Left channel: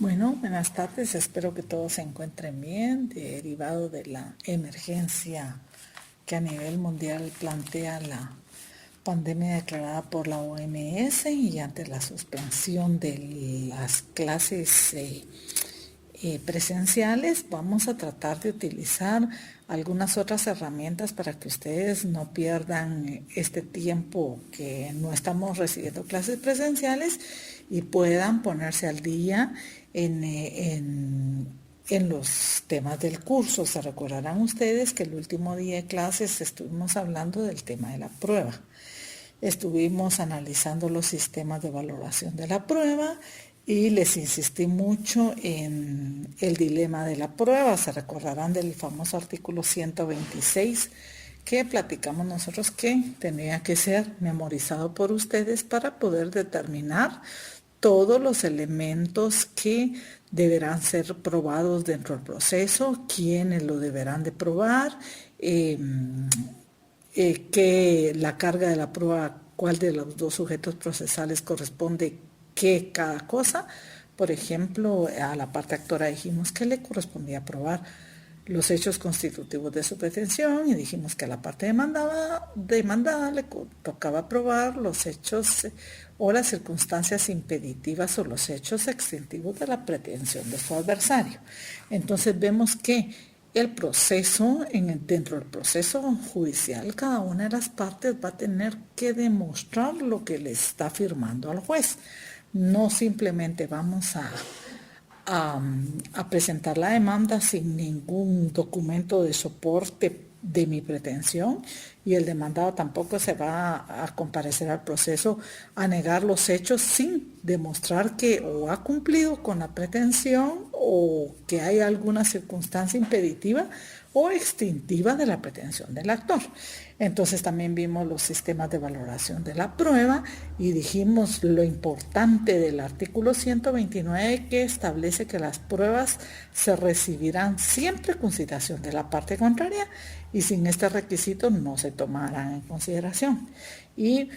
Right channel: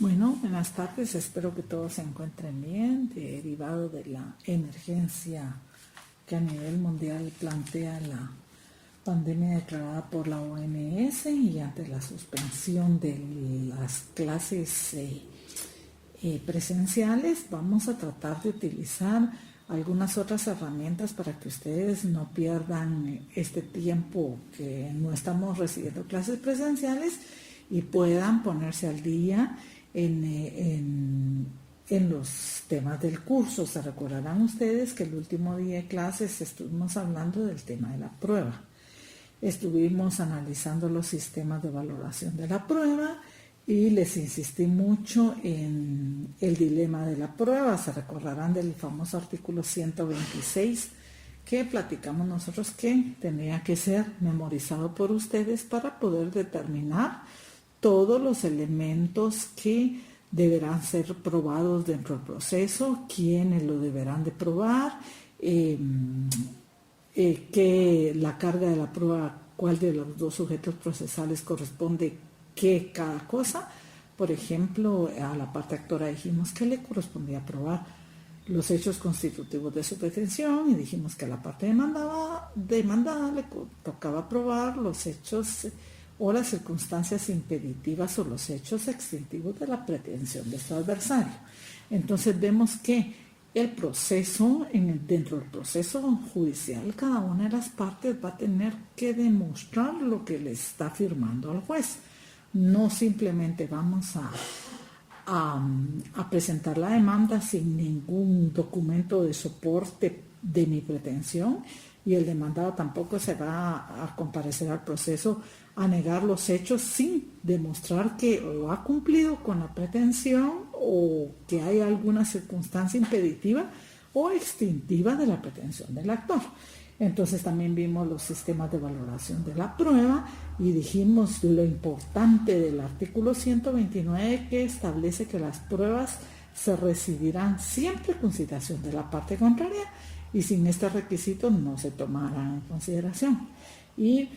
Bueno, buenas tardes. Espero que todos se encuentren bien, derivado de la emergencia que a nivel mundial plantea la pandemia declarada por la OMS y ante la suspensión de las clases presenciales. Vamos a tratar de utilizar algunas otras herramientas para que ustedes no pierdan este tiempo que no estamos recibiendo clases presenciales y puedan ponerse al día en los temas del curso. Se recordarán ustedes que el último día de clases estuvimos hablando del tema de la prueba. Estuvimos analizando los sistemas de valoración de la prueba y les insistí mucho en el dilema de la prueba. Se recordarán del famoso artículo 126 que platicamos nosotros que tenía que ser memorizado por ustedes para poder determinar todos los elementos que deberán ser probados dentro del proceso, quiénes lo deberán de probar, que la carga de la prueba, cuál de los dos sujetos procesales corresponde qué cada cosa. Por ejemplo, a la parte actora dijimos que le correspondía probar los hechos constitutivos de su pretensión y dijimos que a la parte demandada le tocaba probar los hechos o las circunstancias impeditivas o los hechos extintivos de la pretensión de su adversario. Entonces vemos que el proceso, dentro del proceso judicial, cada una de las partes va a tener que demostrar lo que le está afirmando al juez. No simplemente vamos a presentar la demanda sin ningún documento de soporte de mi pretensión y el demandado tampoco se va a comparecer al proceso a negar los hechos sin demostrar que o ha cumplido con la pretensión o que hay alguna circunstancia impeditiva o extintiva de la pretensión del actor. Entonces también vimos los sistemas de valoración de la prueba y dijimos lo importante del artículo 129 que establece que las pruebas se recibirán siempre con citación de la parte contraria y sin este requisito no se tomarán en consideración. Y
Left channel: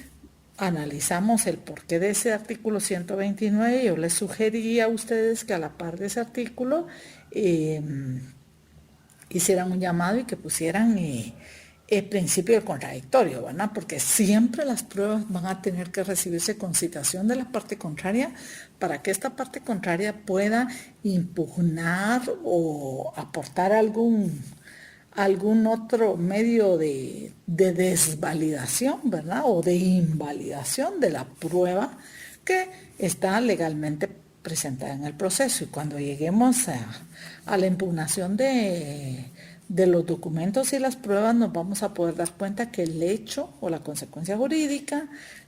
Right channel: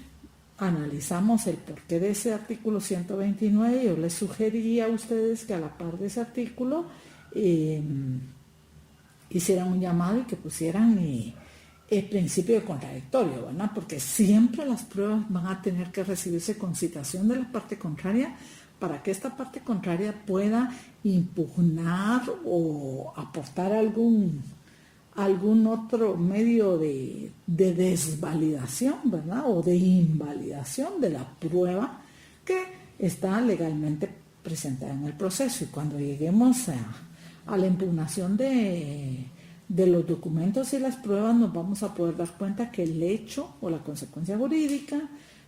analizamos el porqué de ese artículo 129. Yo les sugería a ustedes que a la par de ese artículo hicieran un llamado y que pusieran el principio del contradictorio, ¿verdad? Porque siempre las pruebas van a tener que recibirse con citación de la parte contraria para que esta parte contraria pueda impugnar o aportar algún otro medio de desvalidación, ¿verdad? O de invalidación de la prueba que está legalmente presentada en el proceso. Y cuando lleguemos a la impugnación de los documentos y las pruebas, nos vamos a poder dar cuenta que el hecho o la consecuencia jurídica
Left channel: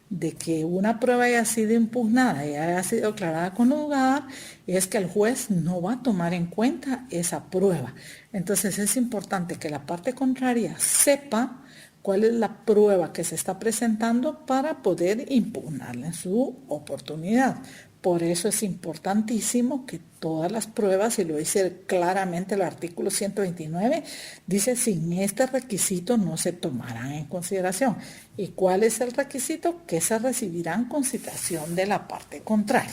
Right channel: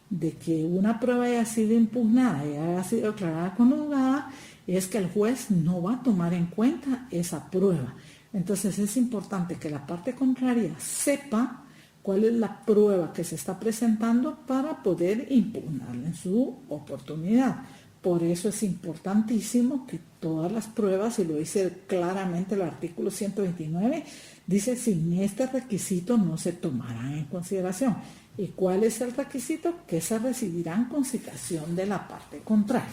de que una prueba haya sido impugnada y haya sido declarada conjugada es que el juez no va a tomar en cuenta esa prueba. Entonces es importante que la parte contraria sepa cuál es la prueba que se está presentando para poder impugnarla en su oportunidad. Por eso es importantísimo que todas las pruebas, y lo dice claramente el artículo 129, dice sin este requisito no se tomarán en consideración. ¿Y cuál es el requisito? Que se recibirán con citación de la parte contraria.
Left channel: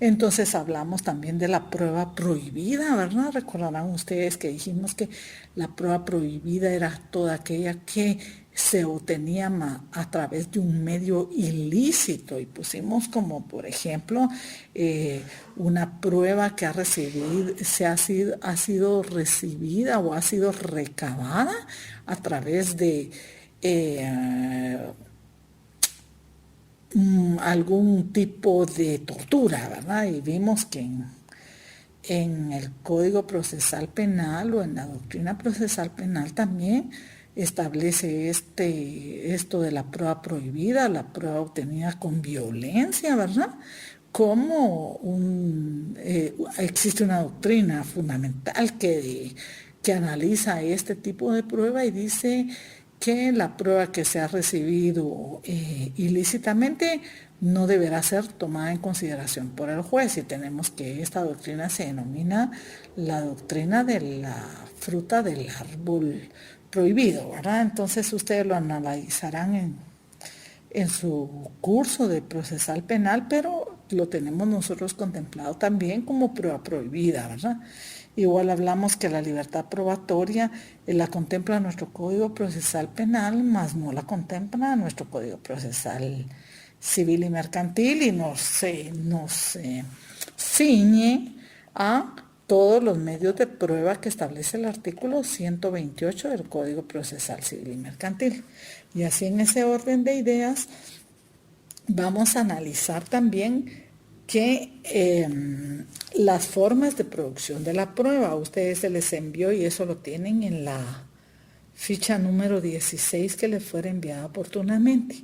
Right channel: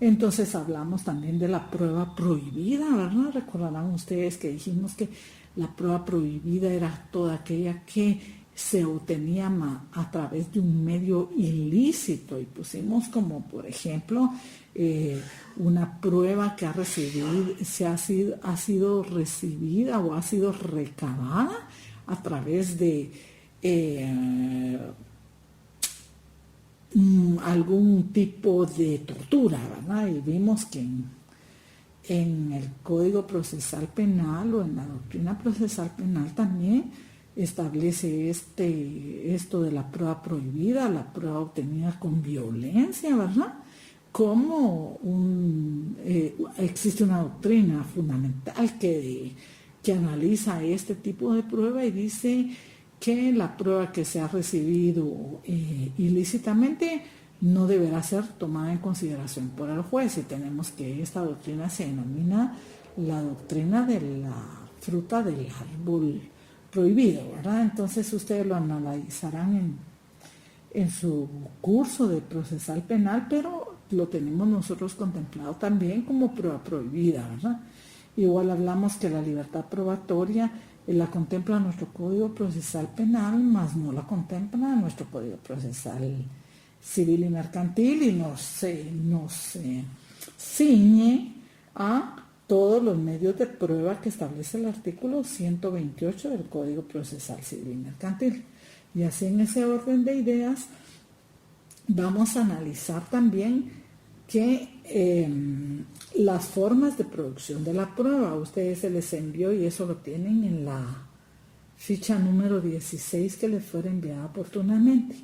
Entonces hablamos también de la prueba prohibida, ¿verdad? Recordarán ustedes que dijimos que la prueba prohibida era toda aquella que se obtenía a través de un medio ilícito y pusimos como por ejemplo una prueba que ha sido recibida o ha sido recabada a través de algún tipo de tortura, ¿verdad? Y vimos que en el Código Procesal Penal o en la doctrina procesal penal también establece esto de la prueba prohibida, la prueba obtenida con violencia, ¿verdad? Como existe una doctrina fundamental que analiza este tipo de prueba y dice que la prueba que se ha recibido ilícitamente no deberá ser tomada en consideración por el juez, y tenemos que esta doctrina se denomina la doctrina de la fruta del árbol prohibido, ¿verdad? Entonces ustedes lo analizarán en su curso de procesal penal, pero lo tenemos nosotros contemplado también como prueba prohibida, ¿verdad? Igual hablamos que la libertad probatoria la contempla nuestro Código Procesal Penal, más no la contempla nuestro Código Procesal Civil y Mercantil, y nos ciñe a todos los medios de prueba que establece el artículo 128 del Código Procesal Civil y Mercantil. Y así, en ese orden de ideas, vamos a analizar también que las formas de producción de la prueba, a ustedes se les envió, y eso lo tienen en la ficha número 16 que les fue enviada oportunamente.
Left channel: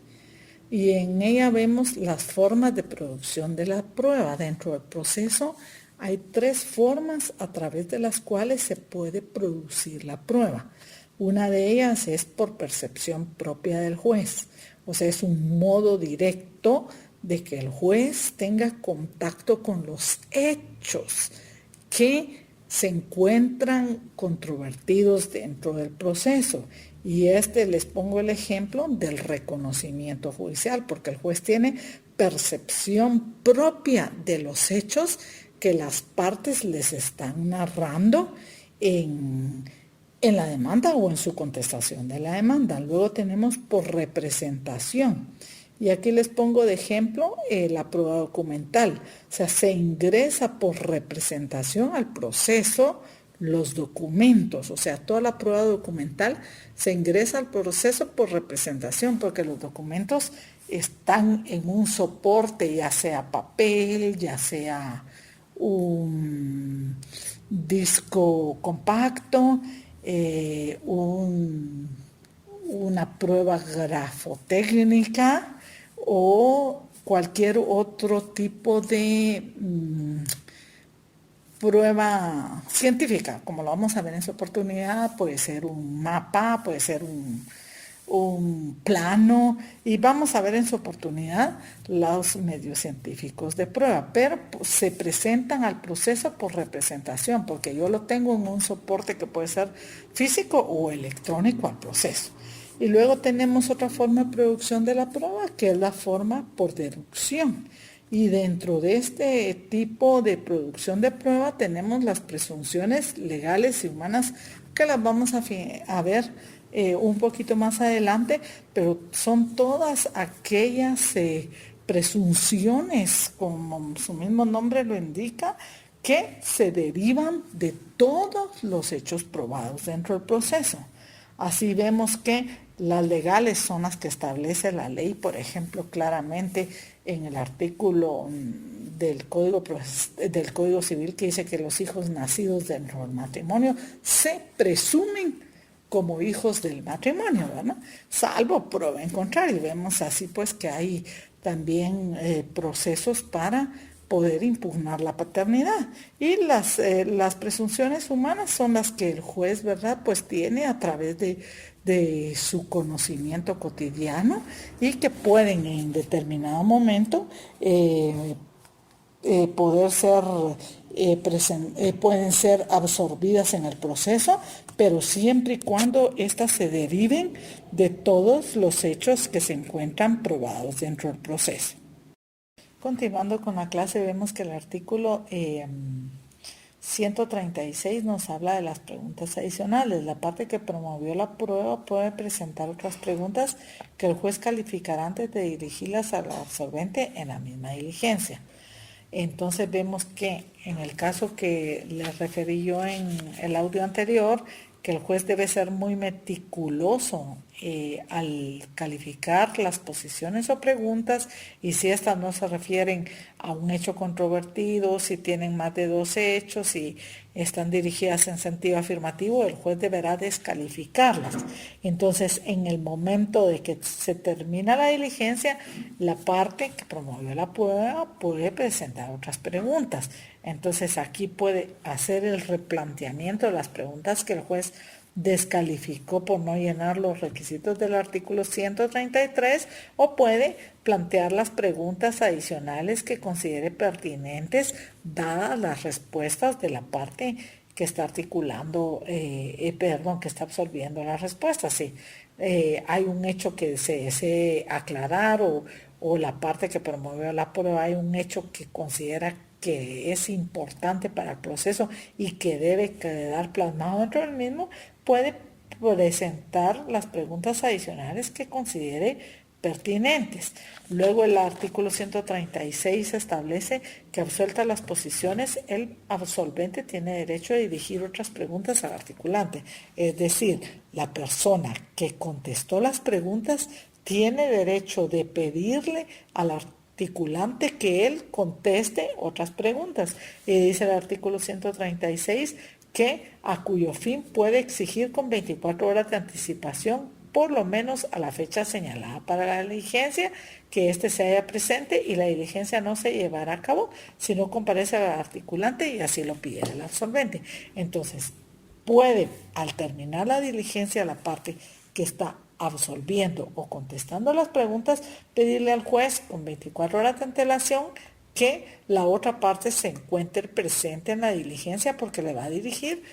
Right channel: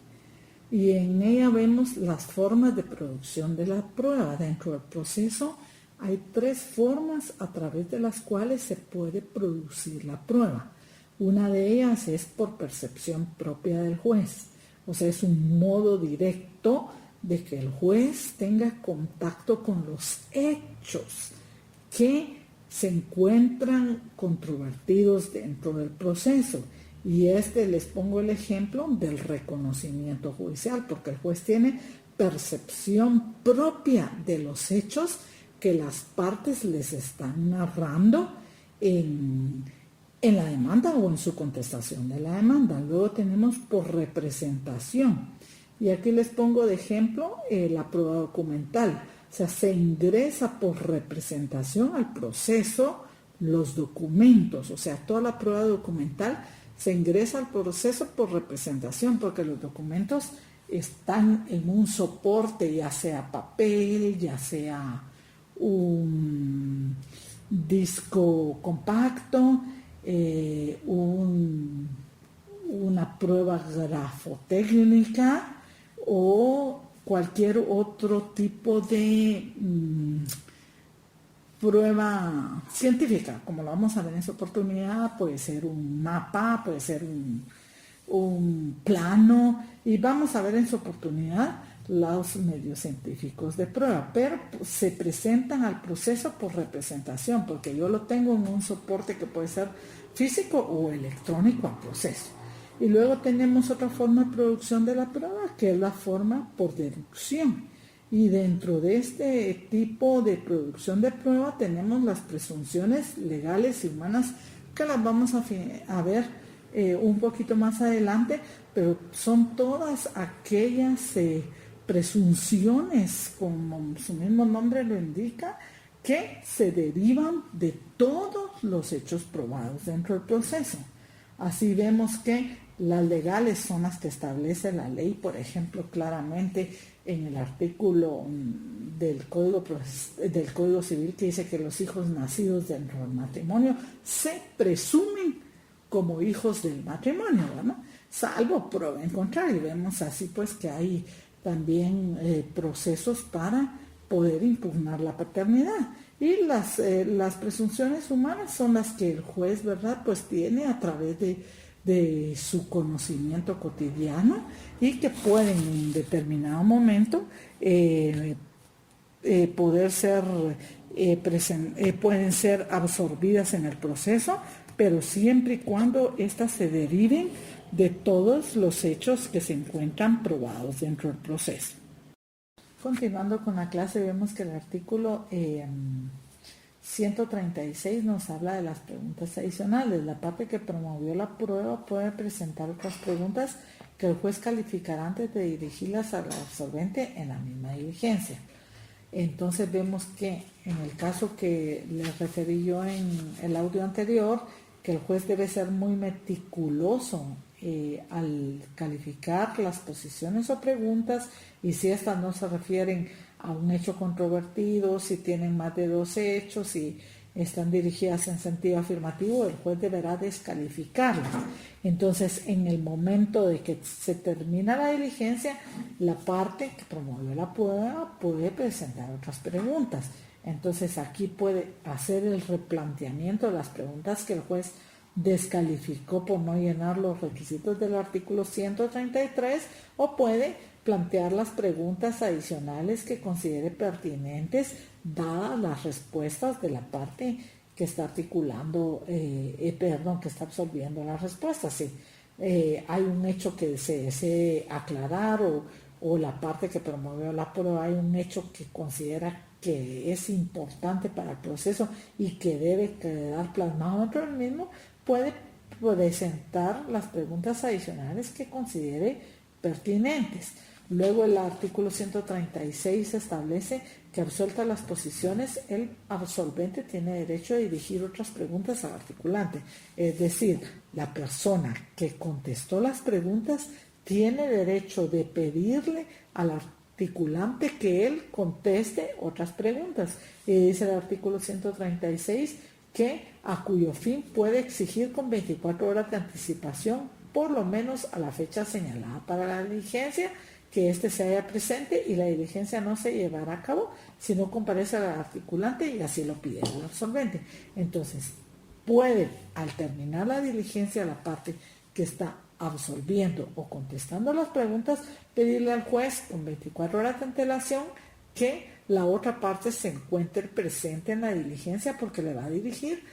Y en ella vemos las formas de producción de la prueba. Dentro del proceso hay 3 formas a través de las cuales se puede producir la prueba. Una de ellas es por percepción propia del juez, o sea, es un modo directo de que el juez tenga contacto con los hechos que se encuentran controvertidos dentro del proceso. Y les pongo el ejemplo del reconocimiento judicial, porque el juez tiene percepción propia de los hechos que las partes les están narrando en la demanda o en su contestación de la demanda. Luego tenemos por representación. Y aquí les pongo de ejemplo la prueba documental. O sea, se ingresa por representación al proceso los documentos. O sea, toda la prueba documental se ingresa al proceso por representación, porque los documentos están en un soporte, ya sea papel, ya sea un disco compacto, una prueba grafotécnica o cualquier otro tipo de prueba científica, como lo vamos a ver en su oportunidad. Puede ser un mapa, puede ser un plano, y vamos a ver en su oportunidad los medios científicos de prueba, pero se presentan al proceso por representación, porque yo lo tengo en un soporte que puede ser físico o electrónico al proceso. Y luego tenemos otra forma de producción de la prueba, que es la forma por deducción. Y dentro de este tipo de producción de prueba tenemos las presunciones legales y humanas, que las vamos a ver un poquito más adelante, pero son todas aquellas presunciones, como su mismo nombre lo indica, que se derivan de todos los hechos probados dentro del proceso. Así vemos que las legales son las que establece la ley, por ejemplo, claramente en el artículo del Código Civil, que dice que los hijos nacidos dentro del matrimonio se presumen como hijos del matrimonio, ¿verdad? Salvo prueba en contrario. Y vemos así pues que hay también procesos para poder impugnar la paternidad. Y las presunciones humanas son las que el juez, ¿verdad?, pues tiene a través de su conocimiento cotidiano, y que pueden en determinado momento pueden ser absorbidas en el proceso, pero siempre y cuando éstas se deriven de todos los hechos que se encuentran probados dentro del proceso. Continuando con la clase, vemos que el artículo 136 nos habla de las preguntas adicionales. La parte que promovió la prueba puede presentar otras preguntas que el juez calificará antes de dirigirlas al absolvente en la misma diligencia. Entonces vemos que en el caso que les referí yo en el audio anterior, que el juez debe ser muy meticuloso al calificar las posiciones o preguntas, y si estas no se refieren a un hecho controvertido, si tienen más de 2 hechos, si están dirigidas en sentido afirmativo, el juez deberá descalificarlas. Entonces, en el momento de que se termina la diligencia, la parte que promovió la prueba puede presentar otras preguntas. Entonces, aquí puede hacer el replanteamiento de las preguntas que el juez descalificó por no llenar los requisitos del artículo 133, o puede plantear las preguntas adicionales que considere pertinentes dadas las respuestas de la parte que está articulando, que está absorbiendo las respuestas. Si hay un hecho que se desee aclarar o o la parte que promovió la prueba hay un hecho que considera que es importante para el proceso y que debe quedar plasmado dentro del mismo, puede presentar las preguntas adicionales que considere pertinentes. Luego el artículo 136 establece que absueltas las posiciones, el absolvente tiene derecho a dirigir otras preguntas al articulante. Es decir, la persona que contestó las preguntas tiene derecho de pedirle al articulante que él conteste otras preguntas. Y dice el artículo 136 que a cuyo fin puede exigir con 24 horas de anticipación, por lo menos a la fecha señalada para la diligencia, que éste se haya presente y la diligencia no se llevará a cabo si no comparece al articulante y así lo pide el absolvente. Entonces, puede, al terminar la diligencia, la parte que está absolviendo o contestando las preguntas, pedirle al juez con 24 horas de antelación que la otra parte se encuentre presente en la diligencia porque le va a dirigir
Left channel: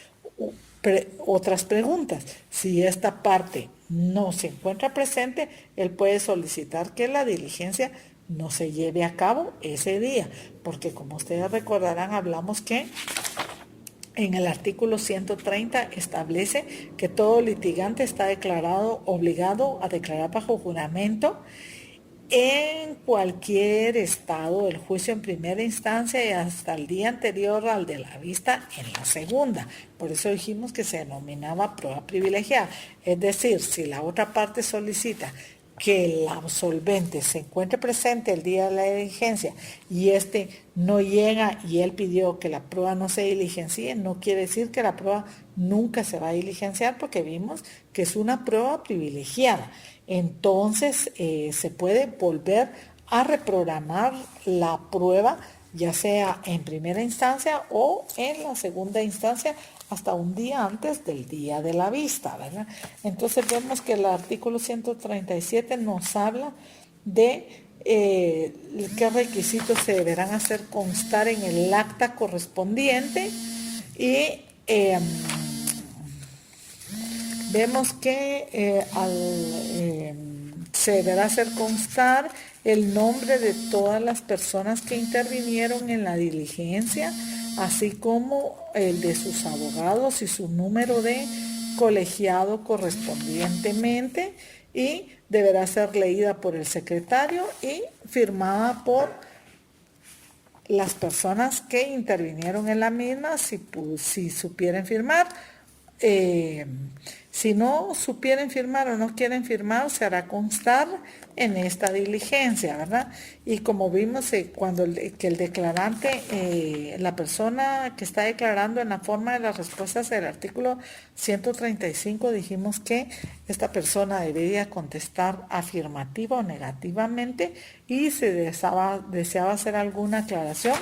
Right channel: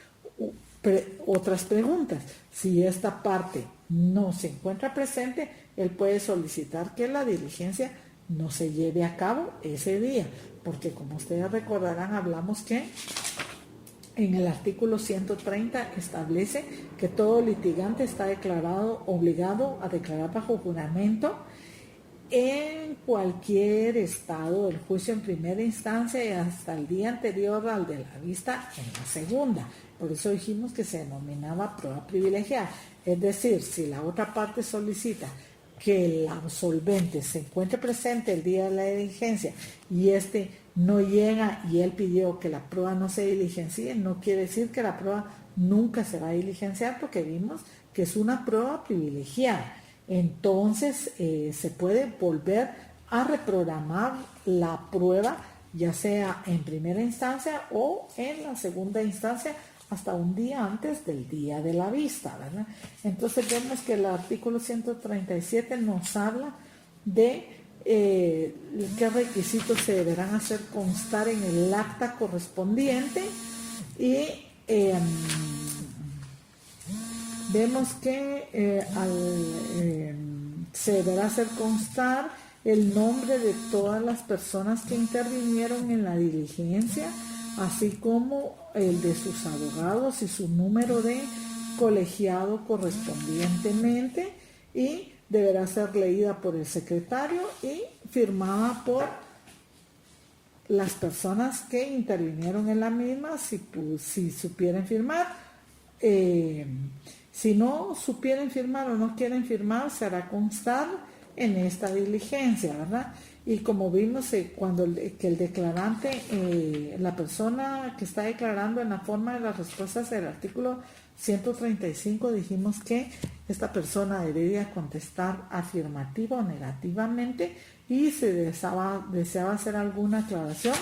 otras preguntas. Si esta parte no se encuentra presente, él puede solicitar que la diligencia no se lleve a cabo ese día, porque como ustedes recordarán, hablamos que en el artículo 130 establece que todo litigante está obligado a declarar bajo juramento en cualquier estado del juicio en primera instancia y hasta el día anterior al de la vista en la segunda. Por eso dijimos que se denominaba prueba privilegiada. Es decir, si la otra parte solicita que el absolvente se encuentre presente el día de la diligencia y este no llega y él pidió que la prueba no se diligencie, no quiere decir que la prueba nunca se va a diligenciar, porque vimos que es una prueba privilegiada. Entonces se puede volver a reprogramar la prueba, ya sea en primera instancia o en la segunda instancia, hasta un día antes del día de la vista, ¿verdad? Entonces vemos que el artículo 137 nos habla de qué requisitos se deberán hacer constar en el acta correspondiente y vemos que se deberá hacer constar el nombre de todas las personas que intervinieron en la diligencia, así como el de sus abogados y su número de colegiado correspondientemente, y deberá ser leída por el secretario y firmada por las personas que intervinieron en la misma, si supieran firmar. Si no supieren firmar o no quieren firmar, se hará constar en esta diligencia, ¿verdad? Y como vimos, cuando que el declarante, la persona que está declarando en la forma de las respuestas del artículo 135, dijimos que esta persona debería contestar afirmativa o negativamente, y si deseaba hacer alguna aclaración,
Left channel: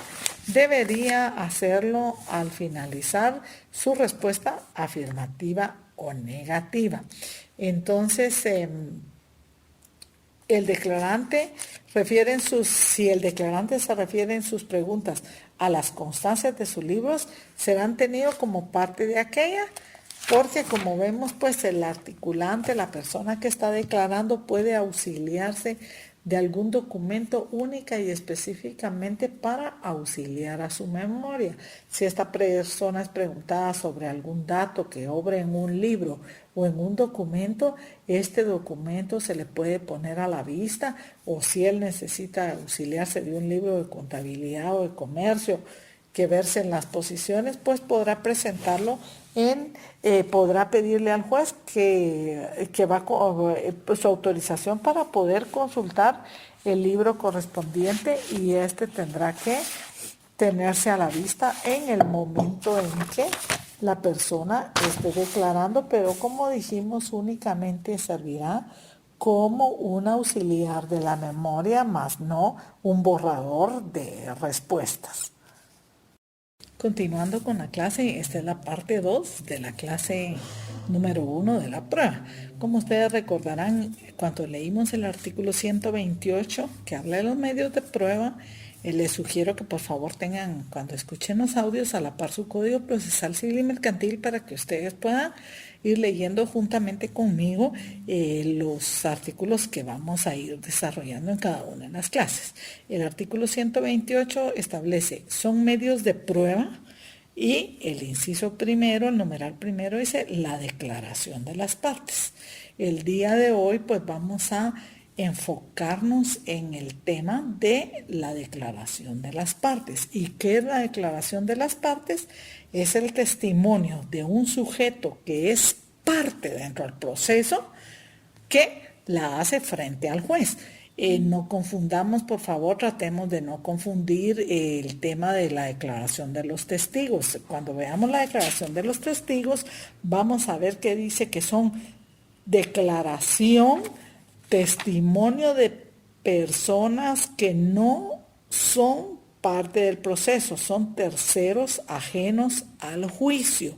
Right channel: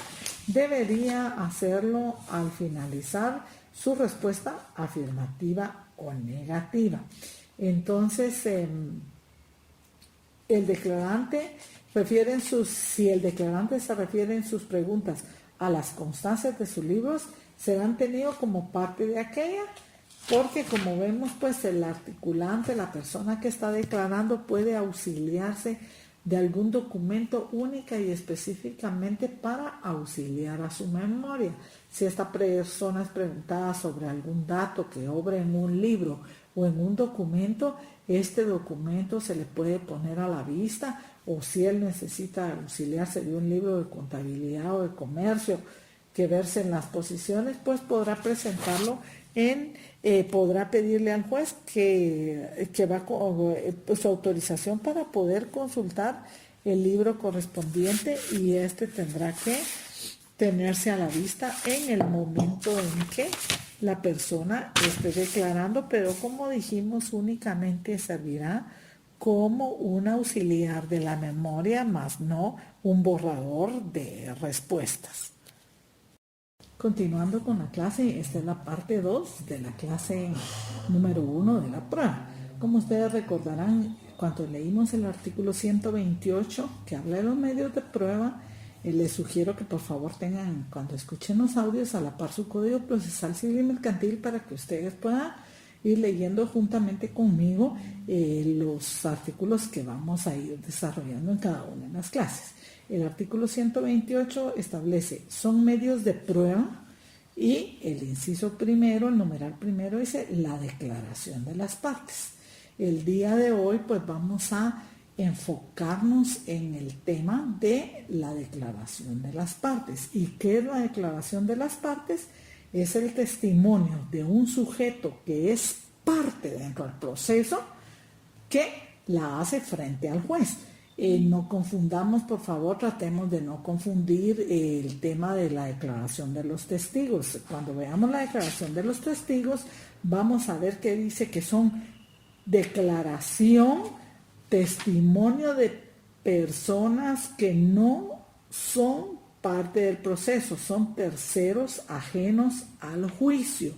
debería hacerlo al finalizar su respuesta afirmativa o negativa. Entonces, el declarante si el declarante se refiere en sus preguntas a las constancias de sus libros, serán tenidos como parte de aquella, porque como vemos, pues el articulante, la persona que está declarando, puede auxiliarse de algún documento única y específicamente para auxiliar a su memoria. Si esta persona es preguntada sobre algún dato que obre en un libro o en un documento, este documento se le puede poner a la vista, o si él necesita auxiliarse de un libro de contabilidad o de comercio que verse en las posiciones, pues podrá presentarlo podrá pedirle al juez que va con su autorización para poder consultar el libro correspondiente, y este tendrá que tenerse a la vista en el momento en que la persona esté declarando, pero como dijimos, únicamente servirá como un auxiliar de la memoria, más no un borrador de respuestas. Continuando con la clase, esta es la parte 2 de la clase número 1 de la prueba. Como ustedes recordarán, cuando leímos el artículo 128 que habla de los medios de prueba, les sugiero que por favor tengan, cuando escuchen los audios, a la par su código procesal civil y mercantil para que ustedes puedan ir leyendo juntamente conmigo los artículos que vamos a ir desarrollando en cada una de las clases. El artículo 128 establece, son medios de prueba, y el inciso primero, el numeral primero, dice la declaración de las partes. El día de hoy pues vamos a enfocarnos en el tema de la declaración de las partes. ¿Y qué es la declaración de las partes? Es el testimonio de un sujeto que es parte dentro del proceso que la hace frente al juez. No confundamos, por favor, tratemos de no confundir el tema de la declaración de los testigos. Cuando veamos la declaración de los testigos, vamos a ver que dice que son declaración, testimonio de personas que no son parte del proceso, son terceros ajenos al juicio.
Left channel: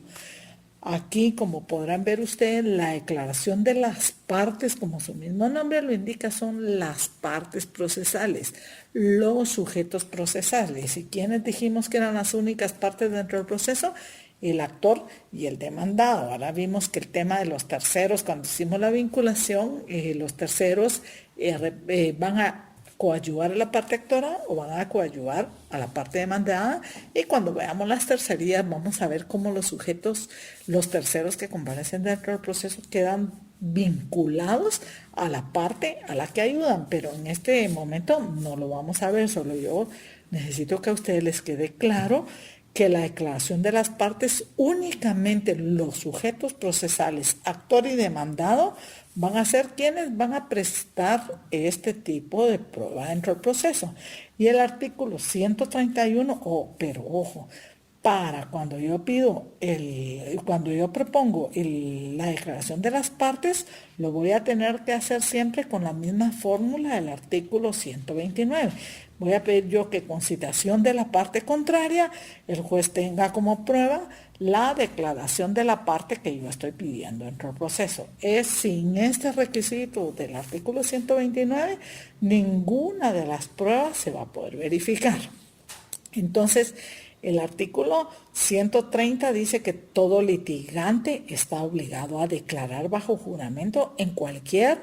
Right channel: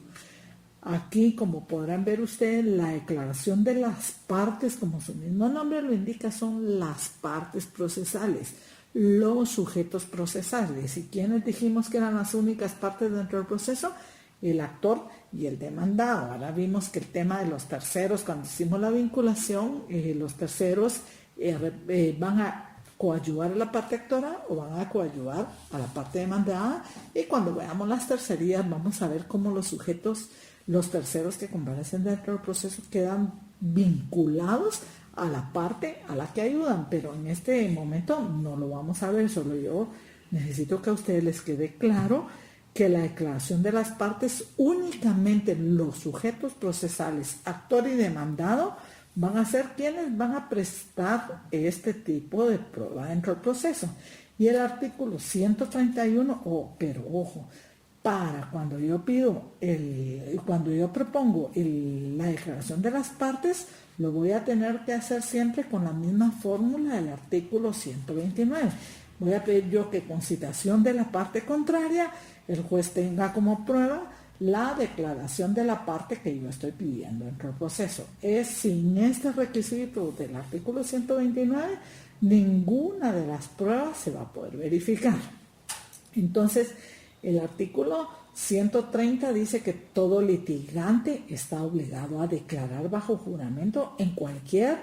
Aquí, como podrán ver ustedes, la declaración de las partes, como su mismo nombre lo indica, son las partes procesales, los sujetos procesales. ¿Y quiénes dijimos que eran las únicas partes dentro del proceso? El actor y el demandado. Ahora vimos que el tema de los terceros, cuando hicimos la vinculación, los terceros van a coadyuvar a la parte actora o van a coadyuvar a la parte demandada, y cuando veamos las tercerías vamos a ver cómo los sujetos, los terceros que comparecen dentro del proceso quedan vinculados a la parte a la que ayudan, pero en este momento no lo vamos a ver, solo yo necesito que a ustedes les quede claro que la declaración de las partes, únicamente los sujetos procesales, actor y demandado, van a ser quienes van a prestar este tipo de prueba dentro del proceso. Y el artículo 131, pero ojo, para cuando yo propongo la declaración de las partes, lo voy a tener que hacer siempre con la misma fórmula del artículo 129. Voy a pedir yo que con citación de la parte contraria, el juez tenga como prueba la declaración de la parte que yo estoy pidiendo dentro del proceso. Sin este requisito del artículo 129, ninguna de las pruebas se va a poder verificar. Entonces, el artículo 130 dice que todo litigante está obligado a declarar bajo juramento en cualquier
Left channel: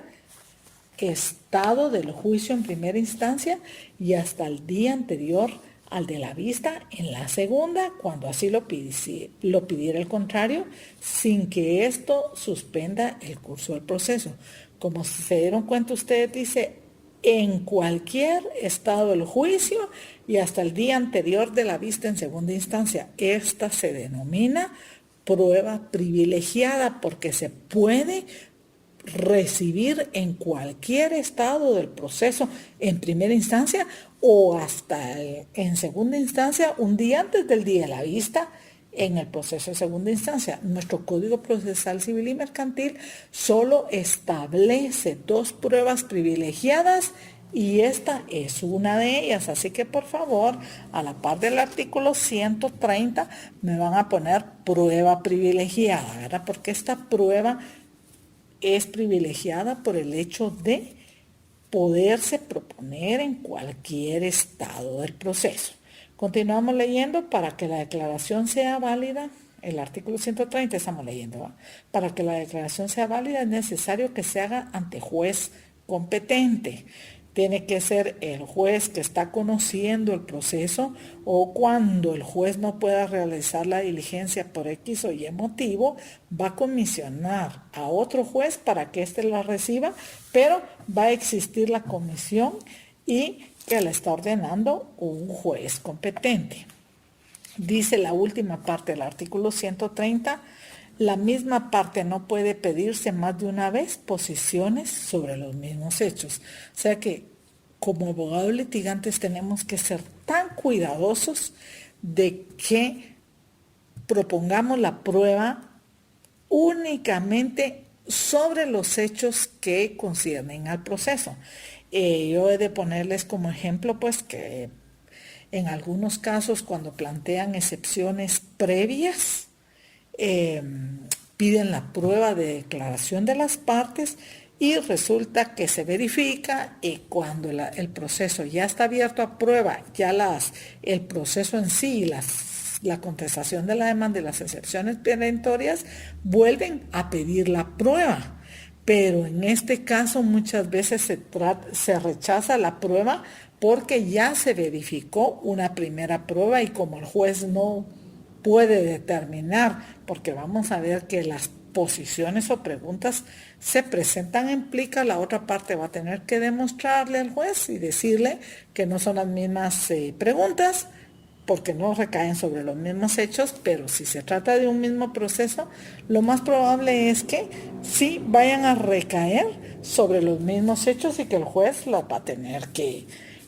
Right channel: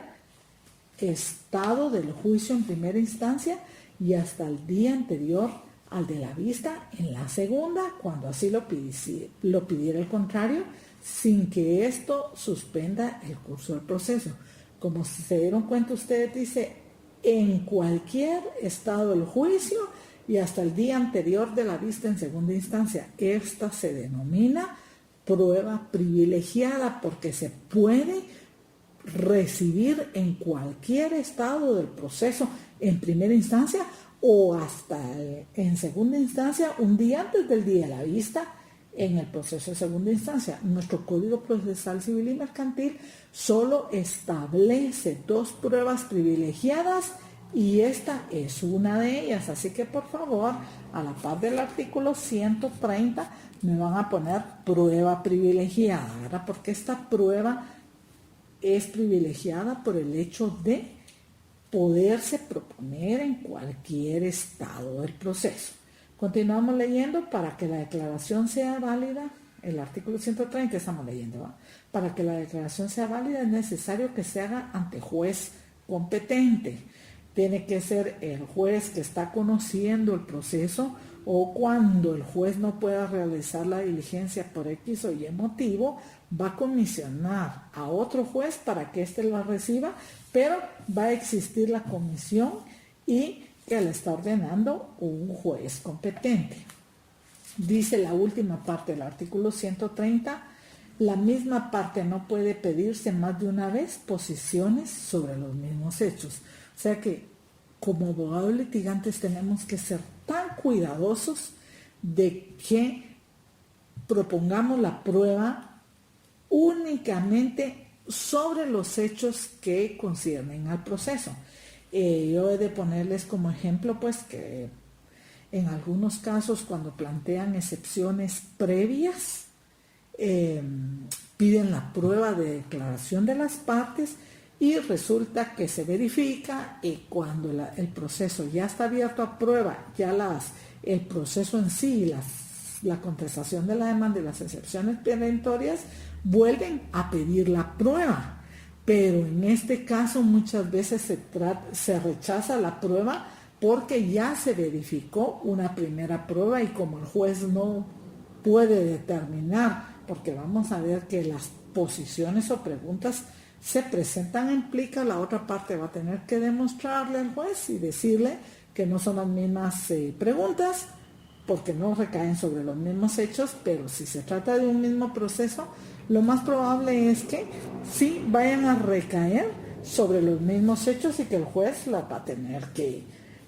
estado del juicio en primera instancia y hasta el día anterior al de la vista en la segunda, cuando así lo pidiera el contrario, sin que esto suspenda el curso del proceso. Como se dieron cuenta ustedes, dice en cualquier estado del juicio y hasta el día anterior de la vista en segunda instancia. Esta se denomina prueba privilegiada porque se puede recibir en cualquier estado del proceso en primera instancia o hasta en segunda instancia, un día antes del día de la vista en el proceso de segunda instancia. Nuestro Código Procesal Civil y Mercantil solo establece dos pruebas privilegiadas y esta es una de ellas. Así que por favor, a la par del artículo 130 me van a poner prueba privilegiada, ¿verdad? Porque esta prueba es privilegiada por el hecho de poderse proponer en cualquier estado del proceso. Continuamos leyendo. Para que la declaración sea válida, el artículo 130 estamos leyendo, ¿va? Para que la declaración sea válida es necesario que se haga ante juez competente. Tiene que ser el juez que está conociendo el proceso, o cuando el juez no pueda realizar la diligencia por X o Y motivo, va a comisionar a otro juez para que éste la reciba, pero va a existir la comisión y que la está ordenando un juez competente. Dice la última parte del artículo 130, la misma parte no puede pedirse más de una vez posiciones sobre los mismos hechos. O sea que como abogados litigantes tenemos que ser tan cuidadosos de que propongamos la prueba únicamente sobre los hechos que conciernen al proceso. Yo he de ponerles como ejemplo pues que en algunos casos cuando plantean excepciones previas, piden la prueba de declaración de las partes y resulta que se verifica y cuando el proceso ya está abierto a prueba, ya el proceso en sí, las la contestación de la demanda y las excepciones perentorias, vuelven a pedir la prueba. Pero en este caso muchas veces se rechaza la prueba porque ya se verificó una primera prueba y como el juez no puede determinar, porque vamos a ver que las posiciones o preguntas se presentan en plica, la otra parte va a tener que demostrarle al juez y decirle que no son las mismas preguntas, porque no recaen sobre los mismos hechos, pero si se trata de un mismo proceso, lo más probable es que sí vayan a recaer sobre los mismos hechos y que el juez las va a tener que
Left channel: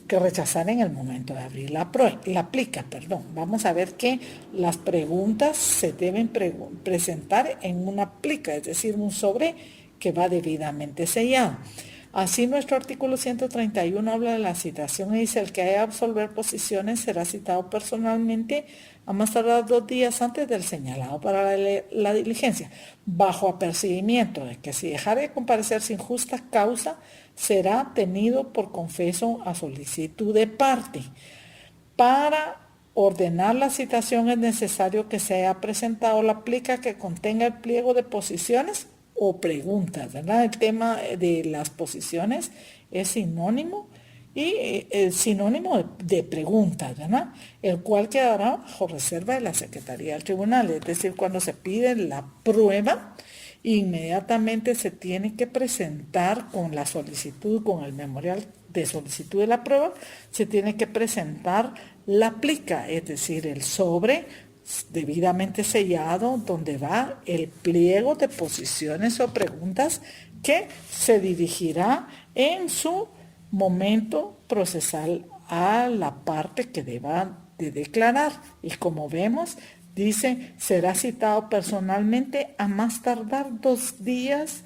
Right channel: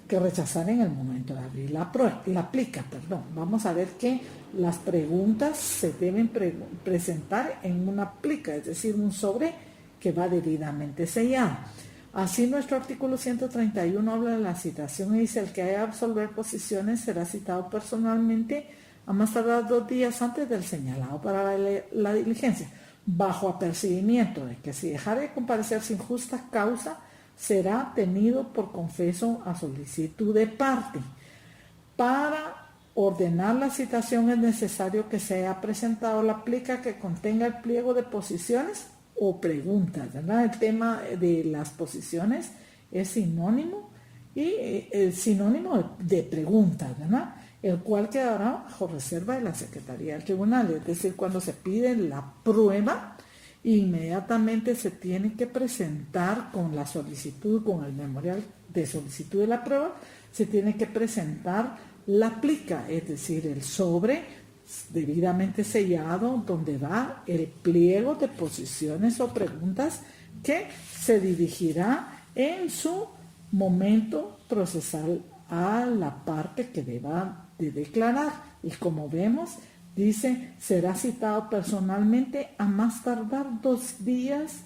rechazar en el momento de abrir la plica. Vamos a ver que las preguntas se deben presentar en una plica, es decir, un sobre que va debidamente sellado. Así nuestro artículo 131 habla de la citación y dice: el que haya de absolver posiciones será citado personalmente a más tardar 2 días antes del señalado para la diligencia, bajo apercibimiento de que si dejare de comparecer sin justa causa, será tenido por confeso a solicitud de parte. Para ordenar la citación es necesario que se haya presentado la plica que contenga el pliego de posiciones o preguntas, ¿verdad? El tema de las posiciones es sinónimo y sinónimo de preguntas, ¿verdad? El cual quedará bajo reserva de la Secretaría del Tribunal. Es decir, cuando se pide la prueba, inmediatamente se tiene que presentar con la solicitud, con el memorial de solicitud de la prueba, se tiene que presentar la plica, es decir, el sobre debidamente sellado donde va el pliego de posiciones o preguntas que se dirigirá en su momento procesal a la parte que deba de declarar. Y como vemos, dice, será citado personalmente a más tardar 2 días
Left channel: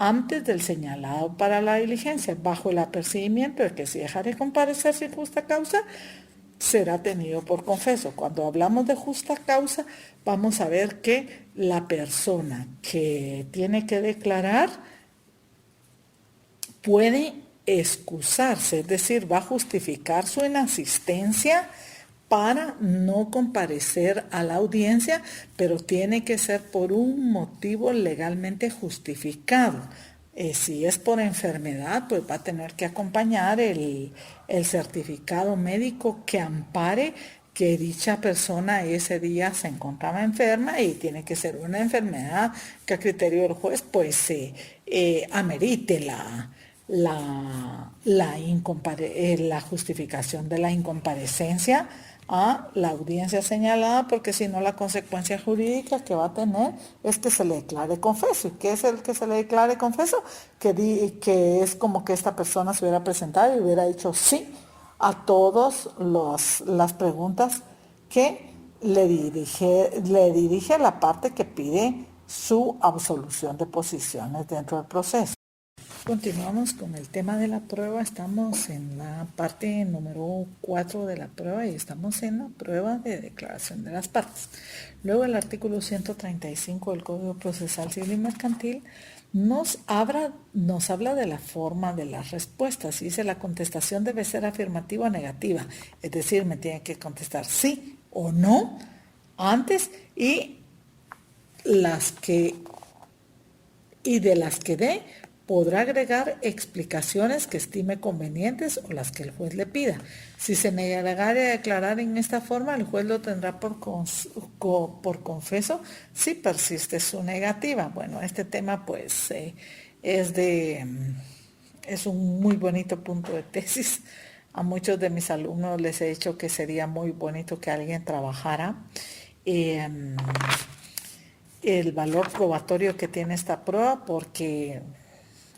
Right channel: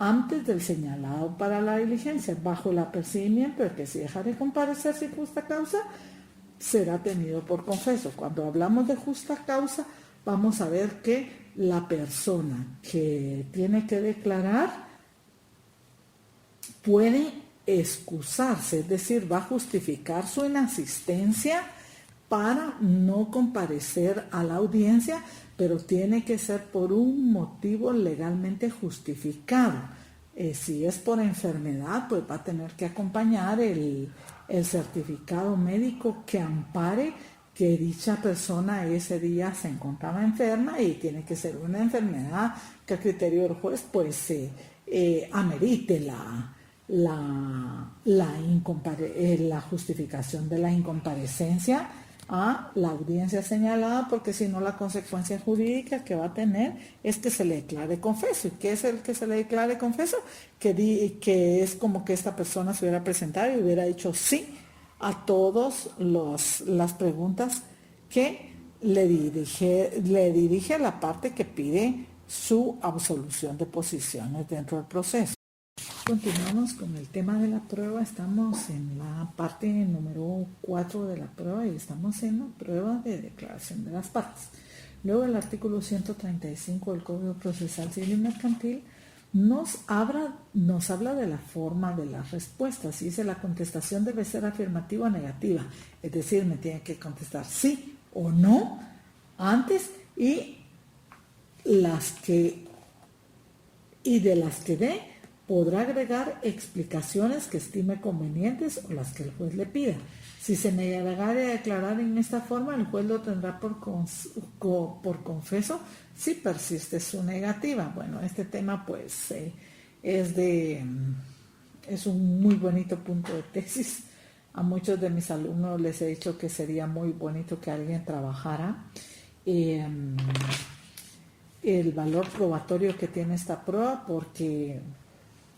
antes del señalado para la diligencia, bajo el apercibimiento de que si dejare de comparecer sin justa causa, será tenido por confeso. Cuando hablamos de justa causa, vamos a ver que la persona que tiene que declarar puede excusarse, es decir, va a justificar su inasistencia para no comparecer a la audiencia, pero tiene que ser por un motivo legalmente justificado. Si es por enfermedad, pues va a tener que acompañar el certificado médico que ampare que dicha persona ese día se encontraba enferma y tiene que ser una enfermedad que a criterio del juez pues amerite la justificación de la incomparecencia a la audiencia señalada, porque si no la consecuencia jurídica que va a tener es que se le declare confeso. ¿Y qué es el que se le declare confeso? Que es como que esta persona se hubiera presentado y hubiera dicho sí a todas las preguntas que le dirige a la parte que pide su absolución de posiciones dentro del proceso. Continuamos con el tema de la prueba. Estamos en la parte número 4 de la prueba y estamos en la prueba de declaración de las partes. Luego el artículo 135 del Código Procesal Civil y Mercantil nos habla de la forma de las respuestas. Dice: la contestación debe ser afirmativa o negativa, es decir, me tiene que contestar sí o no antes y de las que dé podrá agregar explicaciones que estime convenientes o las que el juez le pida. Si se negare a declarar en esta forma, el juez lo tendrá por confeso si persiste su negativa. Bueno, este tema pues es un muy bonito punto de tesis. A muchos de mis alumnos les he dicho que sería muy bonito que alguien trabajara el valor probatorio que tiene esta prueba, porque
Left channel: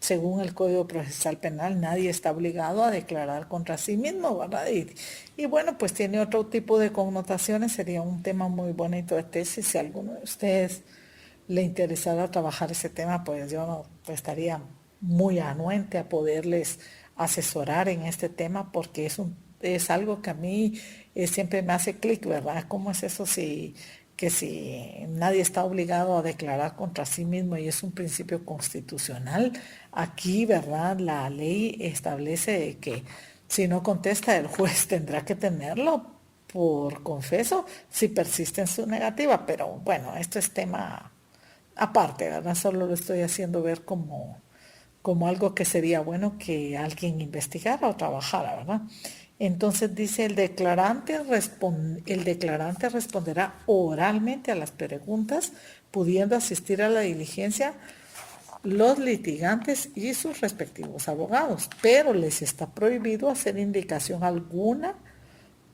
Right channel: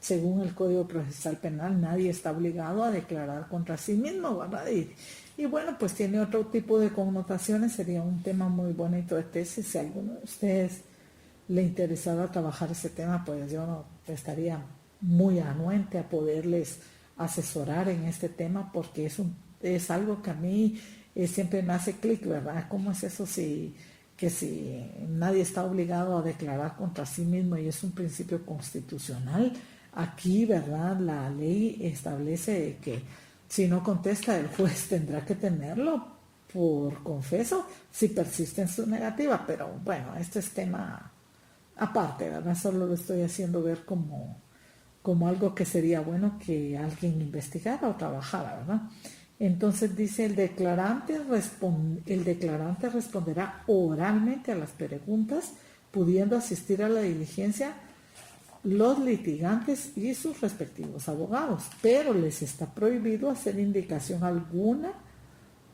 según el Código Procesal Penal, nadie está obligado a declarar contra sí mismo, ¿verdad? Y bueno, pues tiene otro tipo de connotaciones. Sería un tema muy bonito de tesis. Si a alguno de ustedes le interesara trabajar ese tema, pues yo estaría muy anuente a poderles asesorar en este tema, porque es algo que a mí siempre me hace clic, ¿verdad? ¿Cómo es eso que si nadie está obligado a declarar contra sí mismo y es un principio constitucional? Aquí, ¿verdad? La ley establece que si no contesta, el juez tendrá que tenerlo por confeso si persiste en su negativa, pero bueno, esto es tema aparte, ¿verdad? Solo lo estoy haciendo ver como algo que sería bueno que alguien investigara o trabajara, ¿verdad? Entonces dice, el declarante responderá oralmente a las preguntas, pudiendo asistir a la diligencia los litigantes y sus respectivos abogados, pero les está prohibido hacer indicación alguna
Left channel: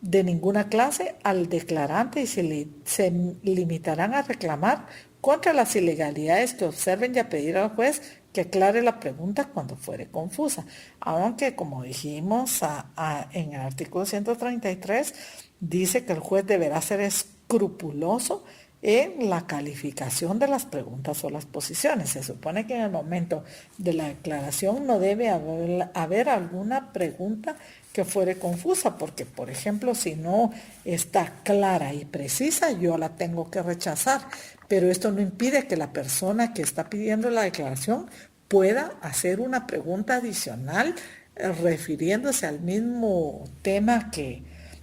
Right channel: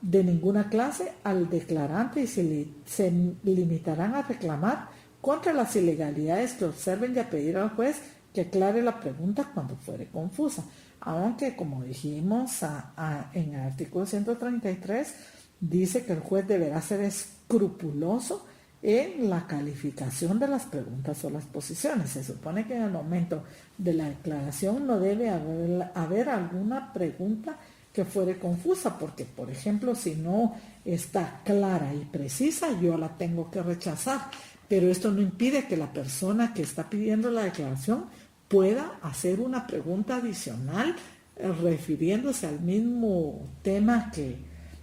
de ninguna clase al declarante y se limitarán a reclamar contra las ilegalidades que observen y a pedir al juez que aclare la pregunta cuando fuere confusa. Aunque, como dijimos en el artículo 133, dice que el juez deberá ser escrupuloso en la calificación de las preguntas o las posiciones. Se supone que en el momento de la declaración no debe haber alguna pregunta que fuere confusa, porque, por ejemplo, si no está clara y precisa, yo la tengo que rechazar. Pero esto no impide que la persona que está pidiendo la declaración pueda hacer una pregunta adicional refiriéndose al mismo tema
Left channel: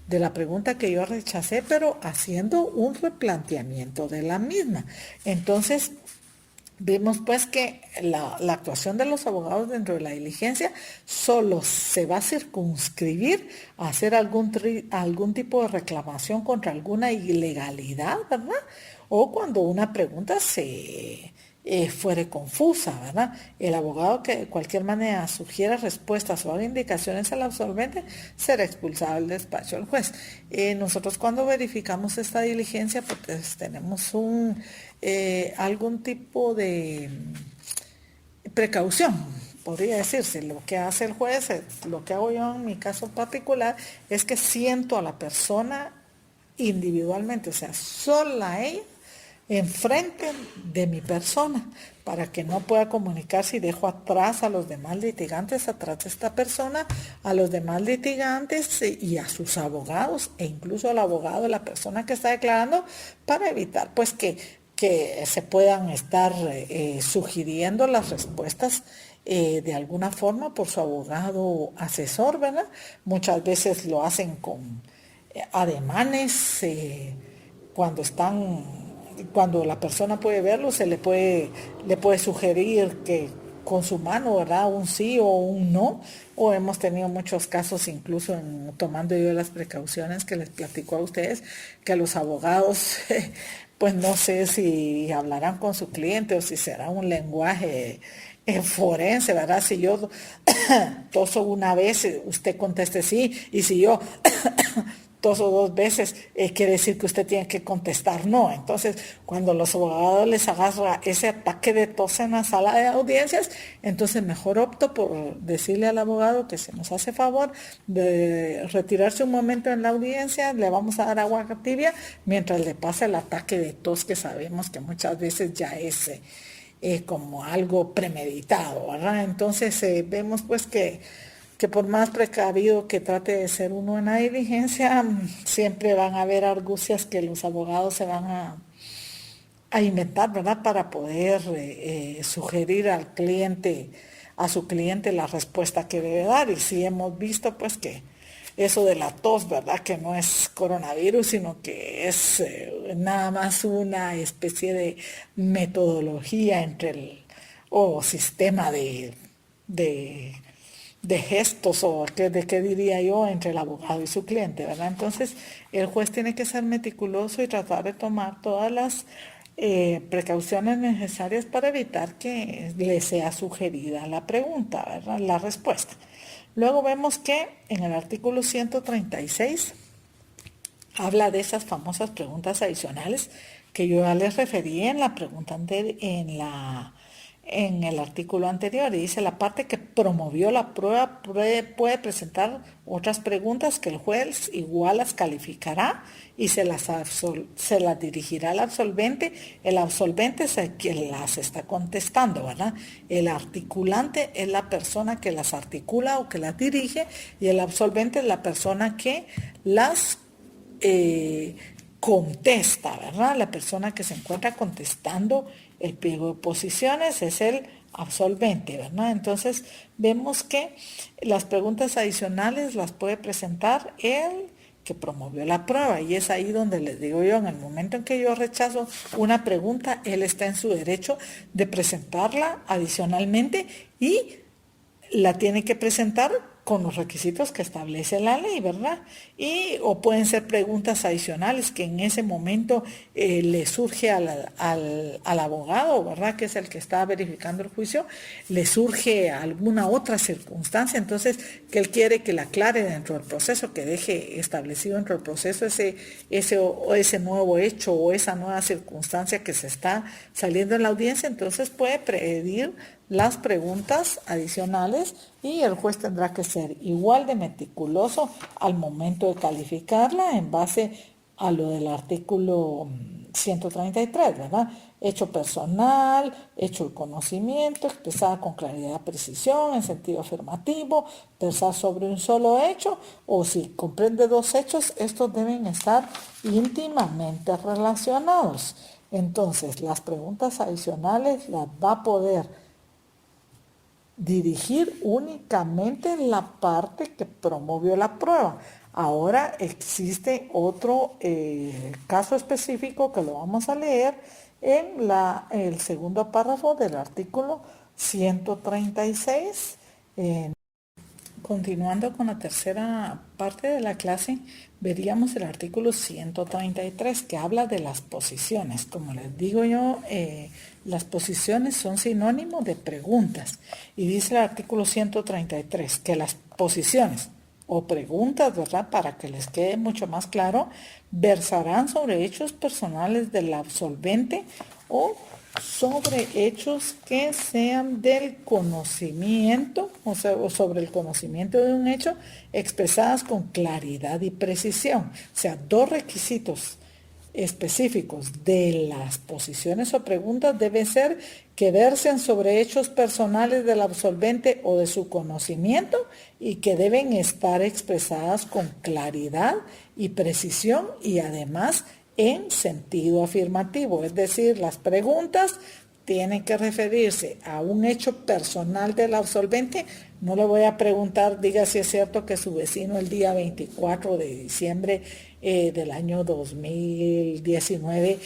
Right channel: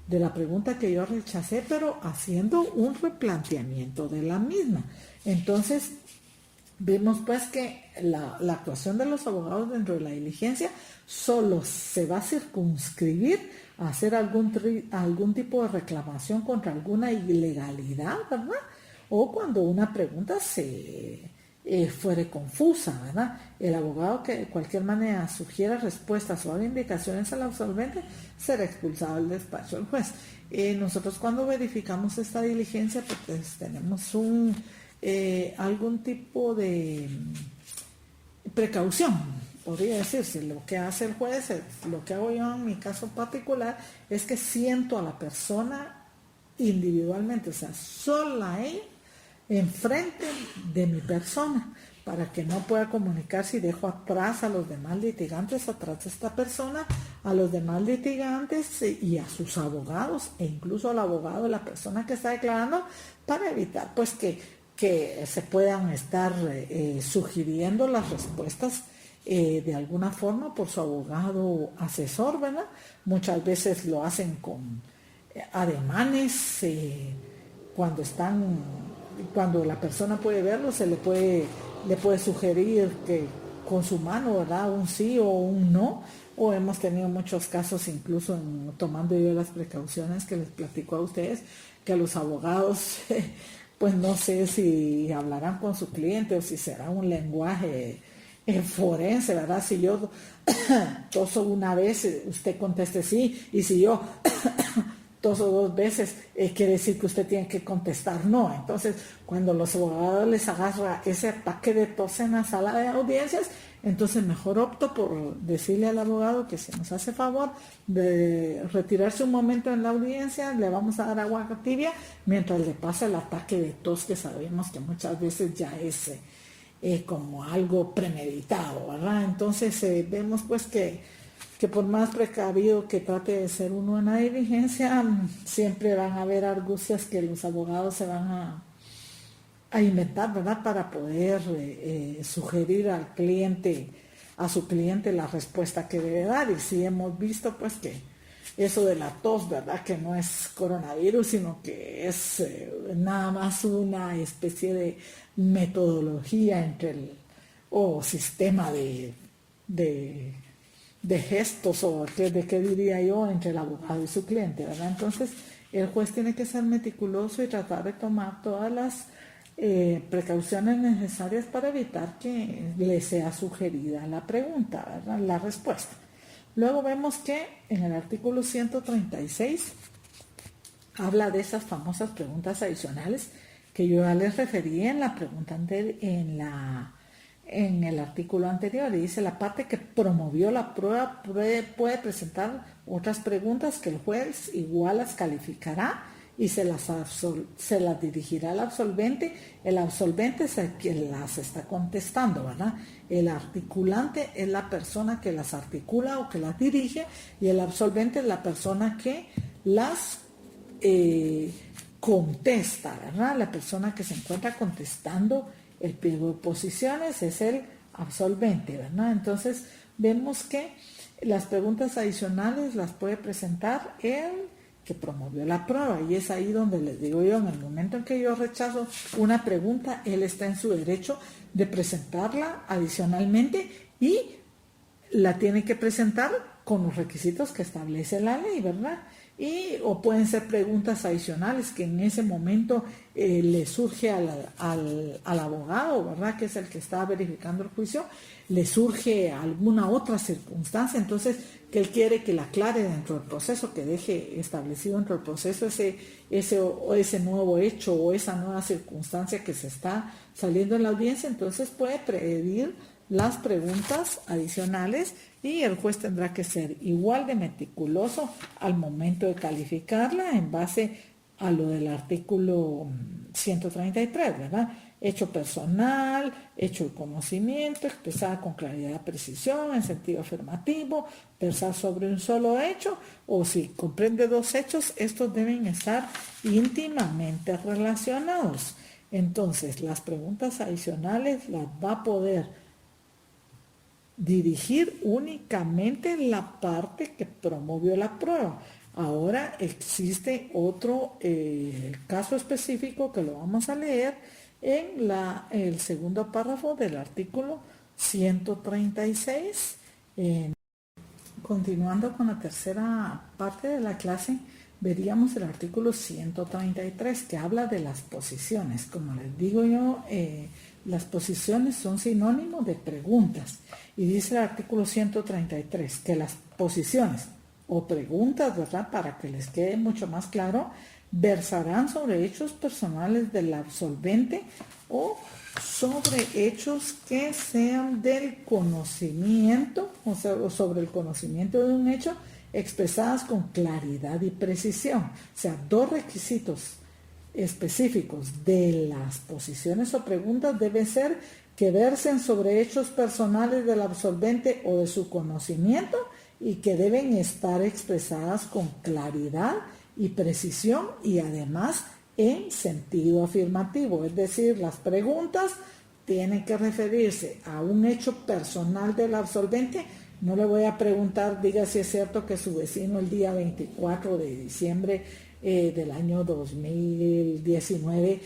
de la pregunta que yo rechacé, pero haciendo un replanteamiento de la misma. Entonces, vemos pues que la actuación de los abogados dentro de la diligencia solo se va a circunscribir a hacer algún tipo de reclamación contra alguna ilegalidad, ¿verdad? O cuando una pregunta fuere confusa, ¿verdad? El abogado que de cualquier manera sugiera respuestas o haga indicaciones al absolvente será expulsado del despacho del juez. Nosotros cuando verificamos esta diligencia, pues tenemos algún tipo de precaución, podría decirse. Lo que hace el juez, lo que hago yo en mi caso particular, es que siento a la persona individualmente, o sea, sola ella, enfrente de mi persona, para que no pueda comunicarse y dejo atrás a los demás litigantes, atrás de esta persona, a los demás litigantes y a sus abogados, e incluso al abogado de la persona que está declarando, para evitar pues que se puedan estar sugiriendo las respuestas de alguna forma por su abogado asesor, ¿verdad? Muchas veces lo hacen con ademanes, cuando la persona puede verlo, le puede sugerir que con su mano, ¿verdad? Un sí o un no. O hemos tenido muchos casos, incluso tomando yo las precauciones que les platico a ustedes, que los abogados, pues no sé si hablarán con su cliente o si será un lenguaje forense, ¿verdad? Si yo toso una vez, usted conteste sí, y si yo toso dos veces, quiere decir que usted tiene que contestar no. Entonces, cuando los abogados les agarra ese ataque de tos en la sala de audiencias, entonces mejor opto por decirle al abogado que si nos hace favor de retirarse un momento en la audiencia, le vamos a dar agua tibia mientras le pasa el ataque de tos, que sabemos que muchas veces ya es como algo premeditado, ¿verdad? Entonces vemos pues que por más precavido que trate de ser uno en la diligencia, siempre van a haber argucias que los abogados se van a inventar, ¿verdad? Para poder sugerir a su cliente la respuesta que debe dar. Y sí hemos visto pues que eso de la tos, ¿verdad? Que no es coronavirus, sino que es nada más una especie de metodología o sistema de gestos, o de qué diría yo, entre el abogado y su cliente, ¿verdad? Entonces, el juez tiene que ser meticuloso y tratar de tomar todas las precauciones necesarias para evitar que le sea sugerida la pregunta, ¿verdad? La respuesta. Luego vemos que en el artículo 136 habla de esas famosas preguntas adicionales que yo ya les referí en la pregunta en el artículo anterior, y dice: la parte que promovió la prueba puede presentar otras preguntas que el juez igual las calificará y se las dirigirá al absolvente. El absolvente es el que las está contestando, ¿verdad? El articulante es la persona que las articula o que las dirige, y el absolvente es la persona que las contesta, ¿verdad? La persona que se encuentra contestando el pliego de posiciones es el absolvente, ¿verdad? Entonces vemos que las preguntas adicionales las puede presentar el que promovió la prueba. Y es ahí donde les digo yo, en el momento en que yo rechazo una pregunta, él está en su derecho de presentarla adicionalmente y la tiene que presentar con los requisitos que establece la ley, ¿verdad? O pueden ser preguntas adicionales que en ese momento le surge al abogado, ¿verdad? Que es el que está verificando el juicio, le surge alguna otra circunstancia, entonces que él quiere que la aclare dentro del proceso, que deje establecido dentro del proceso ese nuevo hecho o esa nueva circunstancia que se está saliendo en la audiencia, entonces puede pedir las preguntas adicionales y el juez tendrá que ser igual de meticuloso al momento de calificarla en base a lo del artículo 133, ¿verdad? Hecho personal, hecho de conocimiento, expresada con claridad y precisión, en sentido afirmativo, versar sobre un solo hecho, o si comprende dos hechos, estos deben estar íntimamente relacionados. Entonces, las preguntas adicionales las va a poder dirigir únicamente la parte que promovió la prueba. Ahora existe otro caso específico que lo vamos a leer en el segundo párrafo del artículo 136. Continuando con la tercera parte de la clase, veríamos el artículo 133 que habla de las posiciones. Como les digo yo, las posiciones son sinónimo de preguntas. Y dice el artículo 133 que las posiciones o preguntas, ¿verdad? Para que les quede mucho más claro, versarán sobre hechos personales del absolvente o sobre hechos que sean del conocimiento, o sea, o sobre el conocimiento de un hecho, expresadas con claridad y precisión. O sea, dos requisitos específicos de las posiciones o preguntas deben ser que versen sobre hechos personales del absolvente o de su conocimiento y que deben estar expresadas con claridad y precisión y además en sentido afirmativo, es decir, las preguntas tienen que referirse a un hecho personal del absolvente. No le voy a preguntar, diga si es cierto que su vecino el día 24 de diciembre del año 2019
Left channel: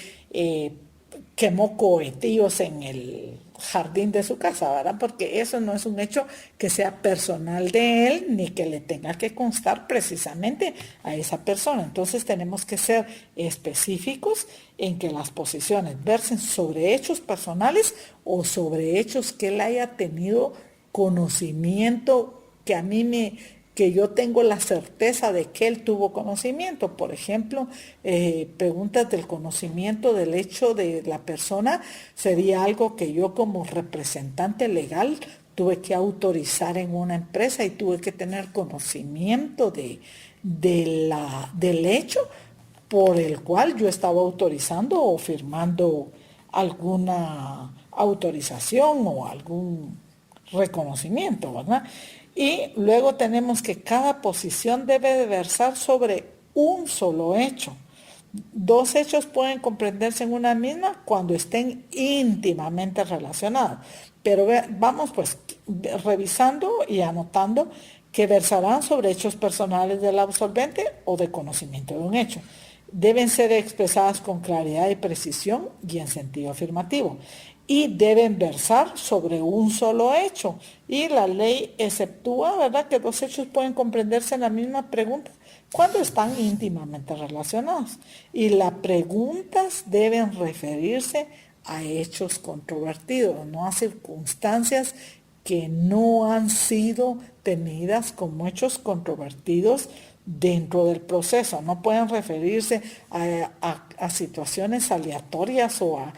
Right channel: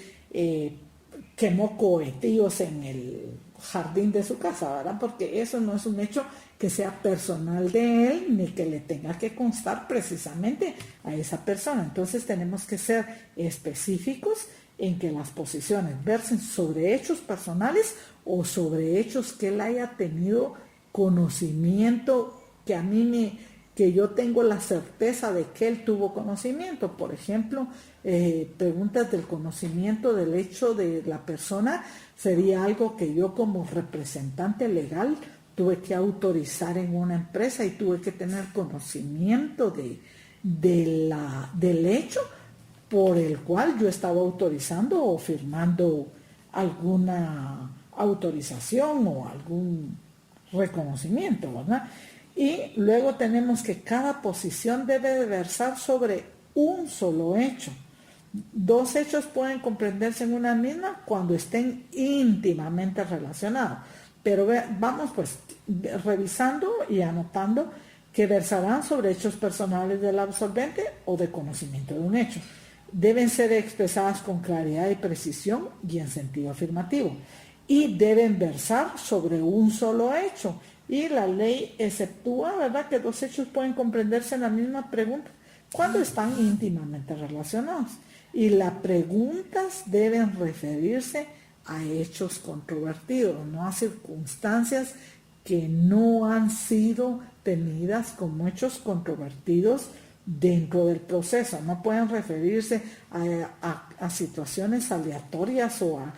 quemó cohetillos en el jardín de su casa, ¿verdad? Porque eso no es un hecho que sea personal de él ni que le tenga que constar precisamente a esa persona. Entonces tenemos que ser específicos en que las posiciones versen sobre hechos personales o sobre hechos que él haya tenido conocimiento, que yo tengo la certeza de que él tuvo conocimiento. Por ejemplo, preguntas del conocimiento del hecho de la persona sería algo que yo como representante legal tuve que autorizar en una empresa y tuve que tener conocimiento del hecho por el cual yo estaba autorizando o firmando alguna autorización o algún reconocimiento, ¿verdad? Y luego tenemos que cada posición debe de versar sobre un solo hecho. Dos hechos pueden comprenderse en una misma cuando estén íntimamente relacionados. Pero vamos pues revisando y anotando que versarán sobre hechos personales del absolvente o de conocimiento de un hecho. Deben ser expresadas con claridad y precisión y en sentido afirmativo. Y deben versar sobre un solo hecho. Y la ley exceptúa, ¿verdad?, que dos hechos pueden comprenderse en la misma pregunta cuando están íntimamente relacionados. Y las preguntas deben referirse a hechos controvertidos, no a circunstancias que no han sido tenidas como hechos controvertidos dentro del proceso. No pueden referirse a situaciones aleatorias o a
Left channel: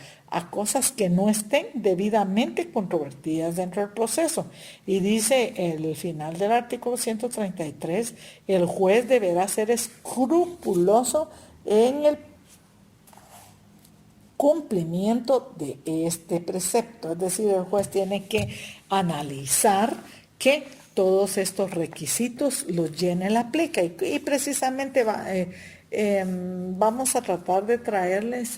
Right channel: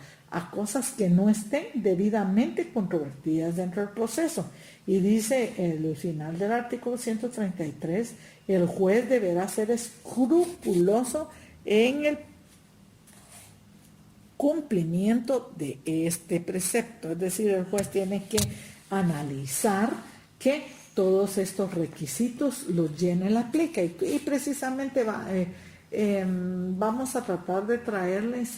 cosas que no estén debidamente controvertidas dentro del proceso. Y dice el final del artículo 133, el juez deberá ser escrupuloso en el cumplimiento de este precepto. Es decir, el juez tiene que analizar que todos estos requisitos los llene la plica y precisamente vamos a tratar de traerles,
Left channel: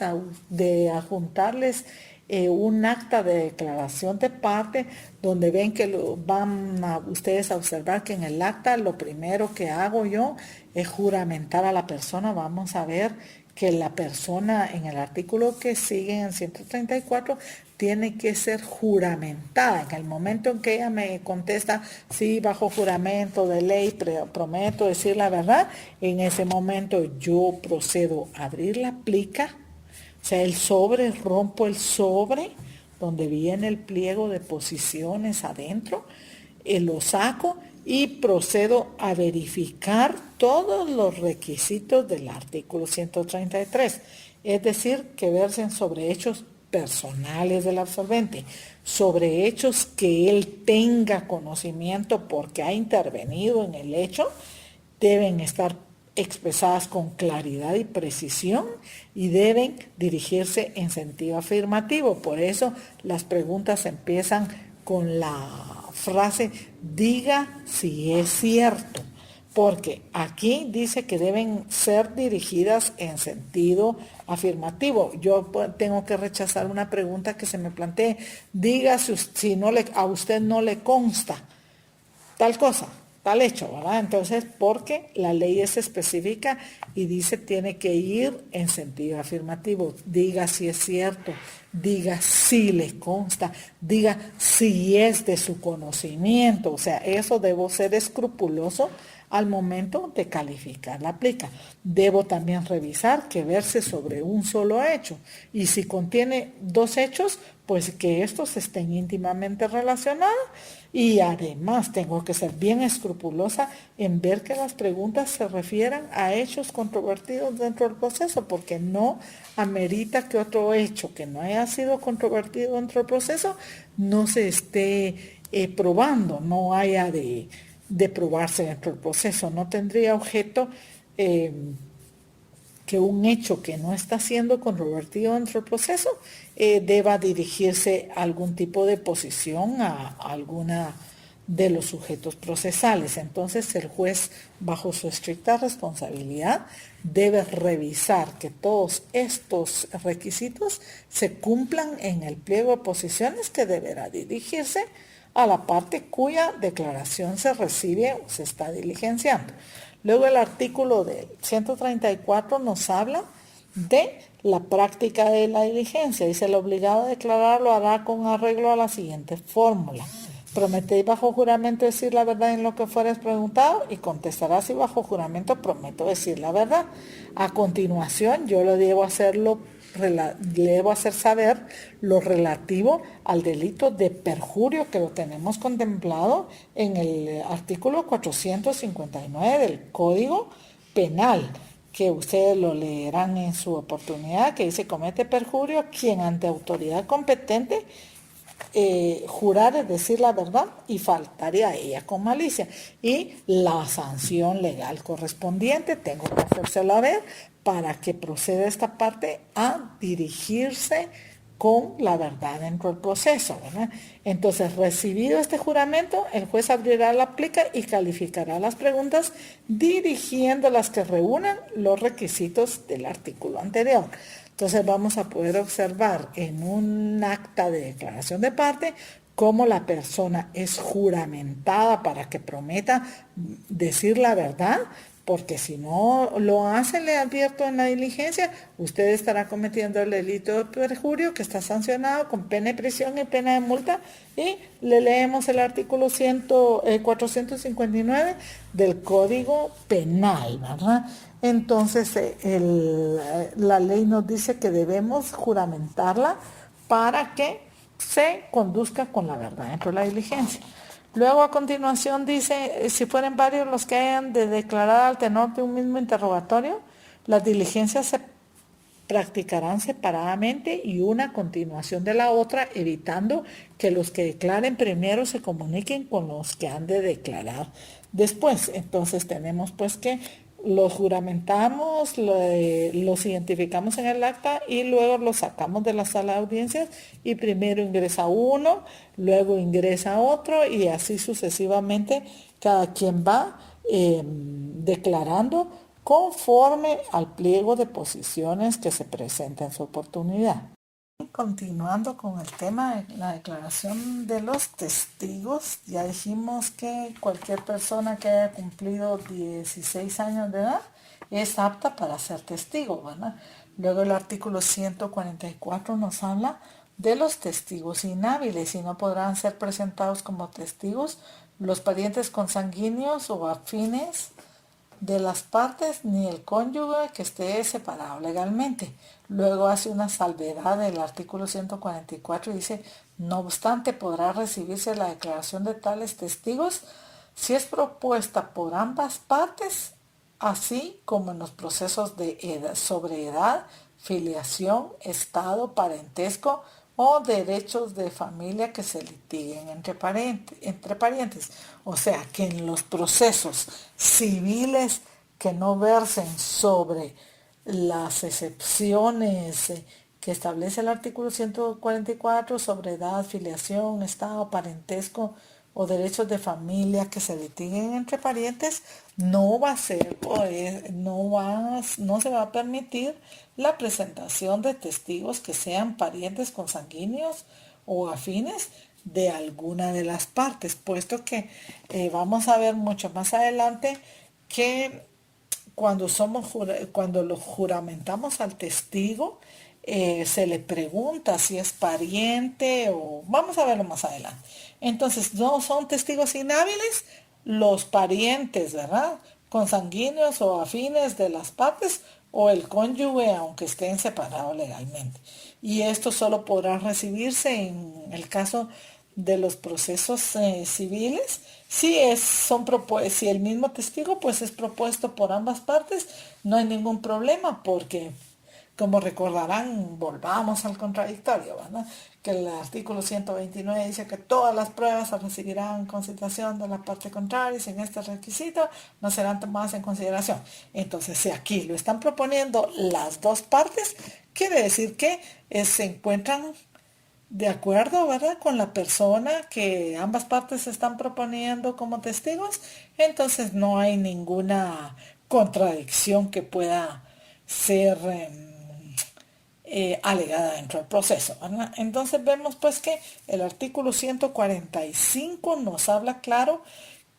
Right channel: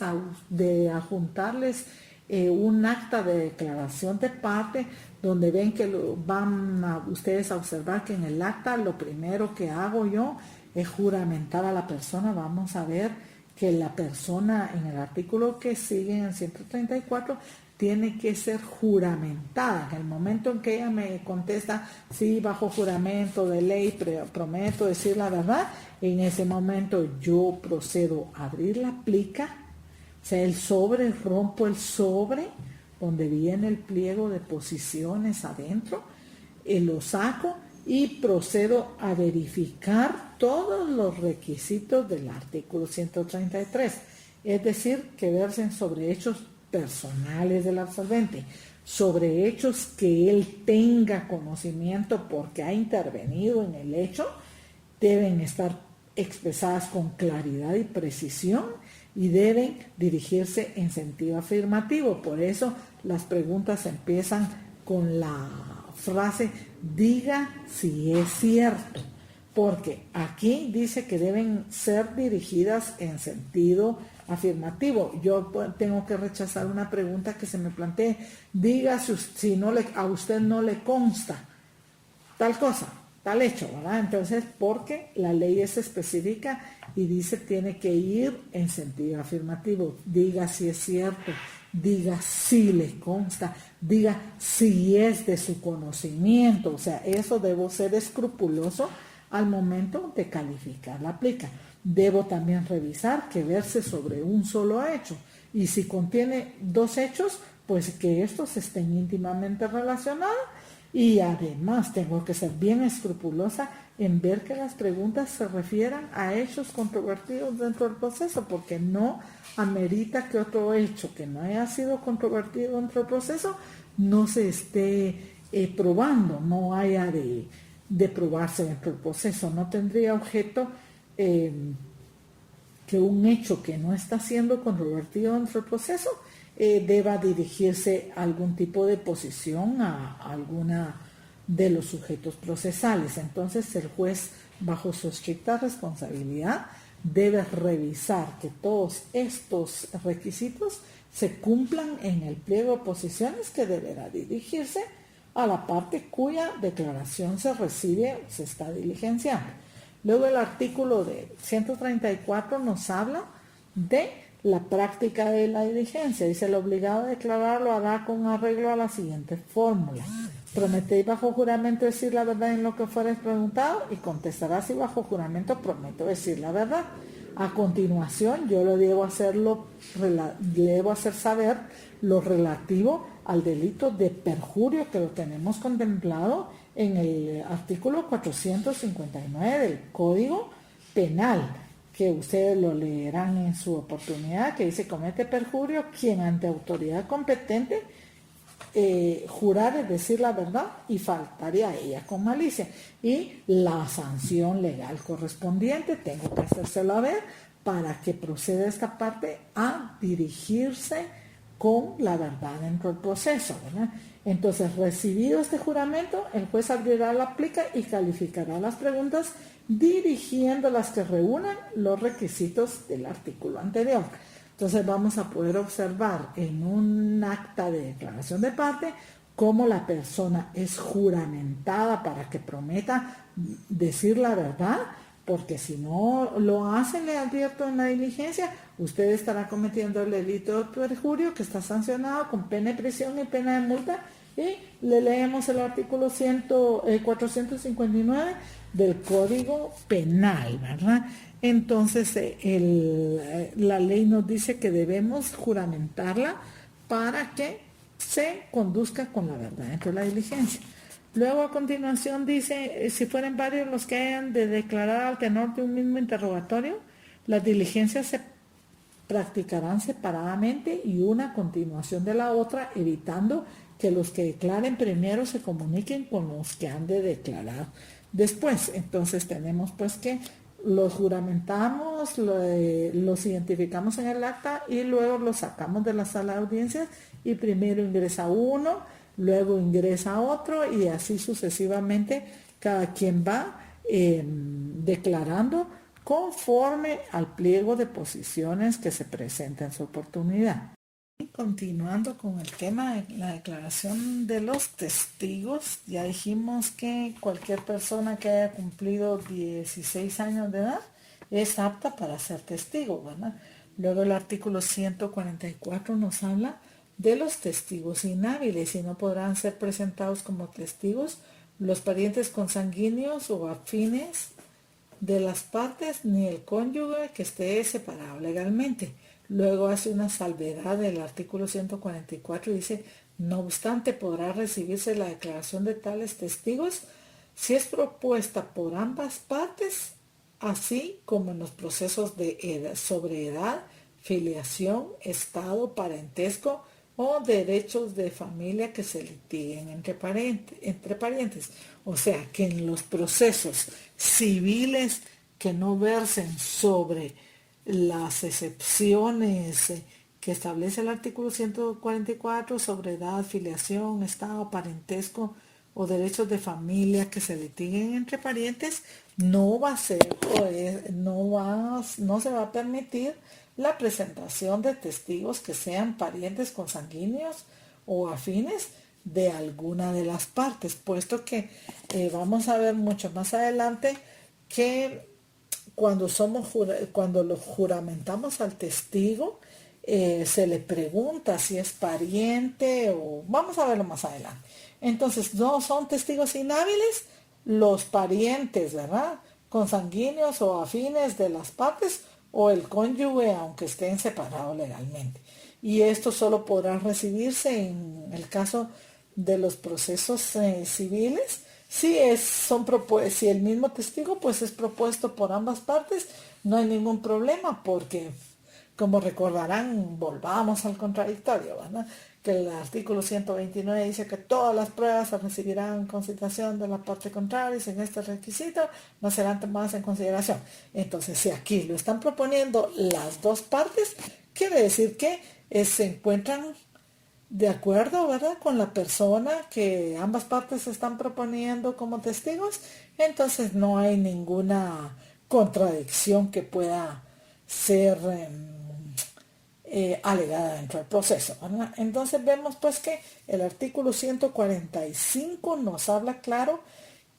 de adjuntarles un acta de declaración de parte donde ven que van a ustedes a observar que en el acta lo primero que hago yo es juramentar a la persona. Vamos a ver que la persona en el artículo que sigue, en 134, tiene que ser juramentada. En el momento en que ella me contesta, sí, bajo juramento de ley, prometo decir la verdad, en ese momento yo procedo a abrir la plica, o sea, el sobre, rompo el sobre, donde viene el pliego de posiciones adentro, lo saco y procedo a verificar todos los requisitos del artículo 133, es decir, que versen sobre hechos personales del absolvente, sobre hechos que él tenga conocimiento porque ha intervenido en el hecho, deben estar expresadas con claridad y precisión y deben dirigirse en sentido afirmativo. Por eso las preguntas empiezan con la frase diga si es cierto, porque aquí dice que deben ser dirigidas en sentido afirmativo. Yo tengo que rechazar una pregunta que se me plantee, diga si no a usted no le consta tal cosa, tal hecho, ¿verdad? Entonces, porque la ley es específica y dice tiene que ir en sentido afirmativo. Diga si es cierto, diga si le consta, diga si es de su conocimiento. O sea, eso debo ser escrupuloso al momento de calificar la plica. Debo también revisar que verse sobre un solo hecho. Y si contiene dos hechos, pues que estos estén íntimamente relacionados. Y además tengo que ser bien escrupulosa en ver que las preguntas se refieran a hechos controvertidos dentro del proceso, porque no amerita que otro hecho que no haya sido controvertido dentro del proceso no se esté probando, no haya de probarse dentro del proceso. No tendría objeto que un hecho que no está siendo controvertido dentro del proceso deba dirigirse a algún tipo de posición, a alguna de los sujetos procesales. Entonces el juez, bajo su estricta responsabilidad, debe revisar que todos estos requisitos se cumplan en el pliego de posiciones, que deberá dirigirse a la parte cuya declaración se recibe o se está diligenciando. Luego el artículo de 134 nos habla de la práctica de la diligencia. Dice, el obligado a declarar lo hará con arreglo a la siguiente fórmula. Prometéis bajo juramento decir la verdad en lo que fueres preguntado, y contestarás si bajo juramento prometo decir la verdad. A continuación, yo le debo hacer saber lo relativo al delito de perjurio, que lo tenemos contemplado en el artículo 459 del Código Penal, que ustedes lo leerán en su oportunidad, que dice: comete perjurio quien ante autoridad competente jurar es decir la verdad y faltaría a ella con malicia, y la sanción legal correspondiente tengo que hacérselo a ver para que proceda esta parte a dirigirse con la verdad dentro del proceso, ¿verdad? Entonces, recibido este juramento, el juez abrirá la plica y calificará las preguntas dirigiendo las que reúnan los requisitos del artículo anterior. Entonces vamos a poder observar en un acta de declaración de parte cómo la persona es juramentada para que prometa decir la verdad, porque si no lo hace, le advierto en la diligencia, usted estará cometiendo el delito de perjurio, que está sancionado con pena de prisión y pena de multa, y le leemos el artículo 459 del Código Penal, ¿verdad? Entonces, la ley nos dice que debemos juramentarla para que se conduzca con la verdad dentro de la diligencia. Luego, a continuación, dice, si fueren varios los que hayan de declarar al tenor de un mismo interrogatorio, las diligencias se practicarán separadamente y una a continuación de la otra, evitando que los que declaren primero se comuniquen con los que han de declarar después. Entonces tenemos pues que los juramentamos, los identificamos en el acta y luego los sacamos de la sala de audiencias, y primero ingresa uno, luego ingresa otro, y así sucesivamente cada quien va declarando conforme al pliego de posiciones que se presenta en su oportunidad. Continuando con el tema de la declaración de los testigos, ya dijimos que cualquier persona que haya cumplido 16 años de edad es apta para ser testigo, ¿verdad? Luego el artículo 144 nos habla de los testigos inhábiles y no podrán ser presentados como testigos los parientes consanguíneos o afines de las partes ni el cónyuge que esté separado legalmente. Luego hace una salvedad del artículo 144 y dice, no obstante podrá recibirse la declaración de tales testigos si es propuesta por ambas partes, así como en los procesos de edad, sobre edad, filiación, estado, parentesco o derechos de familia que se litiguen entre parientes. O sea, que en los procesos civiles que no versen sobre las excepciones que establece el artículo 144 sobre edad, filiación, estado, parentesco o derechos de familia que se litiguen entre parientes, no va a ser no se va a permitir la presentación de testigos que sean parientes consanguíneos o afines de alguna de las partes, puesto que vamos a ver mucho más adelante que cuando lo juramentamos al testigo, se le pregunta si es pariente o vamos a verlo más adelante. Entonces, no son testigos inhábiles los parientes, ¿verdad? Consanguíneos o afines de las partes o el cónyuge, aunque estén separados legalmente. Y esto solo podrá recibirse en el caso de los procesos civiles. Si el mismo testigo pues es propuesto por ambas partes, no hay ningún problema porque, como recordarán, volvamos al contradictorio, ¿verdad? Que el artículo 129 dice que todas las pruebas se recibirán con citación de la parte contraria y sin este requisito no serán tomadas en consideración. Entonces, si aquí lo están proponiendo las dos partes, quiere decir que se encuentran de acuerdo, ¿verdad?, con la persona que ambas partes están proponiendo como testigos, entonces no hay ninguna contradicción que pueda ser alegada dentro del proceso, ¿verdad? Entonces vemos pues que el artículo 145 nos habla claro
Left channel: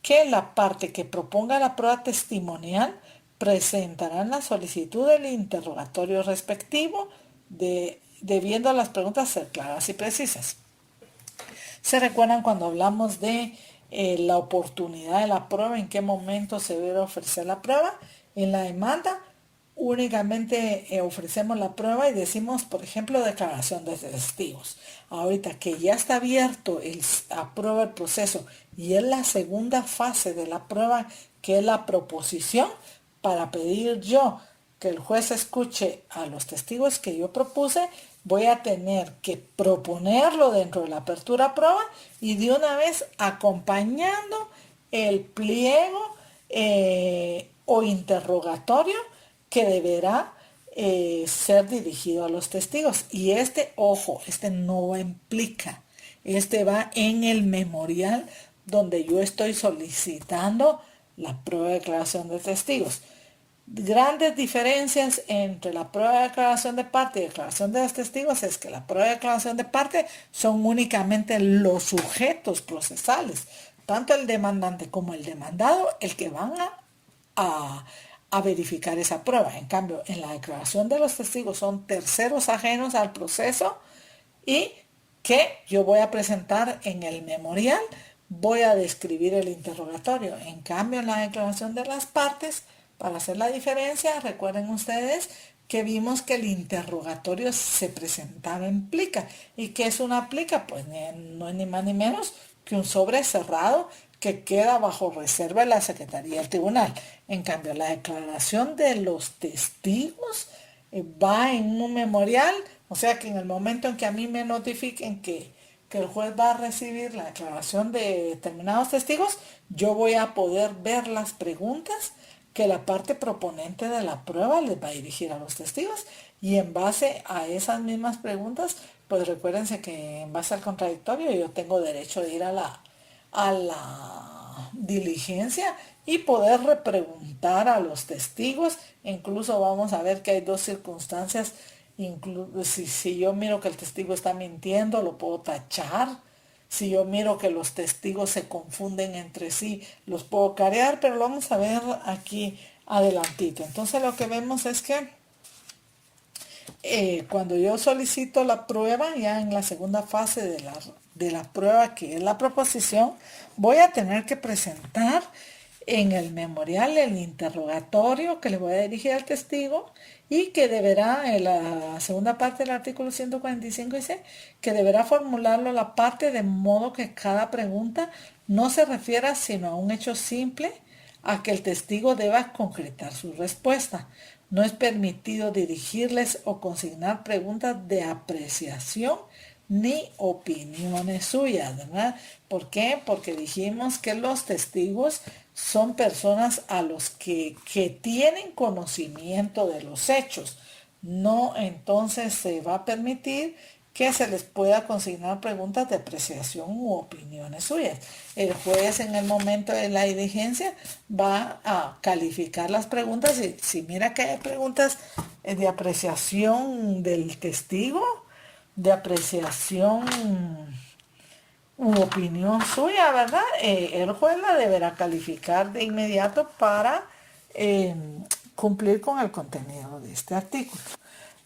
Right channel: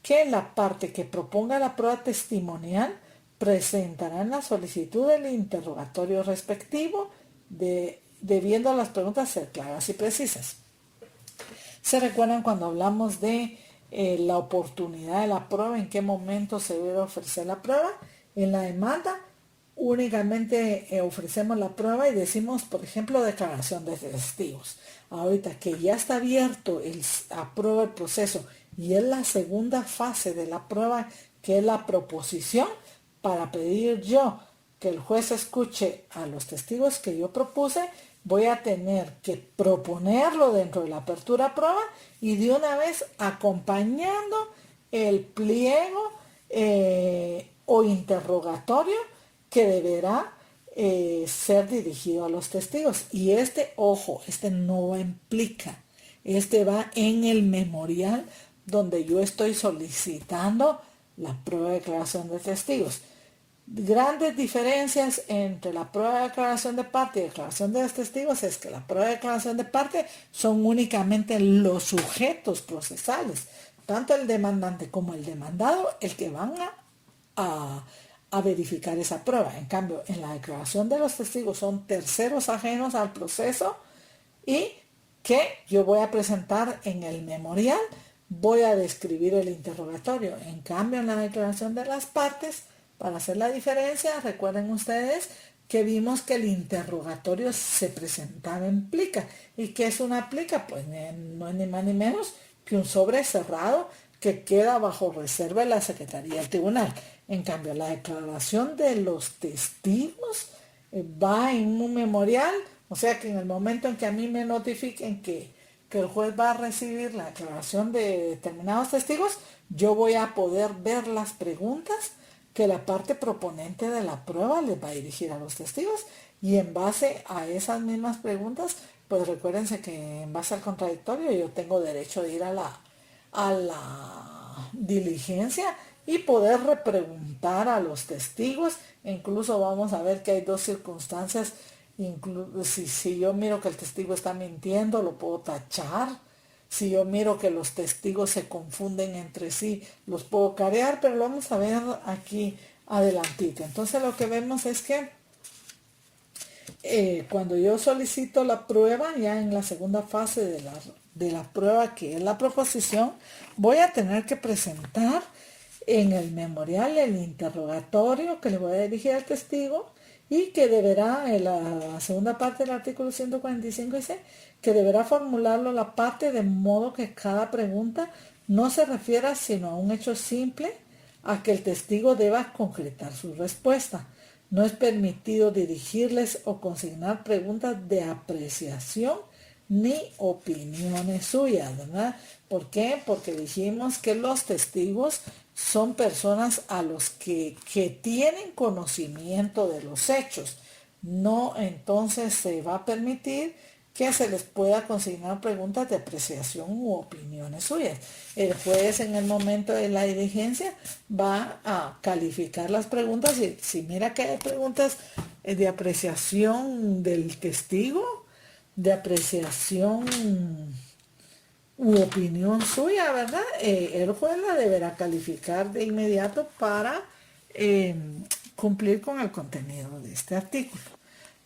que la parte que proponga la prueba testimonial presentará la solicitud del interrogatorio respectivo debiendo las preguntas ser claras y precisas. ¿Se recuerdan cuando hablamos de la oportunidad de la prueba? ¿En qué momento se debe ofrecer la prueba? En la demanda únicamente ofrecemos la prueba y decimos, por ejemplo, declaración de testigos. Ahorita que ya está abierto a prueba el proceso y es la segunda fase de la prueba, que es la proposición, para pedir yo que el juez escuche a los testigos que yo propuse, voy a tener que proponerlo dentro de la apertura a prueba y de una vez acompañando el pliego o interrogatorio que deberá ser dirigido a los testigos. Y ojo, no implica, va en el memorial donde yo estoy solicitando la prueba de declaración de testigos. Grandes diferencias entre la prueba de declaración de parte y declaración de los testigos es que la prueba de declaración de parte son únicamente los sujetos procesales, tanto el demandante como el demandado, el que van a verificar esa prueba. En cambio, en la declaración de los testigos son terceros ajenos al proceso y que yo voy a presentar en el memorial, voy a describir el interrogatorio. En cambio, en la declaración de las partes, para hacer la diferencia, recuerden ustedes que vimos que el interrogatorio se presentaba en plica. ¿Y qué es una plica? Pues no es ni más ni menos que un sobre cerrado que queda bajo reserva de la Secretaría del Tribunal. En cambio, la declaración de los testigos va en un memorial, o sea que en el momento en que a mí me notifiquen que el juez va a recibir la declaración de determinados testigos, yo voy a poder ver las preguntas que la parte proponente de la prueba les va a dirigir a los testigos y en base a esas mismas preguntas, pues recuérdense que en base al contradictorio yo tengo derecho de ir a la diligencia y poder repreguntar a los testigos. Incluso vamos a ver que hay dos circunstancias Si yo miro que el testigo está mintiendo, lo puedo tachar. Si yo miro que los testigos se confunden entre sí, los puedo carear, pero lo vamos a ver aquí adelantito. Entonces lo que vemos es que cuando yo solicito la prueba, ya en la segunda fase de la prueba, que es la proposición, voy a tener que presentar en el memorial el interrogatorio que le voy a dirigir al testigo y que deberá, en la segunda parte del artículo 145 dice que deberá formularlo la parte de modo que cada pregunta no se refiera sino a un hecho simple a que el testigo deba concretar su respuesta. No es permitido dirigirles o consignar preguntas de apreciación ni opiniones suyas, ¿verdad? ¿Por qué? Porque dijimos que los testigos son personas a los que tienen conocimiento de los hechos. No, entonces se va a permitir que se les pueda consignar preguntas de apreciación u opiniones suyas. El juez en el momento de la diligencia va a calificar las preguntas y si mira que hay preguntas de apreciación del testigo, de apreciación u opinión suya, ¿verdad? El juez la deberá calificar de inmediato para cumplir con el contenido de este artículo.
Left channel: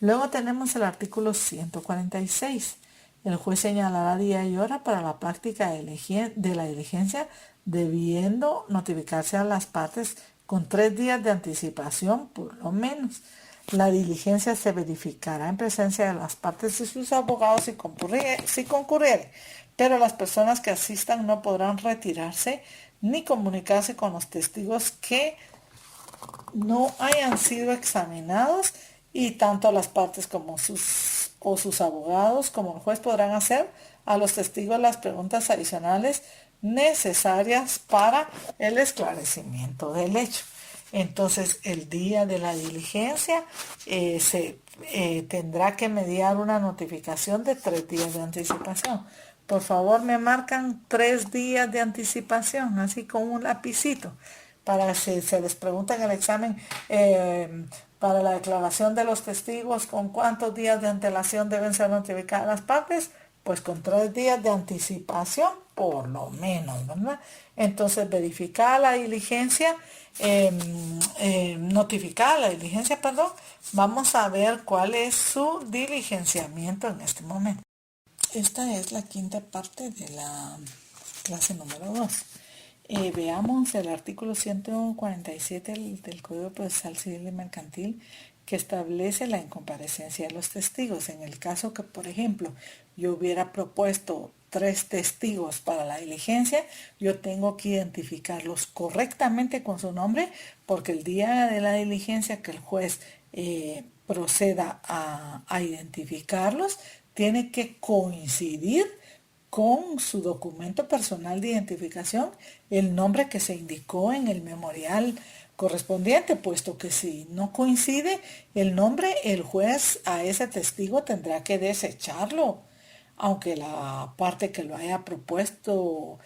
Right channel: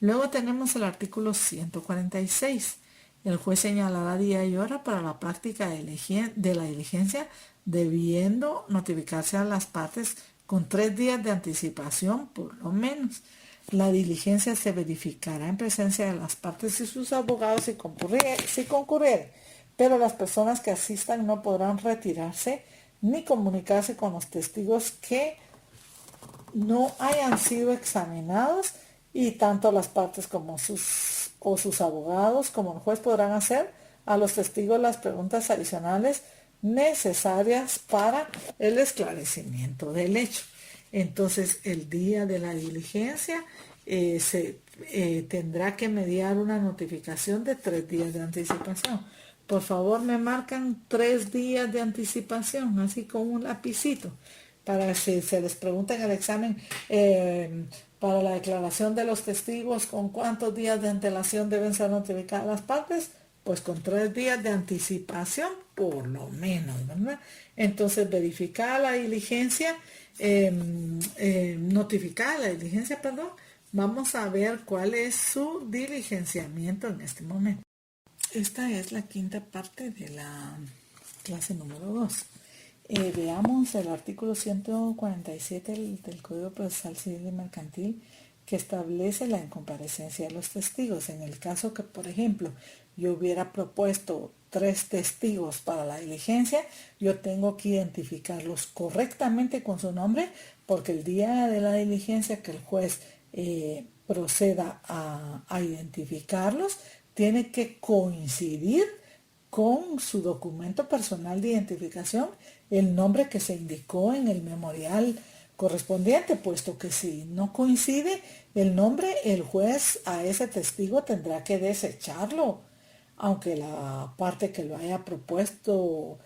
Luego tenemos el artículo 146. El juez señalará día y hora para la práctica de la diligencia, debiendo notificarse a las partes con 3 días de anticipación por lo menos. La diligencia se verificará en presencia de las partes y sus abogados si concurriere, pero las personas que asistan no podrán retirarse ni comunicarse con los testigos que no hayan sido examinados, y tanto las partes como sus abogados como el juez podrán hacer a los testigos las preguntas adicionales necesarias para el esclarecimiento del hecho. Entonces, el día de la diligencia se tendrá que mediar una notificación de 3 días de anticipación. Por favor, me marcan 3 días de anticipación, así con un lapicito, para si se les pregunta en el examen para la declaración de los testigos, ¿con cuántos días de antelación deben ser notificadas las partes? Pues con 3 días de anticipación, por lo menos, ¿verdad? Entonces, verificada la diligencia, notificada la diligencia, perdón, vamos a ver cuál es su diligenciamiento en este momento. Esta es la quinta parte de la clase número 2. Veamos el artículo 147 del Código Procesal Civil y Mercantil, que establece la incomparecencia de los testigos. En el caso que, por ejemplo, yo hubiera propuesto 3 testigos para la diligencia, yo tengo que identificarlos correctamente con su nombre, porque el día de la diligencia que el juez proceda a identificarlos, tiene que coincidir con su documento personal de identificación el nombre que se indicó en el memorial correspondiente, puesto que si no coincide el nombre, el juez a ese testigo tendrá que desecharlo, aunque la parte que lo haya propuesto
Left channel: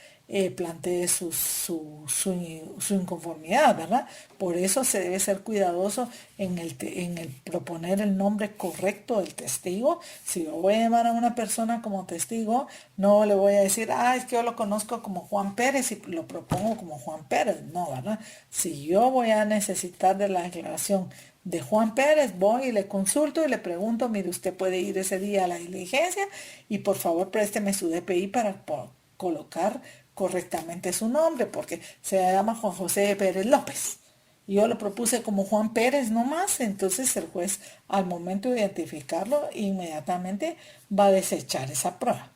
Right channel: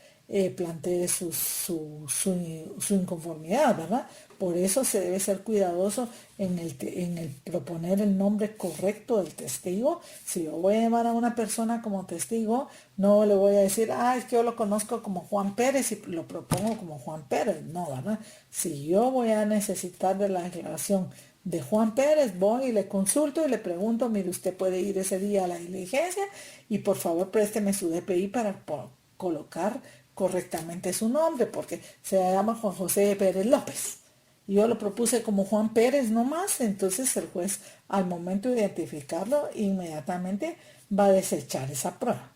plantee su inconformidad, ¿verdad? Por eso se debe ser cuidadoso en el proponer el nombre correcto del testigo. Si yo voy a llamar a una persona como testigo, no le voy a decir, es que yo lo conozco como Juan Pérez y lo propongo como Juan Pérez. No, ¿verdad? Si yo voy a necesitar de la declaración de Juan Pérez, voy y le consulto y le pregunto, mire, usted puede ir ese día a la diligencia y por favor présteme su DPI para colocar correctamente su nombre, porque se llama Juan José Pérez López. Yo lo propuse como Juan Pérez nomás, entonces el juez al momento de identificarlo inmediatamente va a desechar esa prueba.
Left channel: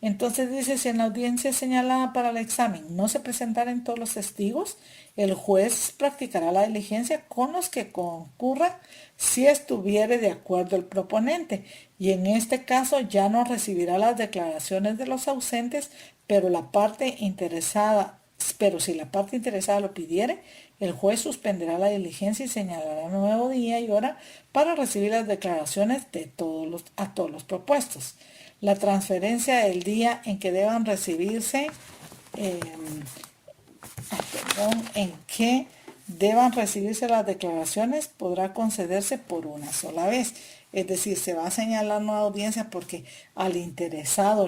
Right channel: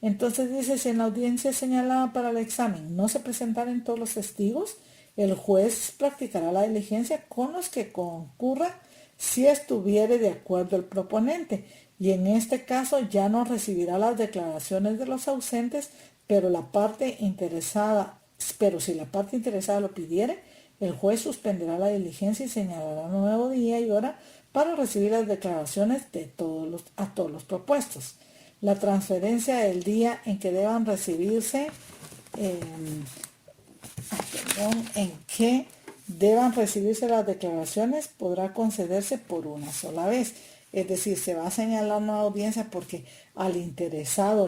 Entonces dice, si en la audiencia señalada para el examen no se presentaren todos los testigos, el juez practicará la diligencia con los que concurran si estuviere de acuerdo el proponente, y en este caso ya no recibirá las declaraciones de los ausentes, pero si la parte interesada lo pidiere, el juez suspenderá la diligencia y señalará nuevo día y hora para recibir las declaraciones a todos los propuestos. La transferencia del día en que deban recibirse, las declaraciones podrá concederse por una sola vez. Es decir, se va a señalar nueva audiencia porque al interesado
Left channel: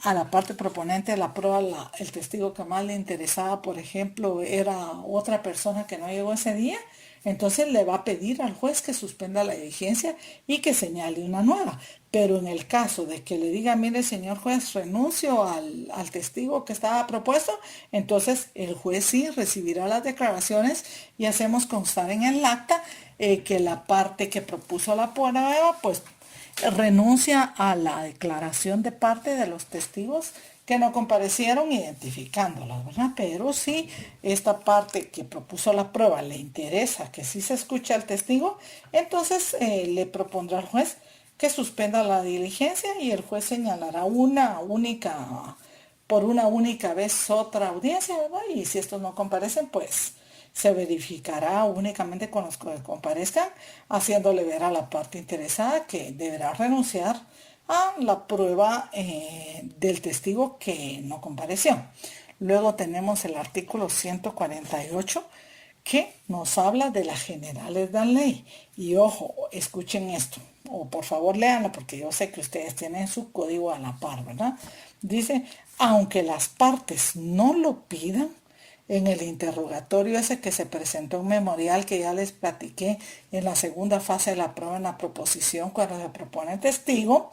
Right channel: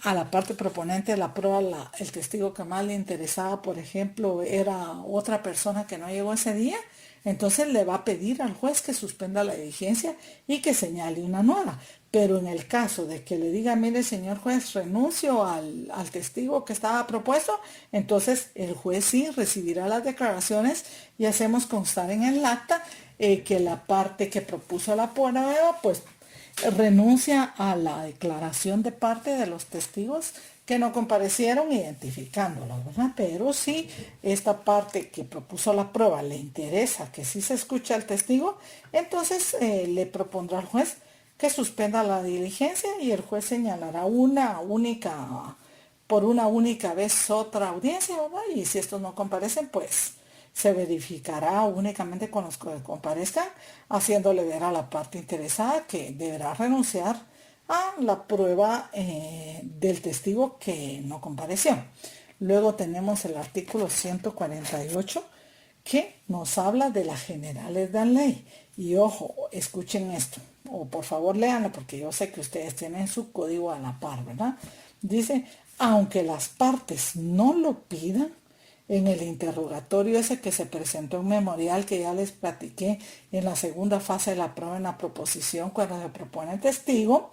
a la parte proponente de la prueba, el testigo que más le interesaba, por ejemplo, era otra persona que no llegó ese día, entonces le va a pedir al juez que suspenda la diligencia y que señale una nueva. Pero en el caso de que le diga, mire señor juez, renuncio al testigo que estaba propuesto, entonces el juez sí recibirá las declaraciones y hacemos constar en el acta que la parte que propuso la prueba, pues renuncia a la declaración de parte de los testigos que no comparecieron identificándola, ¿verdad? Pero si esta parte que propuso la prueba le interesa que sí se escuche al testigo, entonces le propondrá al juez que suspenda la diligencia y el juez señalará por una única vez otra audiencia, ¿verdad? Y si estos no comparecen, pues se verificará únicamente con los que comparezcan, haciéndole ver a la parte interesada que deberá renunciar a la prueba del testigo que no compareció. Luego tenemos el artículo 148 que nos habla de las generales de la ley. Y ojo, escuchen esto, o por favor léanlo porque yo sé que ustedes tienen su código a la par, ¿verdad? Dice, aunque las partes no lo pidan, en el interrogatorio ese que se presentó en memorial que ya les platiqué en la segunda fase de la prueba en la proposición cuando se propone el testigo,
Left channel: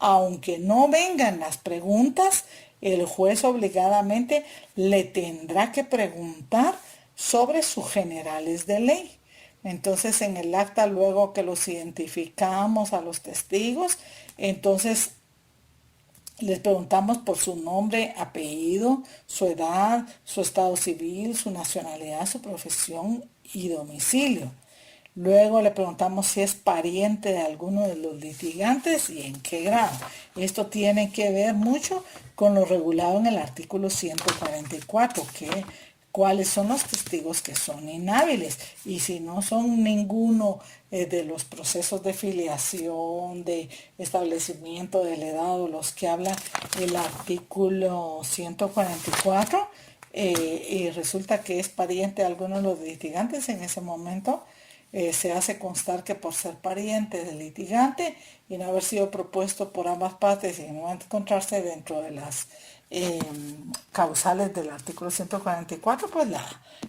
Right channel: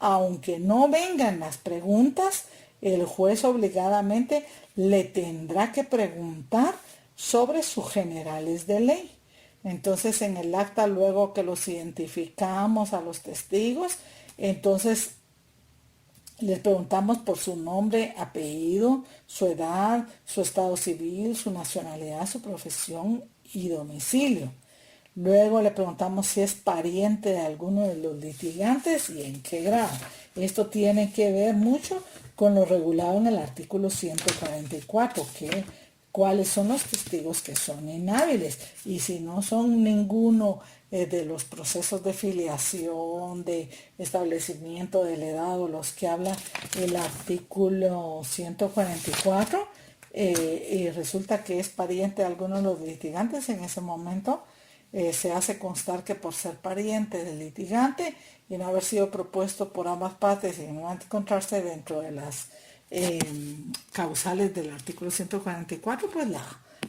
aunque no vengan las preguntas, el juez obligadamente le tendrá que preguntar sobre sus generales de ley. Entonces en el acta luego que los identificamos a los testigos, entonces les preguntamos por su nombre, apellido, su edad, su estado civil, su nacionalidad, su profesión y domicilio. Luego le preguntamos si es pariente de alguno de los litigantes y en qué grado. Esto tiene que ver mucho con lo regulado en el artículo 144, cuáles son los testigos que son inhábiles. Y si no son ninguno de los procesos de filiación, de establecimiento del edad, los que habla el artículo 144, y resulta que es pariente de alguno de los litigantes, en ese momento se hace constar que por ser pariente del litigante y no haber sido propuesto por ambas partes y no encontrarse dentro de las causales del artículo 144, pues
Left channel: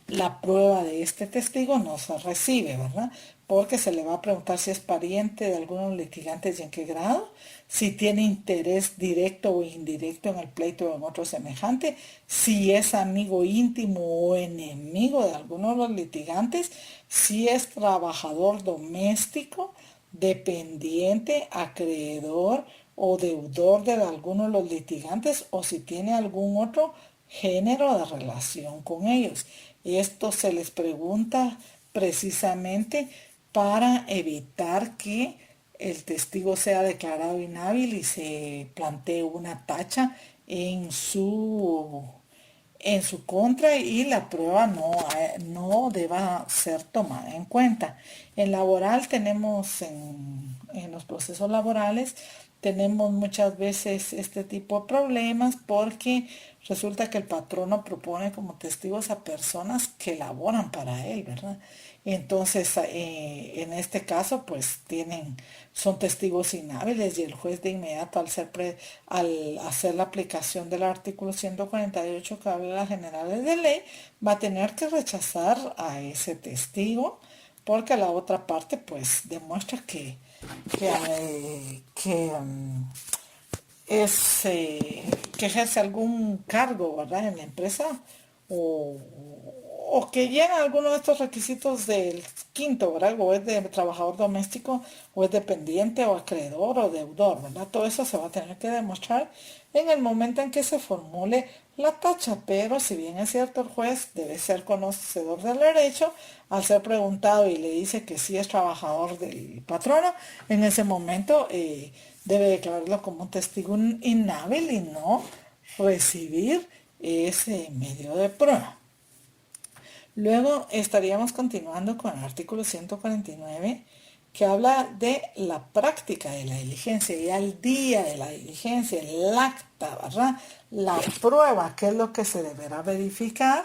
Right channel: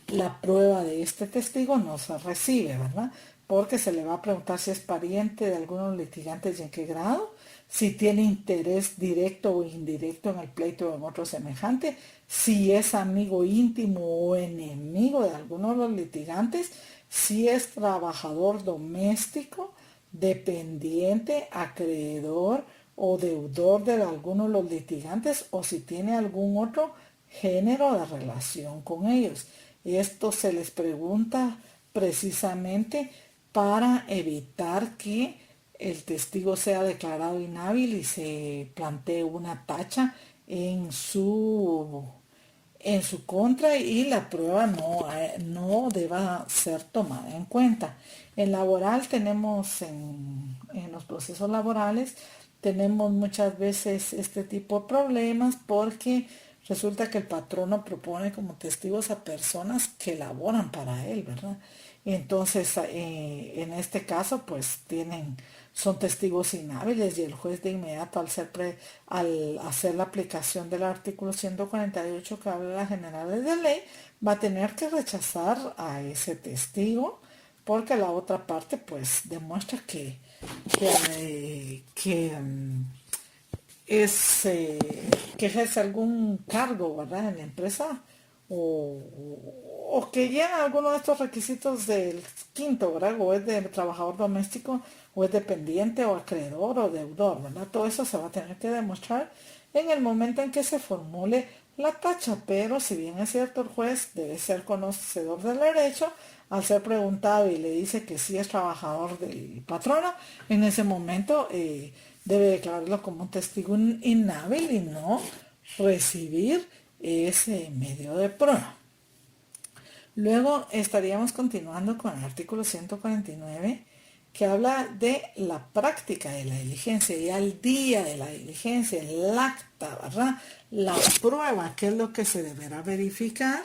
la prueba de este testigo no se recibe, ¿verdad? Porque se le va a preguntar si es pariente de algunos litigantes y en qué grado, si tiene interés directo o indirecto en el pleito o en otro semejante, si es amigo íntimo o enemigo de alguno de los litigantes, si es trabajador doméstico, dependiente, acreedor o deudor de alguno de los litigantes o si tiene algún otro género de relación con ellos. Esto se les pregunta precisamente para evitar que el testigo sea declarado inhábil y se plantee una tacha en su contra y la prueba no deba ser tomada en cuenta. En laboral tenemos, en los procesos laborales, tenemos muchas veces este tipo de problemas porque resulta que el patrono propone como testigos a personas que laboran para él, ¿verdad? Entonces, en este caso, pues son testigos inhábiles y el juez de inmediato al hacer la aplicación del artículo 148 que habla de las generales de ley, va a tener que rechazar a ese testigo porque la otra parte pues demuestra que ejerce algún cargo, ¿verdad?, en la empresa o que llena alguno de estos requisitos del quinto, ¿verdad? O es de trabajador doméstico, o es dependiente, o acreedor, o deudor, ¿verdad? Todo eso se va a tener que demostrar en el momento en que se formule la tacha, pero si bien es cierto, el juez debe ser conocedor del derecho, al ser preguntado y le dice que sí es trabajador del patrono, en ese momento debe declararlo como un testigo inhábil y no recibir ese medio de prueba. Luego estaríamos continuando con el artículo 149 que habla de la práctica de la diligencia y al día de la diligencia, el acta, ¿verdad? La prueba, que es lo que se deberá verificar.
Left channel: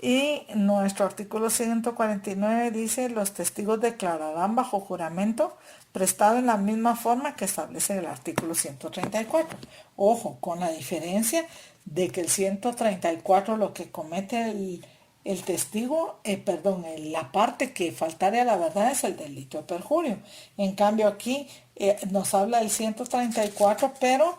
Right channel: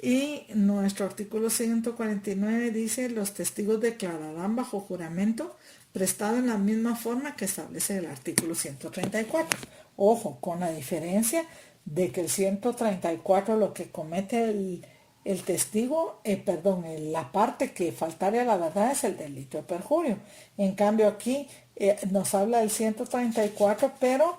Y nuestro artículo 149 dice, los testigos declararán bajo juramento prestado en la misma forma que establece el artículo 134. Ojo, con la diferencia de que el 134 lo que comete el testigo, la parte que faltare a la verdad es el delito de perjurio. En cambio aquí nos habla del 134, pero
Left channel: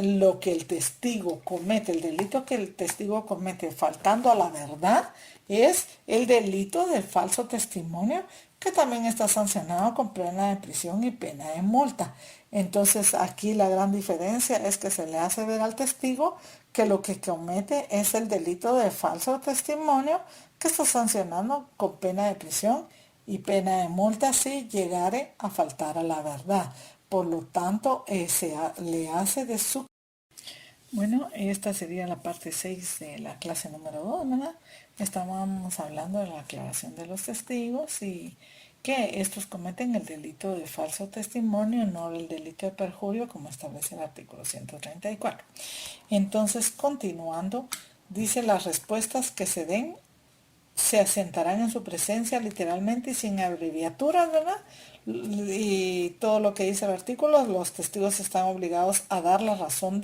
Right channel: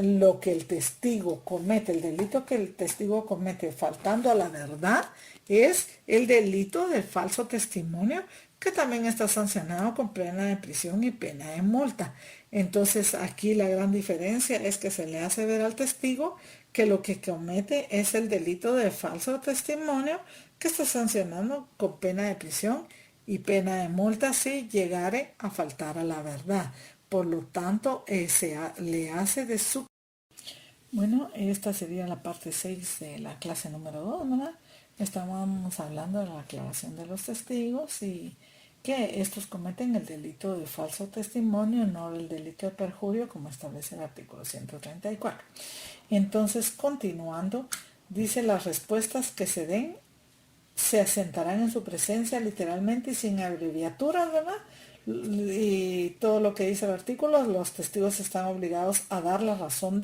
lo que el testigo comete, el delito que el testigo comete faltando a la verdad, es el delito del falso testimonio, que también está sancionado con pena de prisión y pena de multa. Entonces aquí la gran diferencia es que se le hace ver al testigo que lo que comete es el delito de falso testimonio, que está sancionado con pena de prisión y pena de multa si llegare a faltar a la verdad. Por lo tanto, le hace de su... Bueno, esta sería la parte 6 de la clase número 2, ¿verdad? Estábamos hablando de la aclaración de los testigos y que estos cometen el delito de falso testimonio, no el delito de perjurio, como establece el artículo 134. Entonces, continuando, dice: las respuestas que se den se asentarán en su presencia literalmente y sin abreviaturas, ¿verdad? Y todo lo que dice el artículo, los testigos están obligados a dar la razón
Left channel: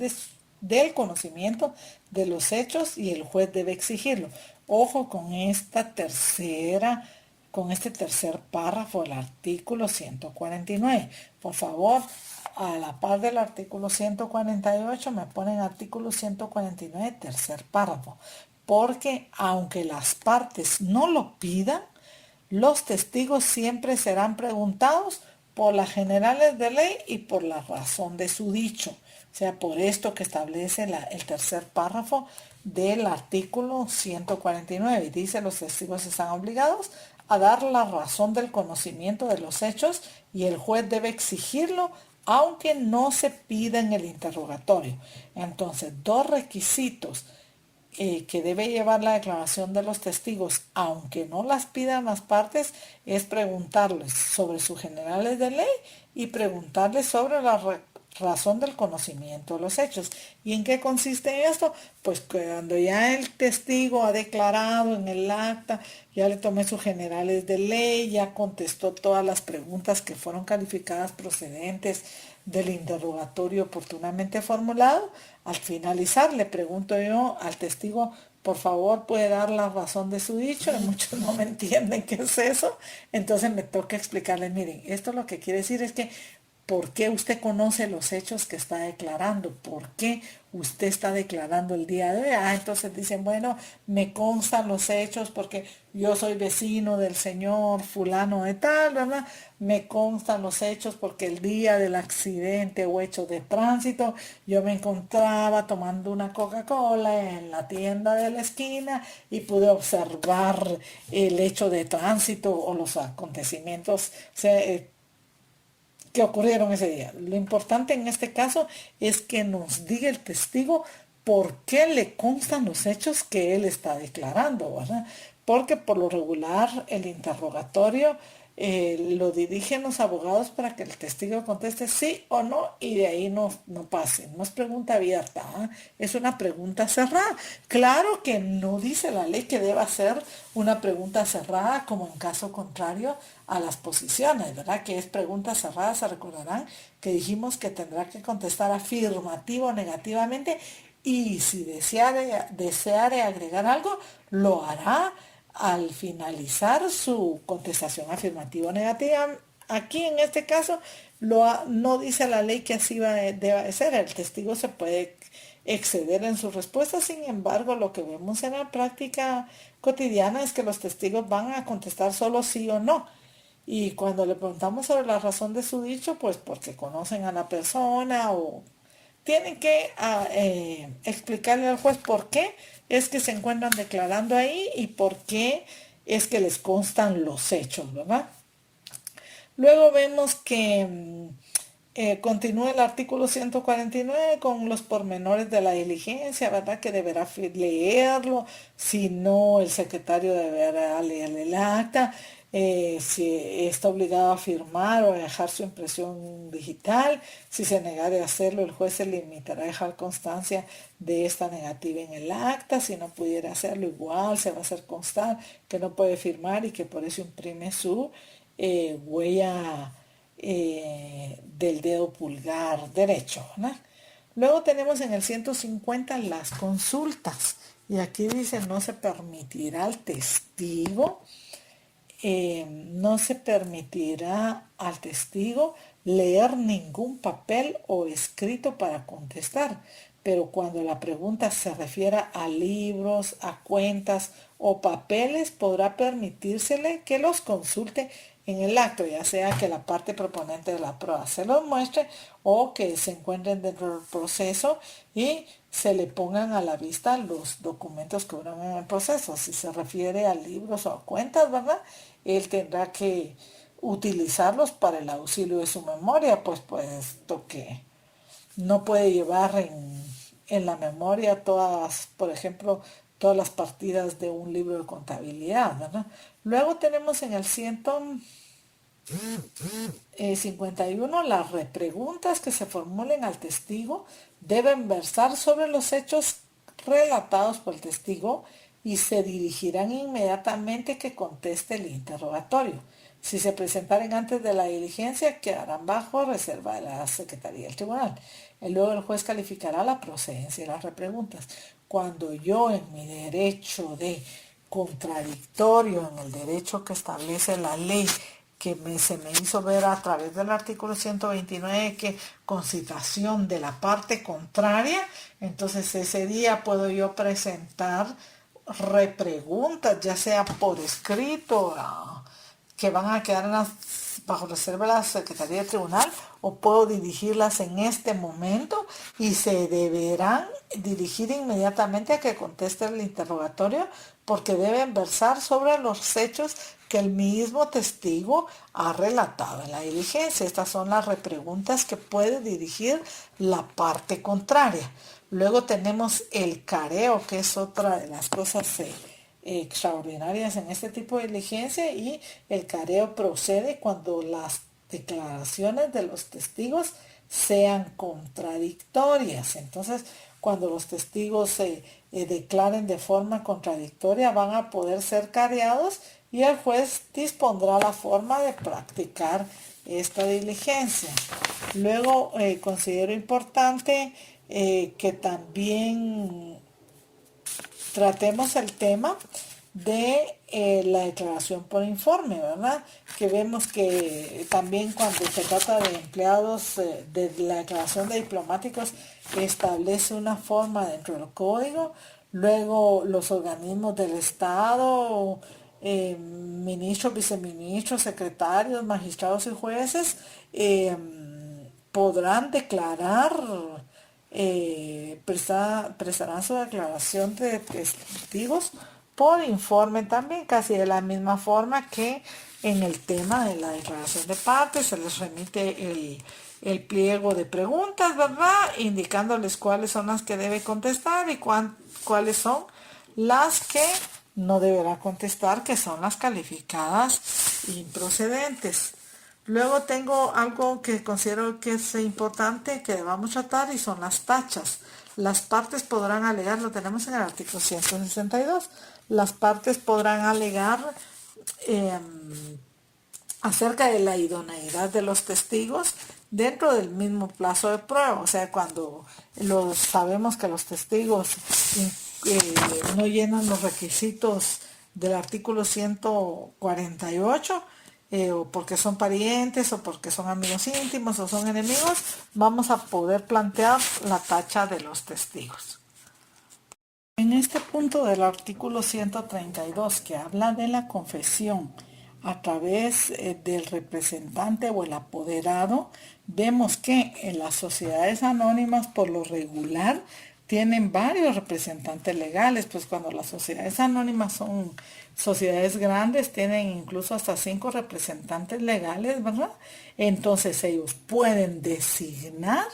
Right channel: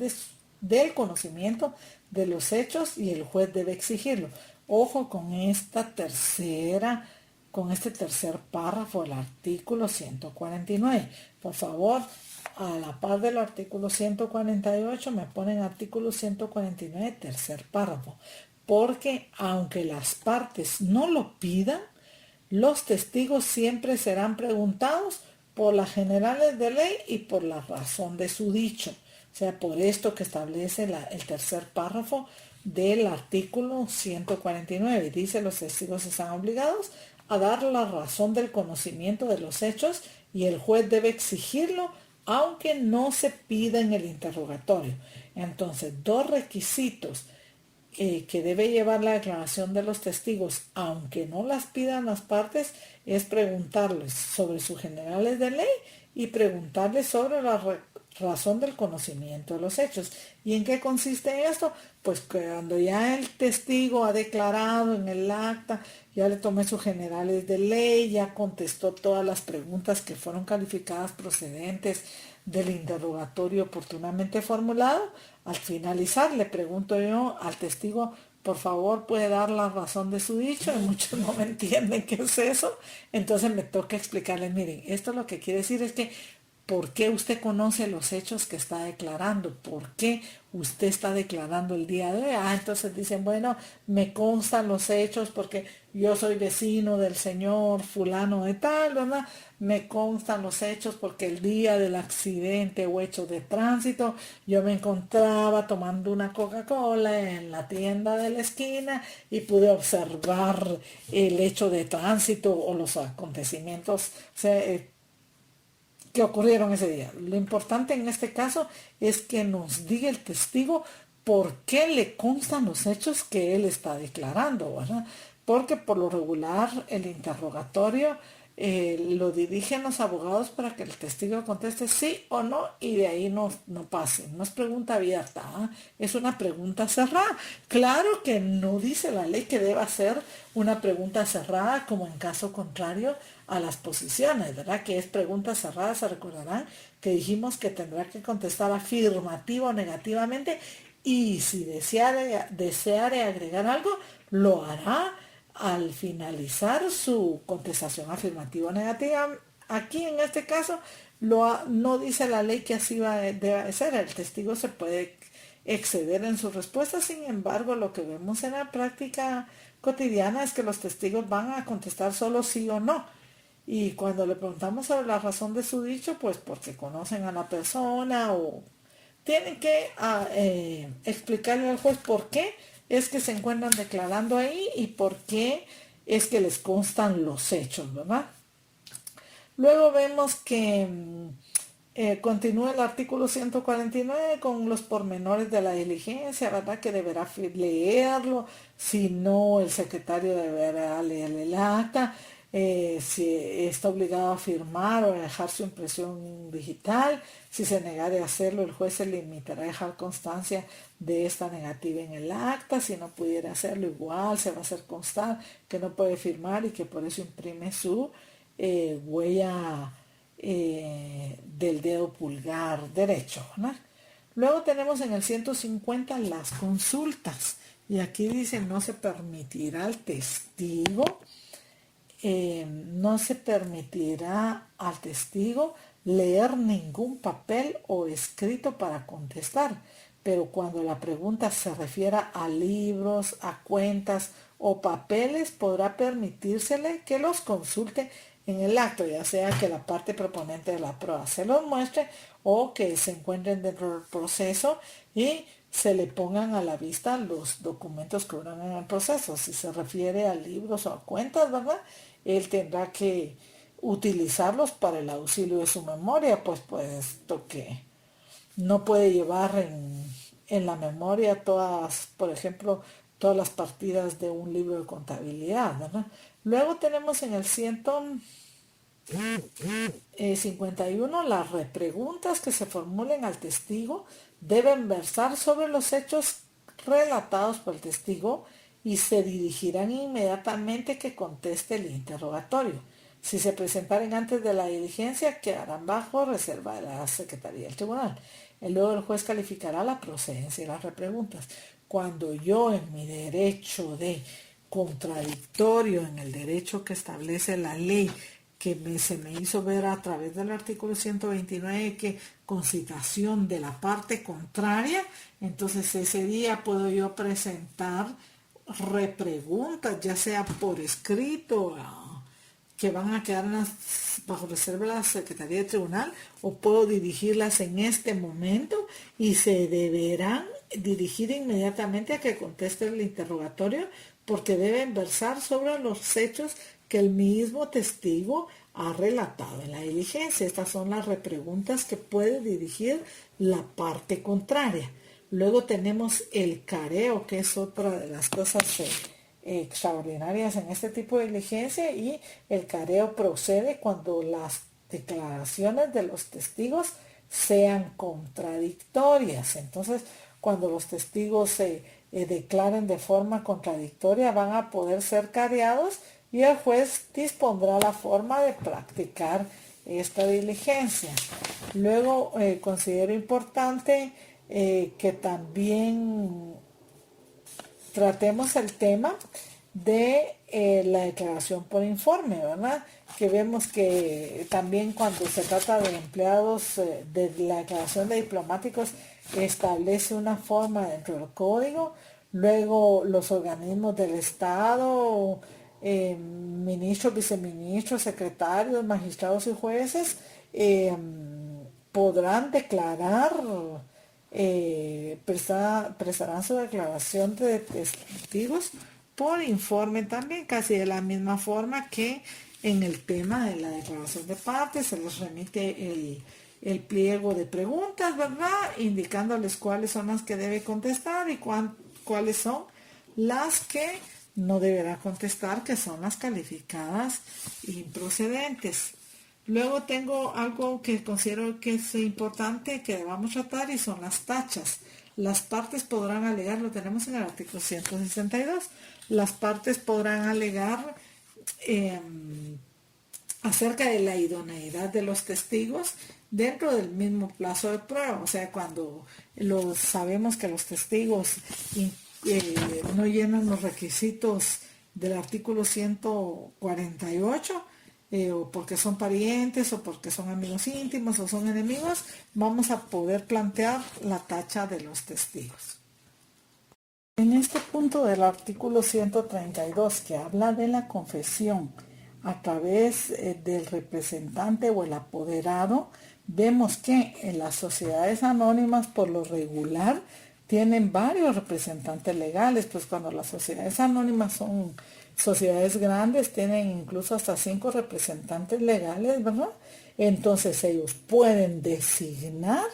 del conocimiento de los hechos y el juez debe exigirlo. Ojo con este tercer párrafo del artículo 149. Por favor, a la par del artículo 148 me ponen artículo 149, tercer párrafo. Porque aunque las partes no lo pidan, los testigos siempre serán preguntados por las generales de ley y por la razón de su dicho. O sea, por esto que establece el tercer párrafo del artículo 149. Dice: los testigos están obligados a dar la razón del conocimiento de los hechos y el juez debe exigirlo aunque no se pida en el interrogatorio. Entonces, dos requisitos que debe llevar la declaración de los testigos, aunque no las pidan las partes, es preguntarles sobre sus generales de ley y preguntarles sobre la razón del conocimiento de los hechos. ¿Y en qué consiste esto? Pues cuando ya el testigo ha declarado en el acta, ya le tomé sus generales de ley, ya contestó todas las preguntas que fueron calificadas procedentes del interrogatorio oportunamente formulado, al finalizar le pregunto yo al testigo: por favor, puede dar la razón de su dicho. Y muchos no me entienden qué es eso, entonces me toca explicarles: miren, esto lo que quiere decir es que ¿por qué usted conoce los hechos que está declarando? ¿Por qué usted está declarando el día de hoy? Entonces dicen: bueno, me constan los hechos porque yo soy vecino del señor fulano de tal, ¿verdad? Me constan los hechos porque el día del accidente o hecho de tránsito yo me encontraba tomando una Coca-Cola en la tienda de la esquina y pude observar el hecho de tránsito o los acontecimientos que ocurrieron ese día. Lo importante en este caso es que nos diga el testigo por qué le constan los hechos que él está declarando, ¿verdad? Porque por lo regular el interrogatorio lo dirigen los abogados para que el testigo conteste sí o no y de ahí no pase. No es pregunta abierta, es una pregunta cerrada. Claro que no dice la ley que deba ser una pregunta cerrada como en caso contrario a las posiciones, ¿verdad? Que es pregunta cerrada. Se recordarán que dijimos que tendrá que contestar afirmativo o negativamente y si deseare agregar algo, lo hará al finalizar su contestación afirmativa o negativa. Aquí en este caso no dice la ley que así debe ser. El testigo se puede exceder en su respuesta. Sin embargo, lo que vemos en la práctica cotidiana es que los testigos van a contestar solo sí o no. Y cuando le preguntamos sobre la razón de su dicho, pues porque conocen a la persona o tienen que explicarle al juez por qué es que se encuentran declarando ahí y por qué es que les constan los hechos, ¿verdad? Luego vemos que continúa el artículo 149 con los pormenores de la diligencia, ¿verdad? Que deberá leerlo, si no el secretario deberá leer el acta, si está obligado a firmar o a dejar su impresión digital. Si se negare a hacerlo, el juez se limitará a dejar constancia de esta negativa en el acta. Si no pudiera hacerlo, igual se va a hacer constar que no puede firmar y que por eso imprime su huella del dedo pulgar derecho, ¿verdad? Luego tenemos en el 150 las consultas. Y aquí dice, no se permitirá al testigo, leer ningún papel o escrito para contestar. Pero cuando la pregunta se refiera a libros, a cuentas o papeles, podrá permitírsele que los consulte en el acto, ya sea que la parte proponente de la prueba se los muestre o que se encuentren dentro del proceso y se le pongan a la vista los documentos que hubieran en el proceso. Si se refiere a libros o a cuentas, ¿verdad? Él tendrá que utilizarlos para el auxilio de su memoria, pues puesto que no puede llevar en la memoria todas, por ejemplo, todas las partidas de un libro de contabilidad, ¿verdad? Luego tenemos en el 151 las repreguntas que se formulen al testigo deben versar sobre los hechos relatados por el testigo y se dirigirán inmediatamente que conteste el interrogatorio. Si se presentaren antes de la diligencia, quedarán bajo reserva de la Secretaría del Tribunal. Y luego el juez calificará la procedencia de las repreguntas. Cuando yo en mi derecho de contradictorio, en el derecho que establece la ley, que se me hizo ver a través del artículo 129 que con citación de la parte contraria, entonces ese día puedo yo presentar repreguntas, ya sea por escrito, que van a quedar bajo reserva de la Secretaría del Tribunal, o puedo dirigirlas en este momento y se deberán dirigir inmediatamente a que conteste el interrogatorio porque deben versar sobre los hechos que el mismo testigo ha relatado en la diligencia. Estas son las repreguntas que puede dirigir la parte contraria. Luego tenemos el careo, que es otra de las cosas extraordinarias en este tipo de diligencia, y el careo procede cuando las declaraciones de los testigos sean contradictorias. Entonces, cuando los testigos se declaren de forma contradictoria, van a poder ser careados y el juez dispondrá la forma de practicar esta diligencia. Luego, considero importante que también tratemos el tema de la declaración por informe, ¿verdad? Que vemos que también cuando se trata de empleados de la declaración de diplomáticos establece una forma dentro del código. Luego los organismos del Estado, ministros, viceministros, secretarios, magistrados y jueces podrán declarar, prestarán su declaración de testigos por informe también, casi de la misma forma que en el tema de la declaración de partes. Se les remite el pliego de preguntas, ¿verdad? Indicándoles cuáles son las que debe contestar y cuáles son las que no deberá contestar, que son las calificadas improcedentes. Luego tengo algo que considero que es importante que debamos tratar y son las tachas. Las partes podrán alegar, lo tenemos en el artículo 162, las partes podrán alegar acerca de la idoneidad de los testigos dentro del mismo plazo de prueba. O sea, cuando sabemos que los testigos no llenan los requisitos del artículo 148, o porque son parientes, o porque son amigos íntimos, o son enemigos, vamos a poder plantear la tacha de los testigos. En este punto del artículo 132, que habla de la confesión a través del representante o el apoderado, vemos que en las sociedades anónimas por lo regular tienen varios representantes legales, pues cuando las sociedades anónimas son sociedades grandes, tienen incluso hasta 5 representantes legales, ¿verdad? Entonces ellos pueden designar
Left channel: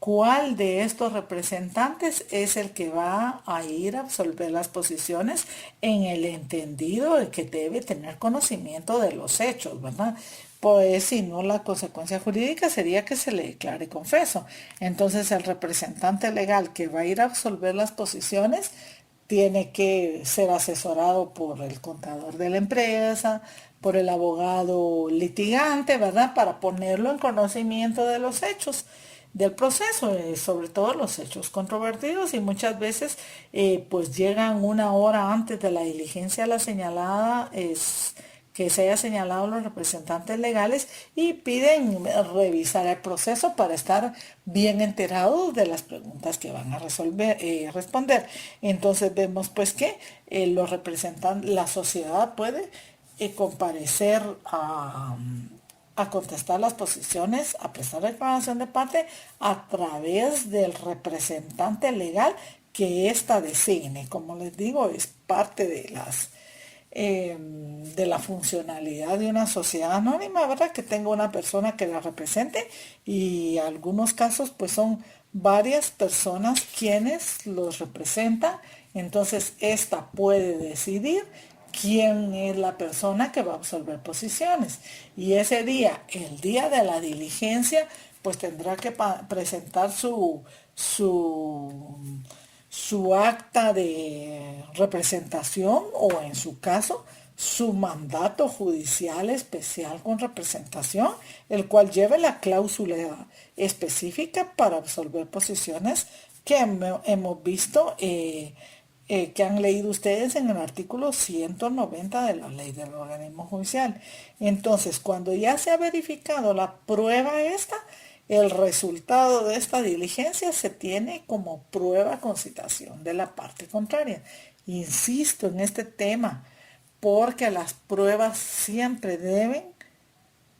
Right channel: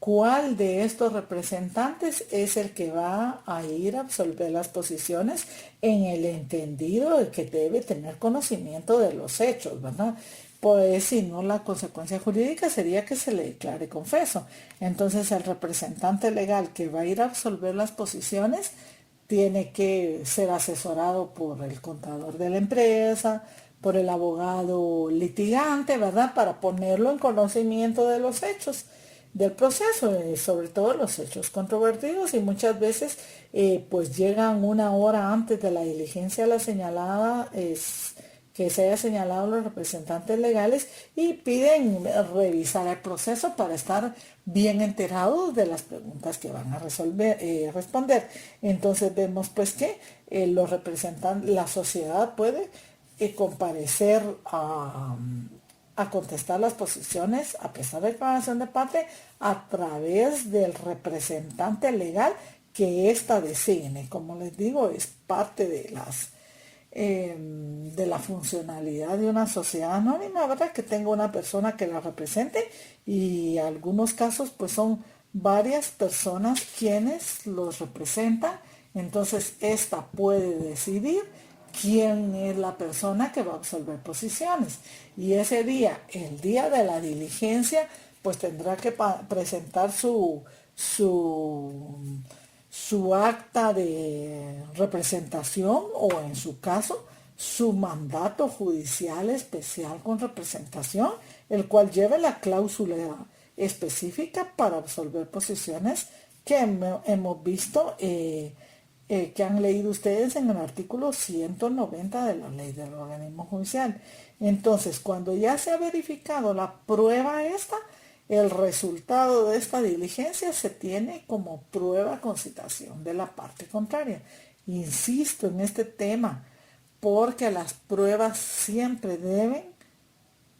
cuál de estos representantes es el que va a ir a absolver las posiciones en el entendido de que debe tener conocimiento de los hechos, ¿verdad? Pues si no, la consecuencia jurídica sería que se le declare confeso. Entonces el representante legal que va a ir a absolver las posiciones tiene que ser asesorado por el contador de la empresa, por el abogado litigante, ¿verdad? Para ponerlo en conocimiento de los hechos del proceso, sobre todo los hechos controvertidos, y muchas veces pues llegan una hora antes de la diligencia la señalada, que se haya señalado los representantes legales, y piden revisar el proceso para estar bien enterados de las preguntas que van a responder. Entonces vemos pues que los representantes, la sociedad puede comparecer a contestar las posiciones, a prestar declaración de parte a través del representante legal que ésta designe. Como les digo, es parte de la funcionalidad de una sociedad anónima, ¿verdad? Que tenga una persona que la represente, y algunos casos pues son varias personas quienes los representan. Entonces esta puede decidir quién es la persona que va a absolver posiciones, y ese día, el día de la diligencia, pues tendrá que presentar su acta de representación, o en su caso su mandato judicial especial con representación, el cual lleve la cláusula específica para absolver posiciones que hemos visto, que han leído ustedes en el artículo 190 de la ley del organismo judicial. Entonces, cuando ya se ha verificado la prueba esta, el resultado de esta diligencia se tiene como prueba con citación de la parte contraria. Insisto en este tema, porque las pruebas siempre deben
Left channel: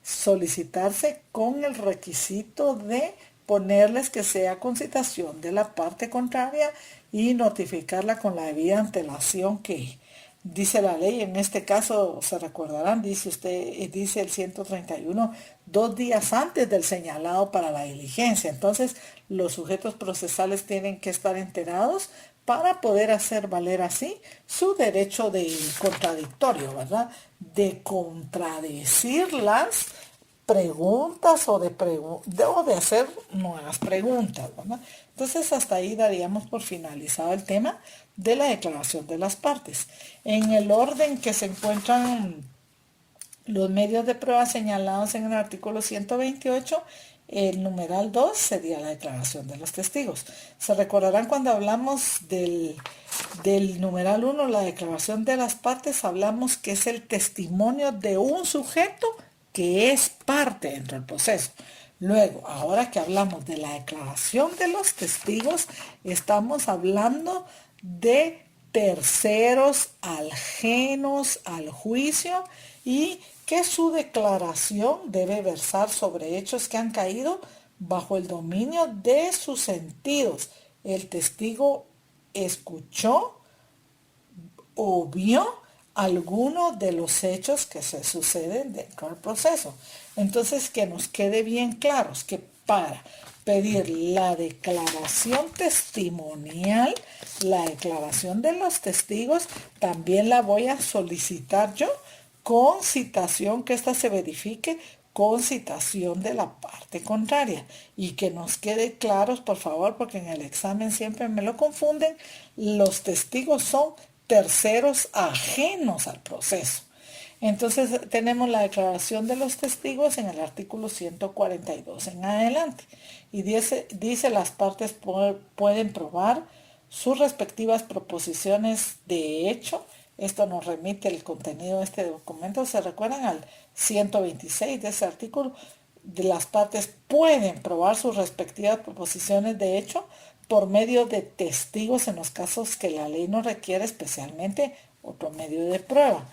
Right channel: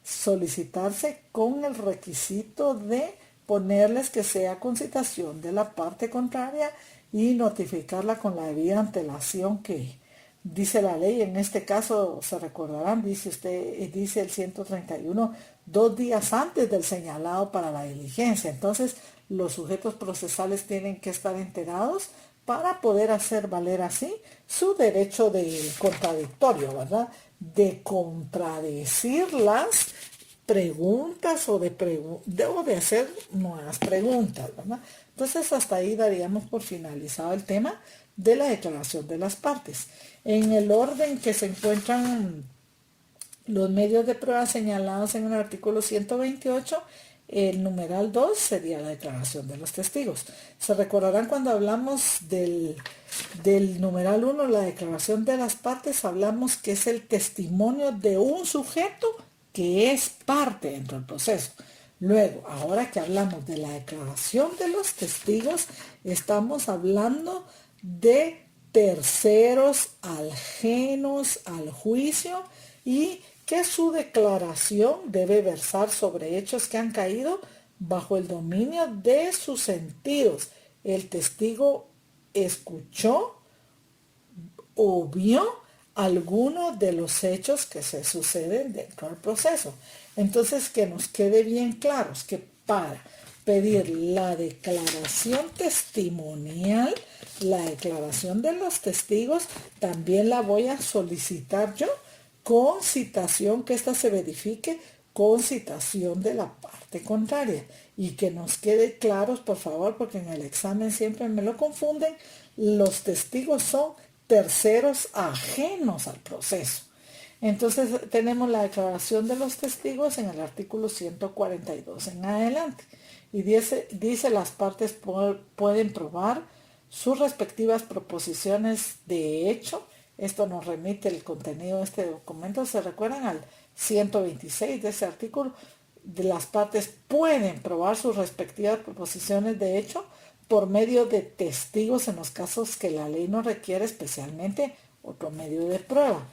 solicitarse con el requisito de ponerles que sea con citación de la parte contraria y notificarla con la debida antelación que dice la ley. En este caso, se recordarán, dice el 131, 2 días antes del señalado para la diligencia. Entonces, los sujetos procesales tienen que estar enterados para poder hacer valer así su derecho de contradictorio, ¿verdad? De contradecir las preguntas o de hacer nuevas preguntas, ¿verdad? Entonces, hasta ahí daríamos por finalizado el tema de la declaración de las partes. En el orden que se encuentran los medios de prueba señalados en el artículo 128, el numeral 2 sería la declaración de los testigos. Se recordarán cuando hablamos del numeral 1, la declaración de las partes, hablamos que es el testimonio de un sujeto que es parte dentro del proceso. Luego, ahora que hablamos de la declaración de los testigos, estamos hablando de terceros ajenos al juicio, y que su declaración debe versar sobre hechos que han caído bajo el dominio de sus sentidos. El testigo escuchó o vio alguno de los hechos que se suceden dentro del proceso. Entonces, que nos quede bien claros que para pedir la declaración testimonial, la declaración de los testigos, también la voy a solicitar yo con citación, que ésta se verifique con citación de la parte contraria. Y que nos quede claros, por favor, porque en el examen siempre me lo confunden. Los testigos son terceros ajenos al proceso. Entonces tenemos la declaración de los testigos en el artículo 142 en adelante. Y dice las partes pueden probar sus respectivas proposiciones de hecho. Esto nos remite el contenido de este documento. ¿Se recuerdan al 126 de ese artículo? De las partes pueden probar sus respectivas proposiciones de hecho por medio de testigos en los casos que la ley no requiere especialmente otro medio de prueba.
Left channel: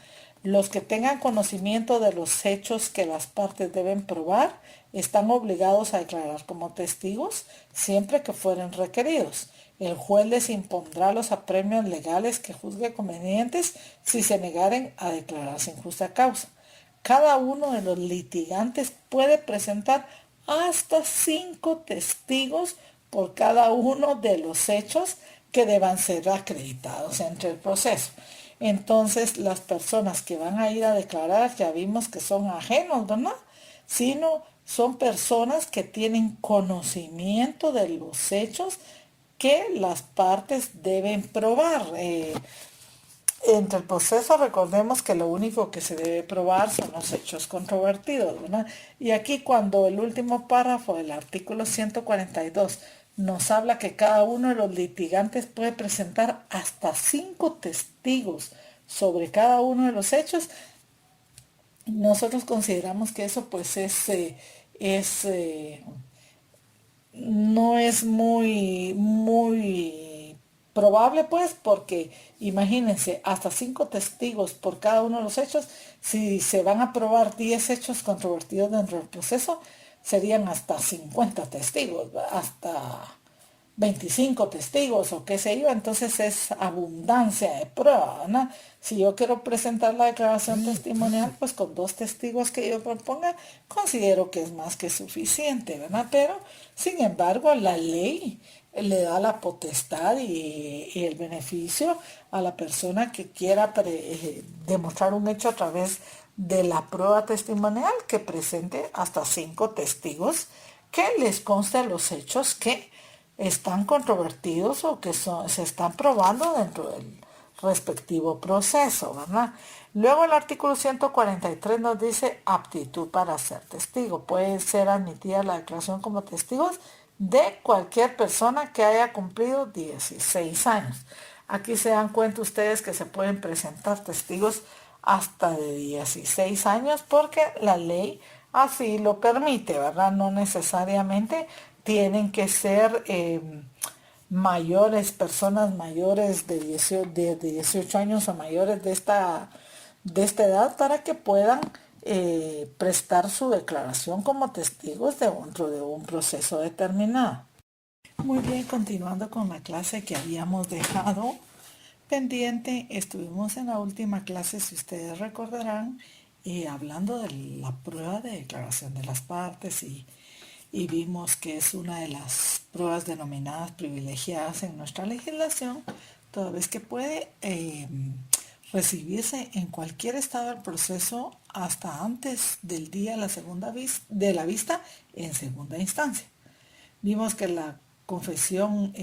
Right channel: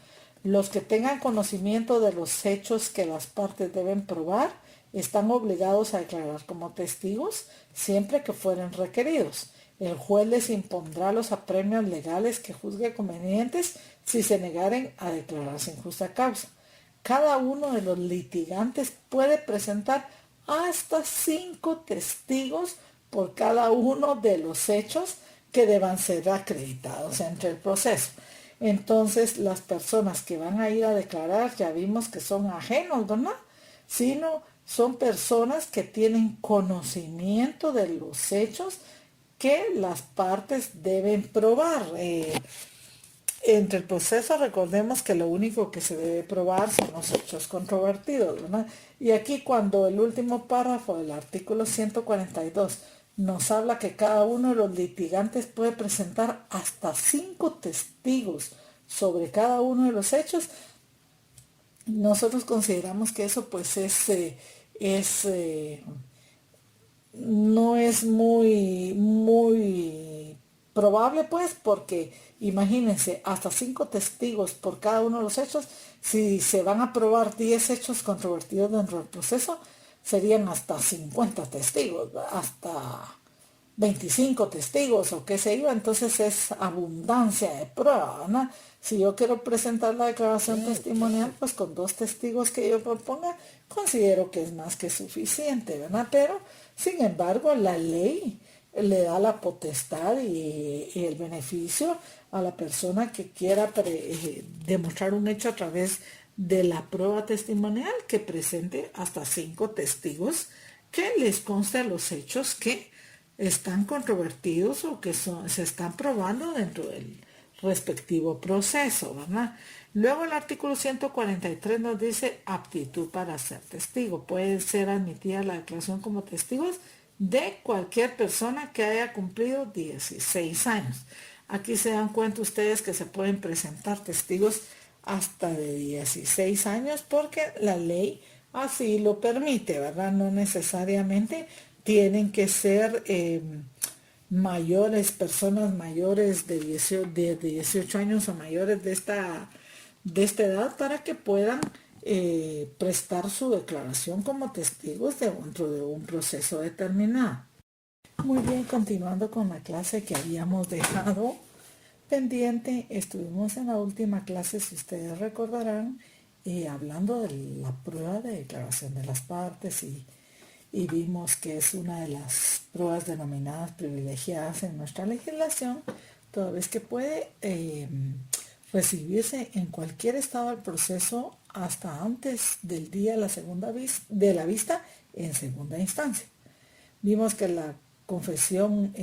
Los que tengan conocimiento de los hechos que las partes deben probar están obligados a declarar como testigos siempre que fueren requeridos. El juez les impondrá los apremios legales que juzgue convenientes si se negaren a declarar sin justa causa. Cada uno de los litigantes puede presentar hasta 5 testigos por cada uno de los hechos que deban ser acreditados entre el proceso. Entonces, las personas que van a ir a declarar, ya vimos que son ajenos, ¿verdad? Sino son personas que tienen conocimiento de los hechos que las partes deben probar. entre el proceso recordemos que lo único que se debe probar son los hechos controvertidos, ¿verdad? Y aquí cuando el último párrafo del artículo 142 nos habla que cada uno de los litigantes puede presentar hasta 5 testigos sobre cada uno de los hechos, nosotros consideramos que eso pues no es muy probable pues, porque imagínense, hasta 5 testigos por cada uno de los hechos. Si se van a probar 10 hechos controvertidos dentro del proceso, serían hasta 50 testigos, hasta 25 testigos o qué sé yo. Entonces es abundancia de prueba, ¿no? Si yo quiero presentar la declaración testimonial, pues con 2 testigos que yo proponga, considero que es más que suficiente, ¿verdad? Pero, sin embargo, la ley le da la potestad y el beneficio a la persona que quiera demostrar un hecho a través de la prueba testimonial, que presente hasta 5 testigos que les conste los hechos que están controvertidos o que se están probando dentro del respectivo proceso, ¿verdad? Luego el artículo 143 nos dice aptitud para ser testigo. Puede ser admitida la declaración como testigos de cualquier persona que haya cumplido 16 años. Aquí se dan cuenta ustedes que se pueden presentar testigos hasta de 16 años porque la ley así lo permite, ¿verdad? No necesariamente tienen que ser personas mayores de 18 años o mayores de esta edad para que puedan prestar su declaración como testigos dentro de un proceso determinado. Muy bien, continuando con la clase que habíamos dejado pendiente, estuvimos en la última clase, si ustedes recordarán, hablando de la prueba de declaración de las partes y vimos que es una de las pruebas denominadas privilegiadas en nuestra legislación, toda vez que puede recibirse en cualquier estado del proceso hasta antes del día de la vista en segunda instancia. Vimos que la confesión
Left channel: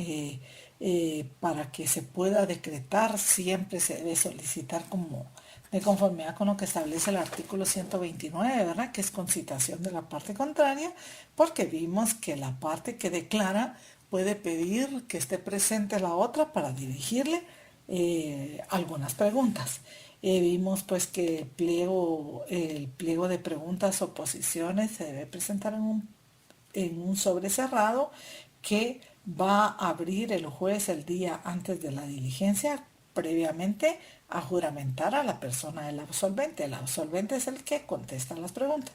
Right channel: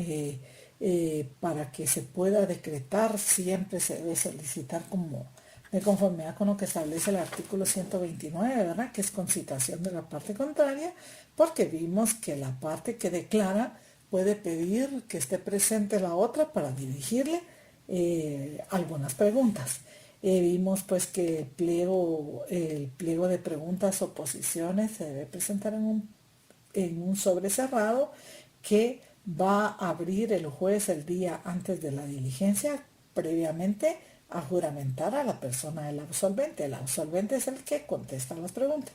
para que se pueda decretar siempre se debe solicitar como de conformidad con lo que establece el artículo 129, ¿verdad? Que es concitación de la parte contraria, porque vimos que la parte que declara puede pedir que esté presente la otra para dirigirle algunas preguntas. Vimos pues que el pliego de preguntas o posiciones se debe presentar en un sobre cerrado que va a abrir el juez el día antes de la diligencia, previamente a juramentar a la persona del absolvente. El absolvente es el que contesta las preguntas.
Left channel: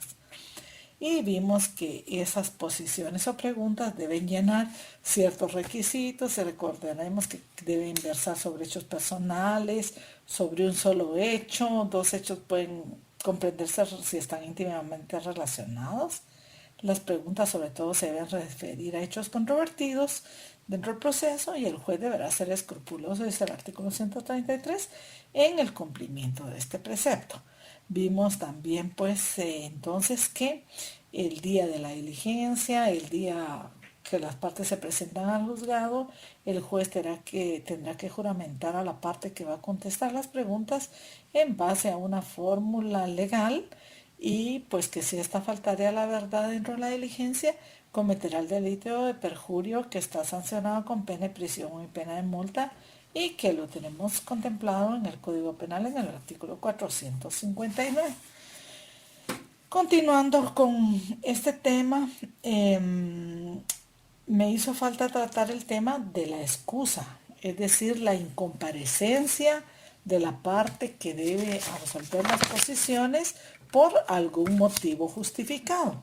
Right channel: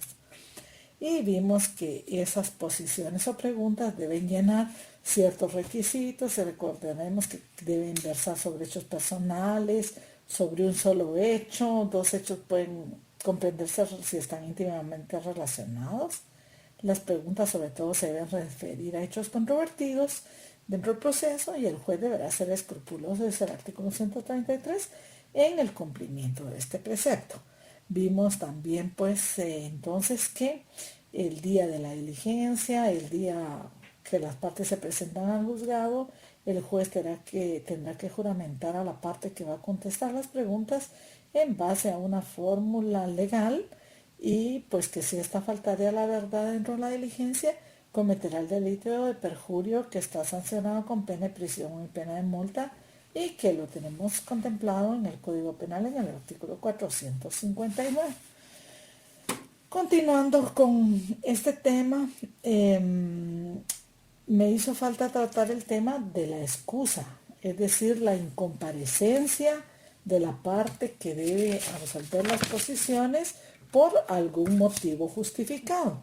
Y vimos que esas posiciones o preguntas deben llenar ciertos requisitos. Recordaremos que deben versar sobre hechos personales, sobre un solo hecho. 2 hechos pueden comprenderse si están íntimamente relacionados. Las preguntas sobre todo se deben referir a hechos controvertidos dentro del proceso y el juez deberá ser escrupuloso, dice el artículo 133, en el cumplimiento de este precepto. Vimos también pues entonces que el día de la diligencia, el día que las partes se presentan al juzgado, el juez tendrá que juramentar a la parte que va a contestar las preguntas en base a una fórmula legal y pues que si esta faltare a la verdad dentro de la diligencia, cometerá el delito de perjurio que está sancionado con pena de prisión y pena de multa y que lo tenemos contemplado en el Código Penal en el artículo 459. Continuando con este tema, me hizo falta tratar el tema de la excusa, es decir, la incomparecencia de la parte que debe resolver las posiciones por algún motivo justificado.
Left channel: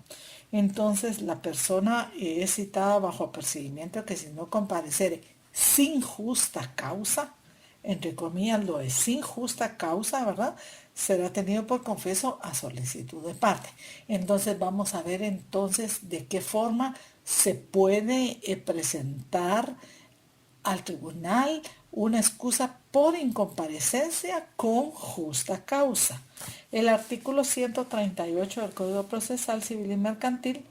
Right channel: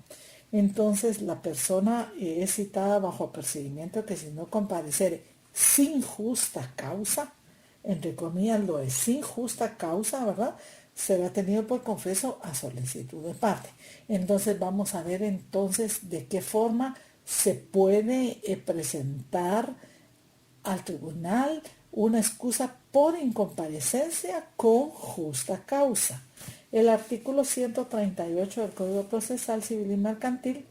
Entonces, la persona es citada bajo apercibimiento que si no compareciere sin justa causa, entre comillas lo es sin justa causa, ¿verdad?, será tenido por confeso a solicitud de parte. Entonces vamos a ver entonces de qué forma se puede presentar al tribunal una excusa por incomparecencia con justa causa. El artículo 138 del Código Procesal Civil y Mercantil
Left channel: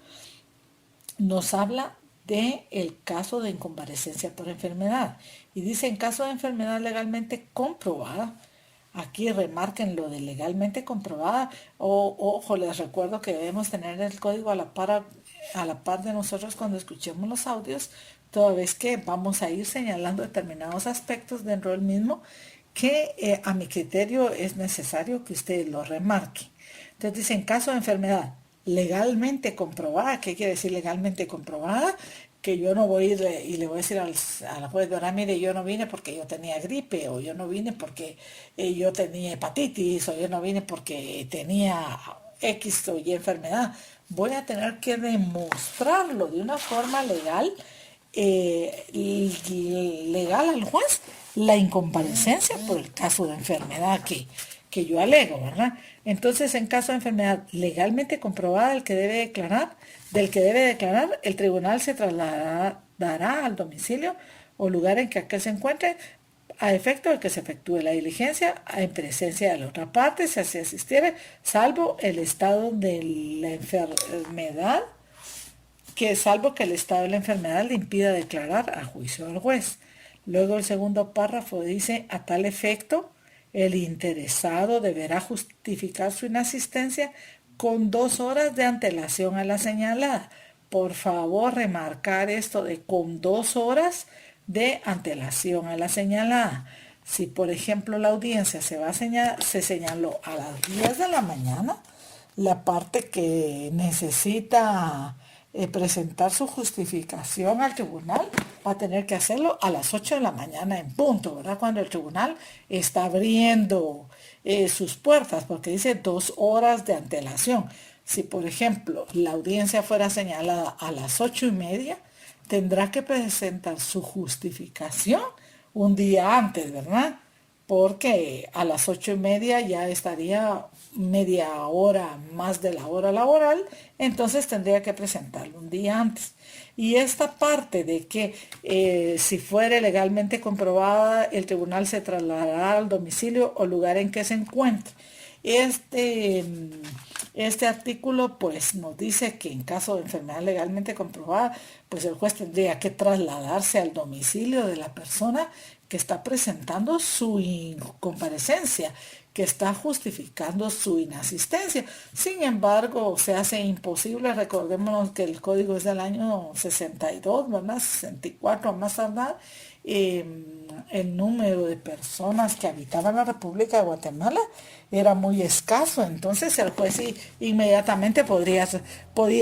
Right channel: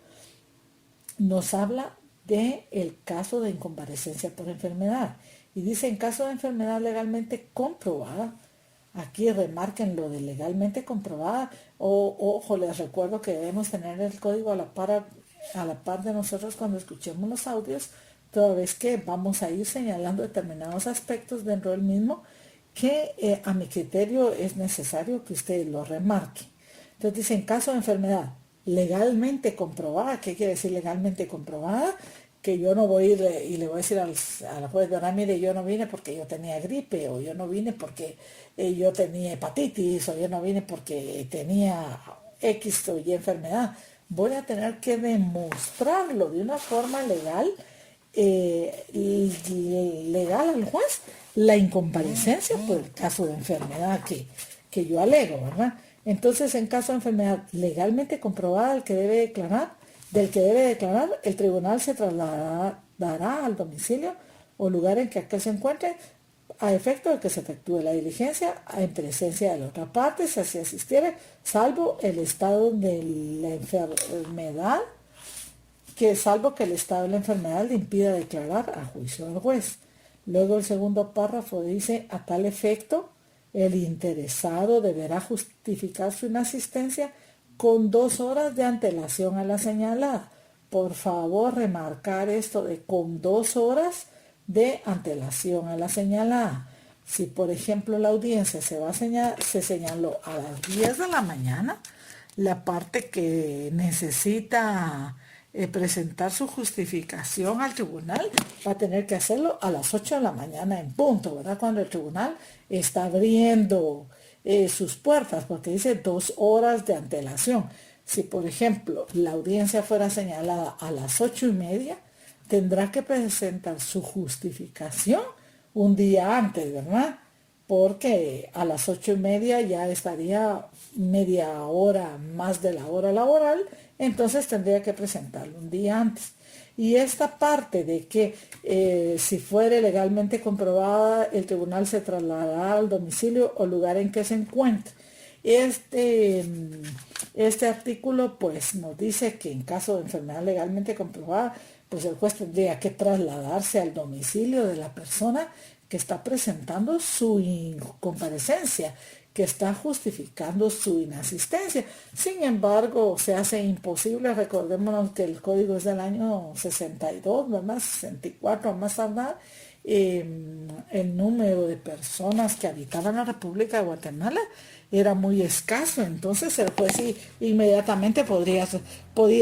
nos habla del caso de incomparecencia por enfermedad y dice: en caso de enfermedad legalmente comprobada, Aquí remarquen lo de legalmente comprobada. Ojo, les recuerdo que debemos tener el código a la par de nosotros cuando escuchemos los audios, toda vez que vamos a ir señalando determinados aspectos dentro del mismo que a mi criterio es necesario que usted lo remarque. Entonces dice, en caso de enfermedad legalmente comprobada, ¿qué quiere decir legalmente comprobada? Que yo no voy a ir y le voy a decir al juez, mire, yo no vine porque yo tenía gripe, o yo no vine porque yo tenía hepatitis, o yo no vine porque tenía X o Y enfermedad. Voy a tener que demostrarlo de una forma legal, legal al juez, la incomparecencia por el caso de enfermedad que yo alego, ¿verdad? Entonces, en caso de enfermedad legalmente comprobada, del que debe declarar, el tribunal se trasladará al domicilio o lugar en que aquel se encuentre a efecto de que se efectúe la diligencia en presencia de la otra parte, si así asistiere, salvo el estado de la enfermedad, salvo que el estado de la enfermedad le impida declarar a juicio del juez. Luego el segundo párrafo dice, a tal efecto, el interesado deberá justificar su inasistencia con 2 horas de antelación a la señalada. Por favor, remarcar esto de con 2 horas de antelación a la señalada. Si, por ejemplo, la audiencia se señaló a las 10 de la mañana, la parte que necesita presentar su justificación al tribunal va a tener que hacerlo a las 8 de la mañana en punto, ¿verdad? Cuando el tribunal está abriendo sus puertas, porque dice 2 horas de antelación. Si, por ejemplo, la audiencia fuera señalada a las 8:30, tendrá que presentar su justificación un día antes, ¿verdad? Porque a las 8:30 ya estaría media hora más de la hora laboral, entonces tendría que presentarlo un día antes. Y esta parte de que si fuera legalmente comprobada, el tribunal se trasladará al domicilio o lugar en que se encuentre. Este artículo pues nos dice que en caso de enfermedad legalmente comprobada, pues el juez tendría que trasladarse al domicilio de la persona que está presentando su incomparecencia, que está justificando su inasistencia. Sin embargo, se hace imposible. Recordemos que el código es del año 62, ¿verdad? 64 más tardar. El número de personas que habitaban la República de Guatemala era muy escaso, entonces el juez inmediatamente podía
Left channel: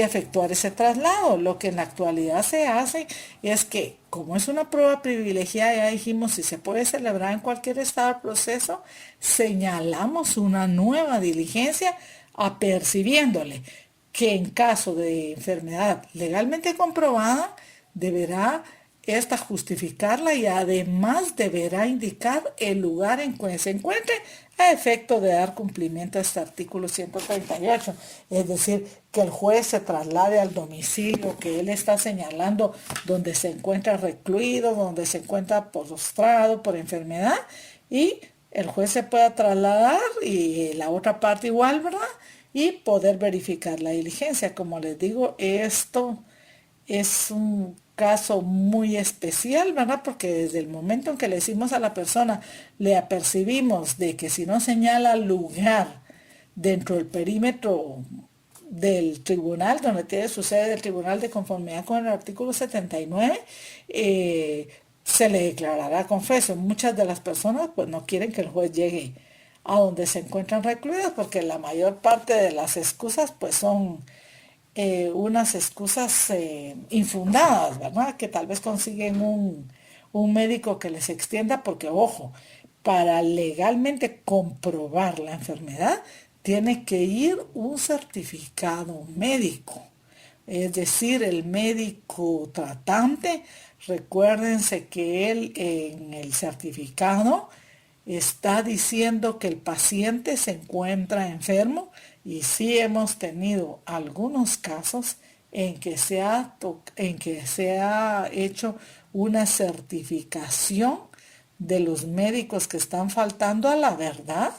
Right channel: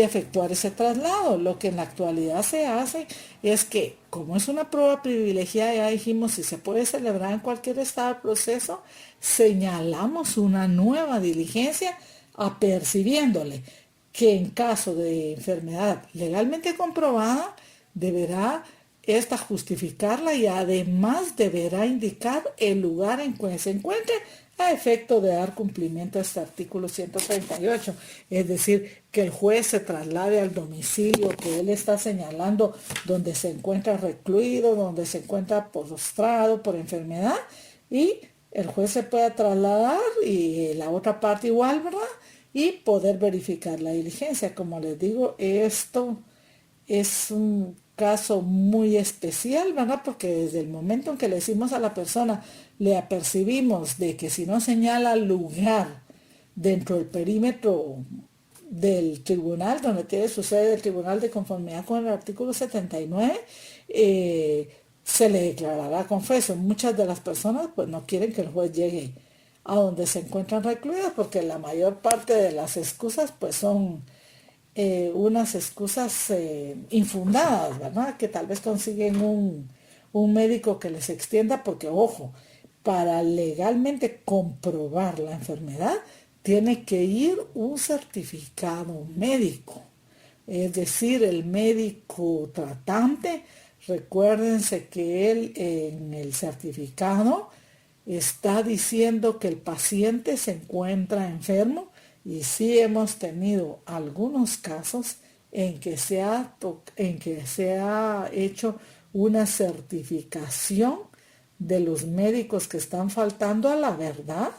efectuar ese traslado. Lo que en la actualidad se hace es que, como es una prueba privilegiada, ya dijimos, si se puede celebrar en cualquier estado del proceso, señalamos una nueva diligencia apercibiéndole que en caso de enfermedad legalmente comprobada, deberá esta justificarla y además deberá indicar el lugar en que se encuentre a efecto de dar cumplimiento a este artículo 138. Es decir, que el juez se traslade al domicilio que él está señalando, donde se encuentra recluido, donde se encuentra postrado por enfermedad, y el juez se pueda trasladar y la otra parte igual, ¿verdad? Y poder verificar la diligencia. Como les digo, esto es un caso muy especial, ¿verdad? Porque desde el momento en que le decimos a la persona, le apercibimos de que si no señala lugar dentro del perímetro del tribunal, donde tiene su sede del tribunal de conformidad con el artículo 79, se le declarará confeso. Muchas de las personas pues no quieren que el juez llegue a donde se encuentran recluidos, porque la mayor parte de las excusas pues son unas excusas infundadas, ¿verdad? Que tal vez consiguen un médico que les extienda, porque, ojo, para legalmente comprobar la enfermedad, tiene que ir un certificado médico. Es decir, el médico tratante, recuérdense que él en el certificado está diciendo que el paciente se encuentra enfermo. Y sí hemos tenido algunos casos en que se ha hecho una certificación de los médicos que están faltando a la verdad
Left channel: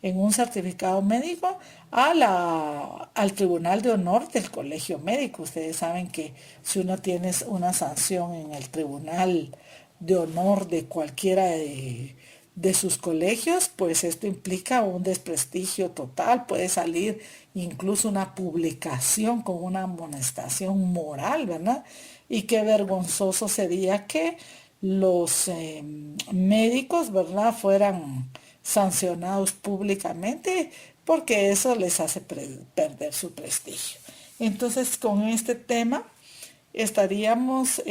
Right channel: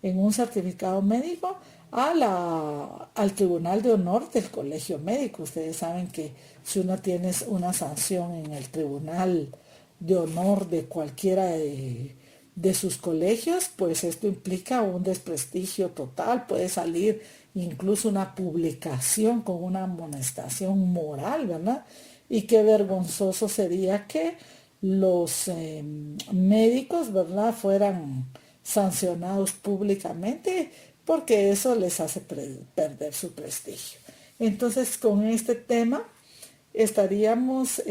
en un certificado médico al Tribunal de Honor del Colegio Médico. Ustedes saben que si uno tiene una sanción en el Tribunal de Honor de cualquiera de de sus colegios, pues esto implica un desprestigio total, puede salir incluso una publicación con una amonestación moral, ¿verdad? Y qué vergonzoso sería que los médicos, ¿verdad?, fueran sancionados públicamente, porque eso les hace perder su prestigio. Entonces, con este tema estaríamos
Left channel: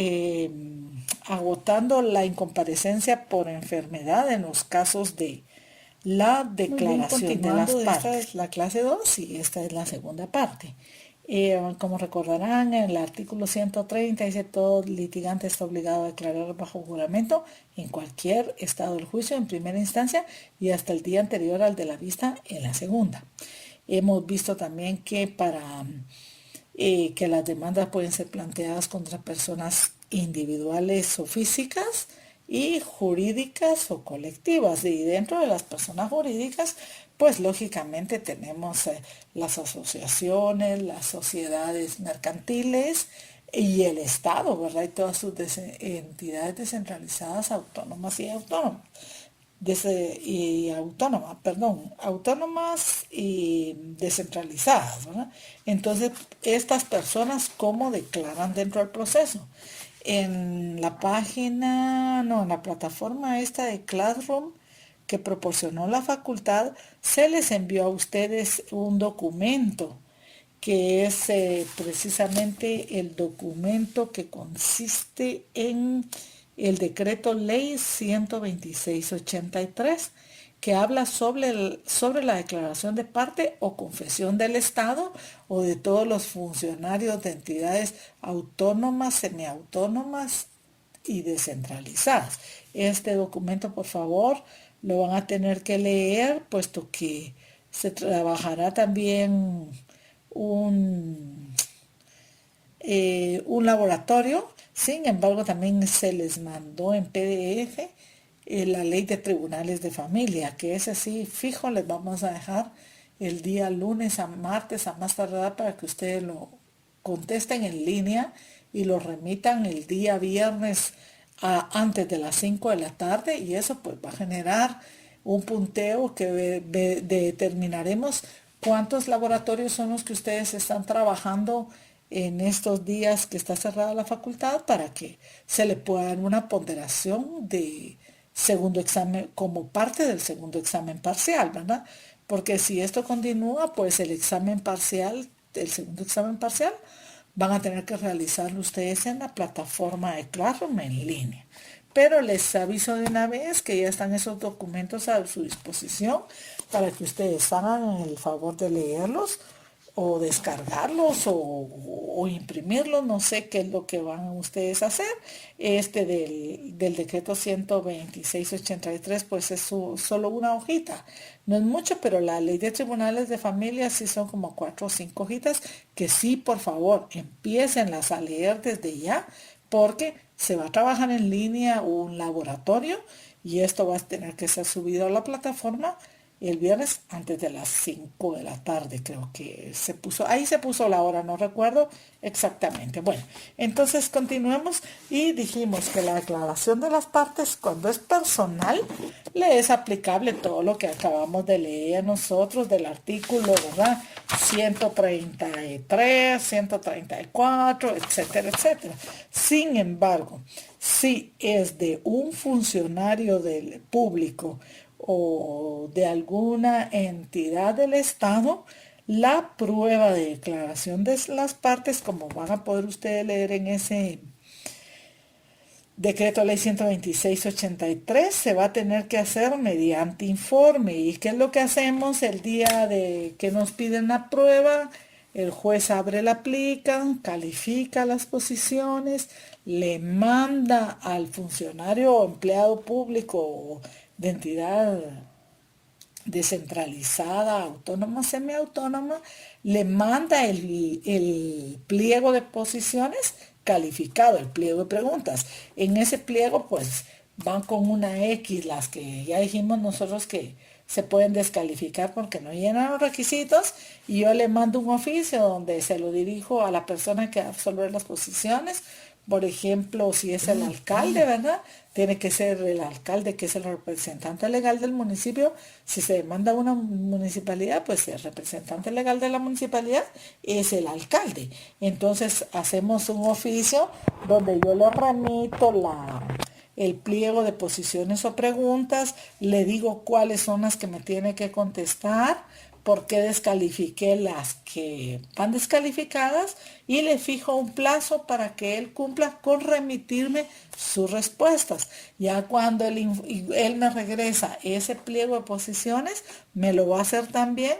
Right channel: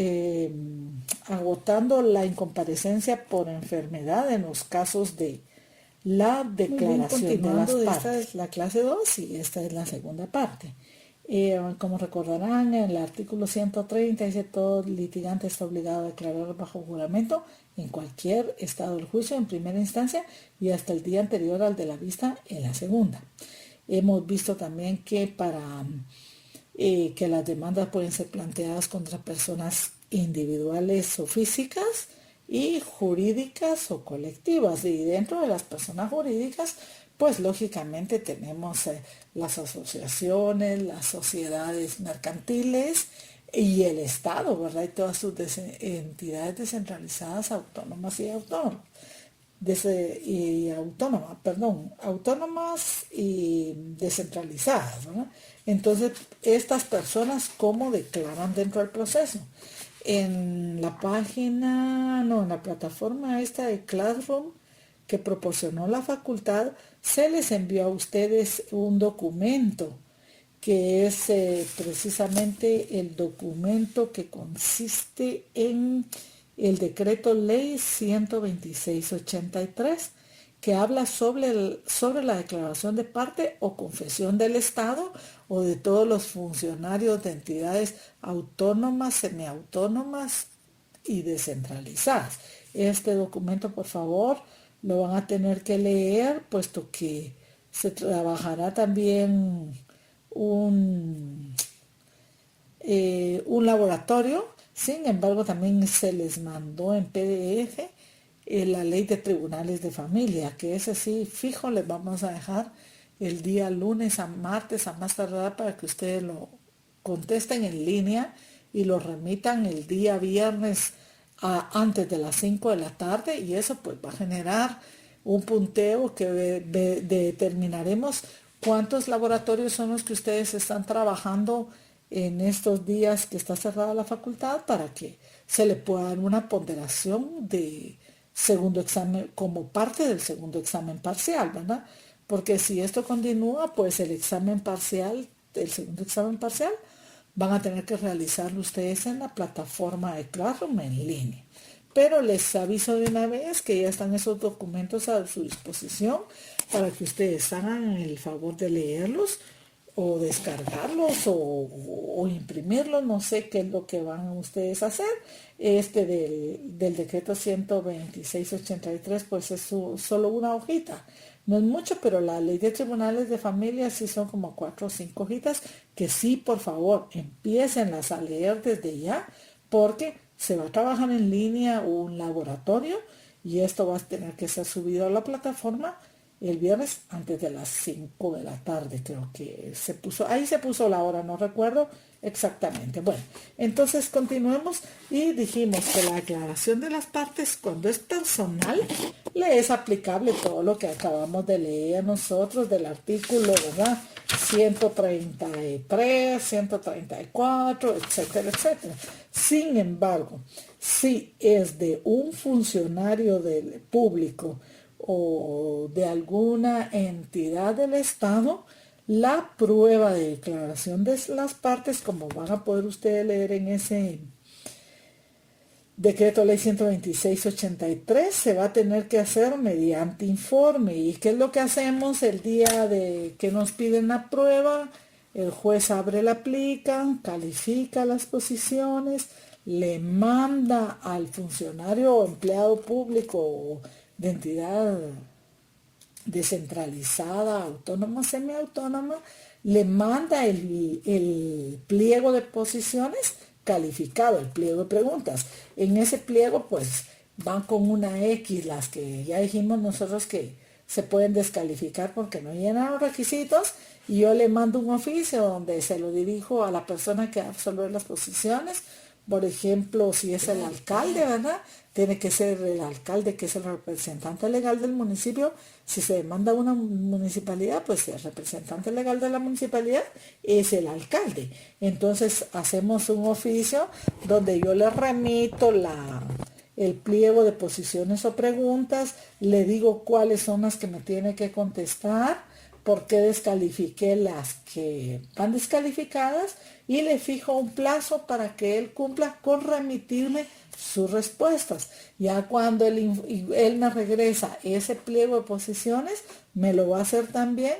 agotando la incomparecencia por enfermedad en los casos de la declaración de las partes. Esta es la clase 2 y esta es la segunda parte. Como recordarán, en el artículo 130 dice: todo litigante está obligado a declarar bajo juramento en cualquier estado del juicio en primera instancia y hasta el día anterior al de la vista en la segunda. Hemos visto también que que las demandas pueden ser planteadas contra personas individuales o físicas y jurídicas o colectivas. Y dentro de las personas jurídicas, pues lógicamente tenemos las asociaciones, las sociedades mercantiles y el Estado, ¿verdad? Y todas sus entidades descentralizadas, autónomas y autónomas. Autónomas y descentralizadas, ¿verdad? Entonces, estas personas, ¿cómo declaran dentro del proceso? En la plataforma esta de Classroom que proporcionó la facultad, se les envió a ustedes un documento que es precisamente el documento que consiste en el decreto ley 126/83, que habla sobre la declaración de parte o confesión del Estado o de todos los funcionarios de entidades autónomas, semiautónomas y descentralizadas. Este documento, por favor, lo van a tener que leer, puesto que se trabajará también un laboratorio. Sin embargo, también se les mandó en PDF la ley de tribunales de familia, que es así fijo, les vamos a dejar el día lunes a martes a más tardar para que ustedes lo contesten en línea y lo remitan el día viernes antes de las 5 de la tarde, y eso pues va a generar un punteo que determinaremos cuántos laboratorios son los que ustedes están trabajando en estos días que está cerrada la facultad, para que se le pueda dar una ponderación de segundo examen como parte del segundo examen parcial, ¿verdad? Porque si esto continúa, pues el segundo examen parcial, van a tener que realizarlo ustedes en la plataforma de Classroom en línea. Pero les aviso de una vez que ya están esos documentos a su disposición para que ustedes hagan el favor de leerlos o descargarlos o imprimirlos, no sé qué es lo que van ustedes a hacer. Del decreto 126/83, pues es solo una hojita. No es mucho, pero la ley de tribunales de familia sí son como 4 o 5 hojitas, que sí, por favor, empiécenlas a leer desde ya, porque se va a trabajar en línea un laboratorio y esto va a tener que ser subido a la plataforma el viernes antes de las 5 de la tarde, creo que se puso la hora, no recuerdo exactamente. Bueno, entonces continuamos y dijimos que la declaración de las partes, cuando es personal, le es aplicable todo lo que acabamos de leer nosotros del artículo, ¿verdad? 133, 134, etcétera, etcétera. Sin embargo, si es de un funcionario del público o de alguna entidad del Estado, la prueba de declaración de las partes, como van a poder ustedes leer en ese decreto ley 126/83, se va a tener que hacer mediante informe. ¿Y qué es lo que hacemos el día de que nos piden la prueba? El juez abre la plica, califica las posiciones, le manda al funcionario o empleado público o de entidad descentralizada, autónoma, semiautónoma, le manda el pliego de posiciones calificado, el pliego de preguntas. En ese pliego pues van con una X las que ya dijimos nosotros que se pueden descalificar porque no llenan los requisitos, y yo le mando un oficio donde se lo dirijo a la persona que va a absolver las posiciones Por ejemplo, si es el alcalde, ¿verdad? Tiene que ser el alcalde, que es el representante legal del municipio. Si se demanda una municipalidad, pues el representante legal de la municipalidad es el alcalde. Entonces hacemos un oficio donde yo le remito el pliego de posiciones o preguntas, le digo cuáles son las que me tiene que contestar, por qué descalifiqué las que van descalificadas y le fijo un plazo para que él cumpla con remitirme sus respuestas. Ya cuando él me regresa ese pliego de posiciones, me lo va a hacer también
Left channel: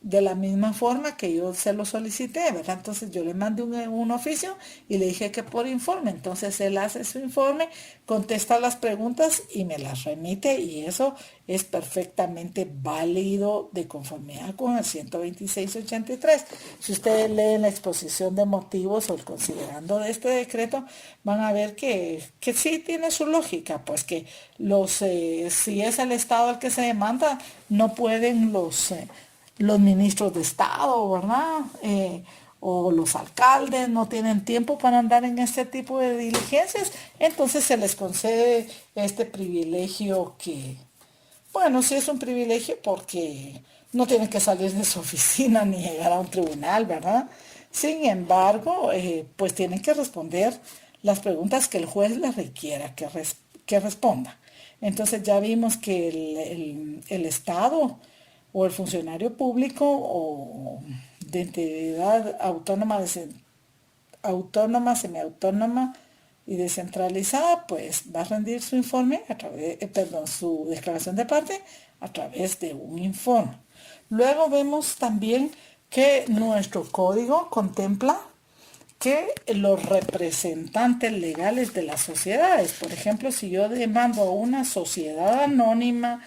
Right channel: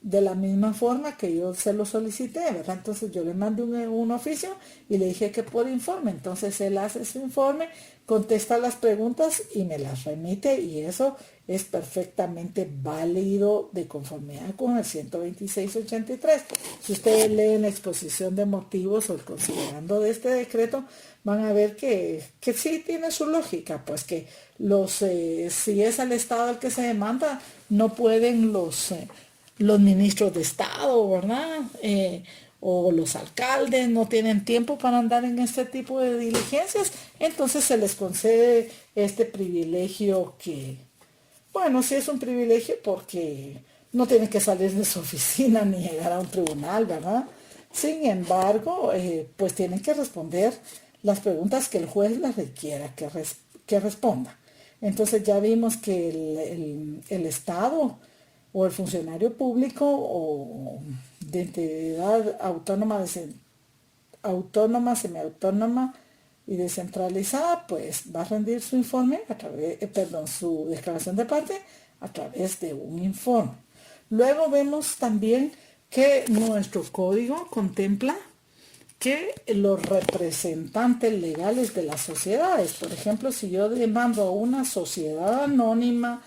de la misma forma que yo se lo solicité, ¿verdad? Entonces yo le mandé un oficio y le dije que por informe. Entonces él hace su informe, contesta las preguntas y me las remite, y eso es perfectamente válido de conformidad con el 12683. Si ustedes leen la exposición de motivos o el considerando de este decreto, van a ver que sí tiene su lógica, pues que si es el Estado el que se demanda, no pueden los ministros de Estado, ¿verdad? O los alcaldes no tienen tiempo para andar en este tipo de diligencias, entonces se les concede este privilegio que, bueno, sí es un privilegio porque no tienen que salir de su oficina ni llegar a un tribunal, ¿verdad? Sin embargo, pues tienen que responder las preguntas que el juez les requiera que responda. Entonces ya vimos que el Estado o el funcionario público o de entidad autónoma, semiautónoma y descentralizada, pues va a rendir su informe su declaración de parte a través de un informe. Luego vemos también que nuestro código contempla que los representantes legales de las sociedades, por ejemplo, si yo demando a una sociedad anónima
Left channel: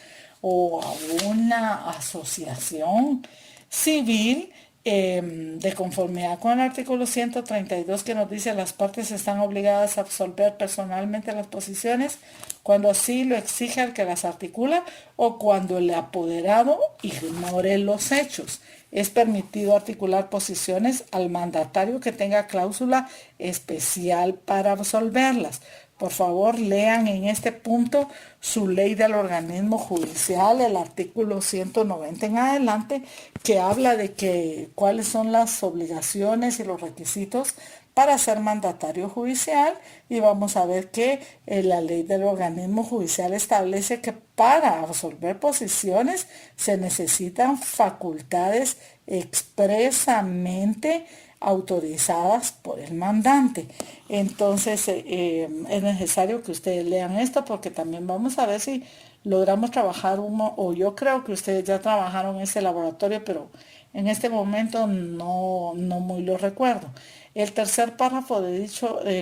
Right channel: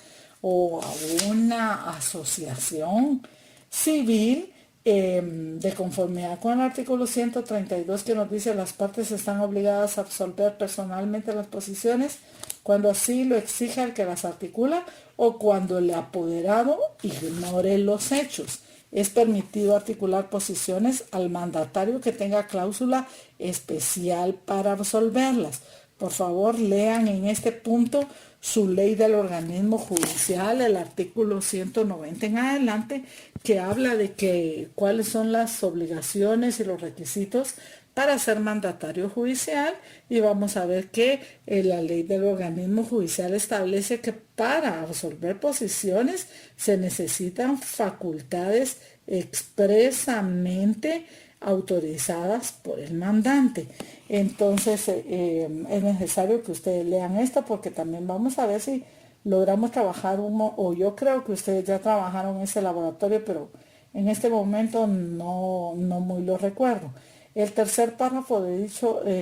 o a una asociación civil, de conformidad con el artículo 132 que nos dice las partes están obligadas a absolver personalmente las posiciones cuando así lo exige el que las articula o cuando el apoderado ignore los hechos. Es permitido articular posiciones al mandatario que tenga cláusula especial para absolverlas. Por favor, lean en este punto su ley del organismo judicial, el artículo 190 en adelante, que habla de cuáles son las obligaciones y los requisitos para ser mandatario judicial, y vamos a ver que la ley del organismo judicial establece que para absolver posiciones se necesitan facultades expresamente autorizadas por el mandante. Entonces es necesario que ustedes lean esto, porque también vamos a ver si logramos trabajar o yo creo que ustedes ya trabajaron en ese laboratorio, pero en este momento no muy lo recuerdo. El tercer párrafo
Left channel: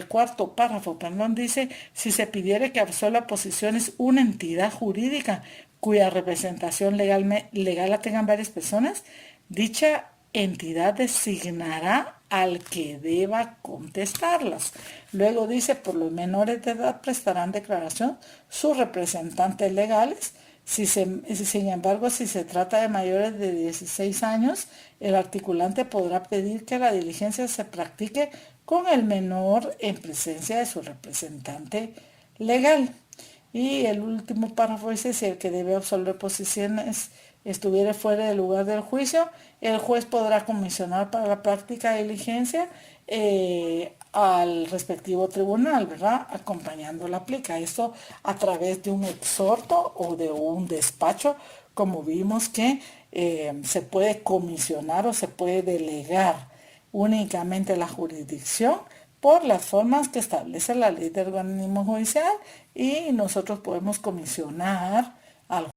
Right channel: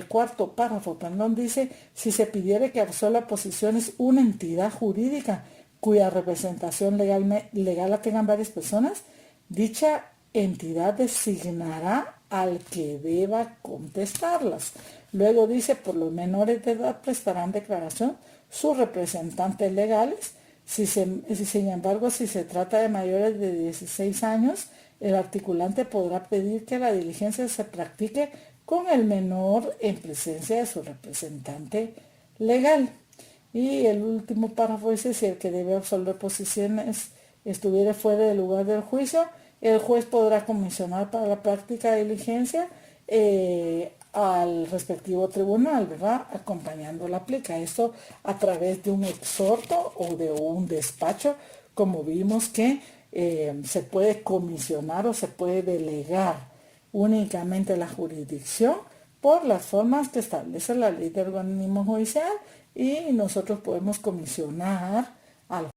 cuarto párrafo, dice: si se pidiere que absuelva posiciones una entidad jurídica cuya representación legal la tengan varias personas, dicha entidad designará al que deba contestarlas. Luego dice: por los menores de edad prestarán declaración sus representantes legales. Sin embargo, si se trata de mayores de 16 años, el articulante podrá pedir que la diligencia se practique con el menor en presencia de su representante legal. Y el último párrafo dice: si el que debe absolver posiciones estuviera fuera del lugar del juicio, el juez podrá comisionar para la práctica de diligencia al respectivo tribunal, ¿verdad? Acompañando la plica. Esto a través de un exhorto o de un despacho, como vimos que se puede comisionar o se puede delegar únicamente la jurisdicción por las formas que establece la ley del organismo judicial, y nosotros podemos comisionar al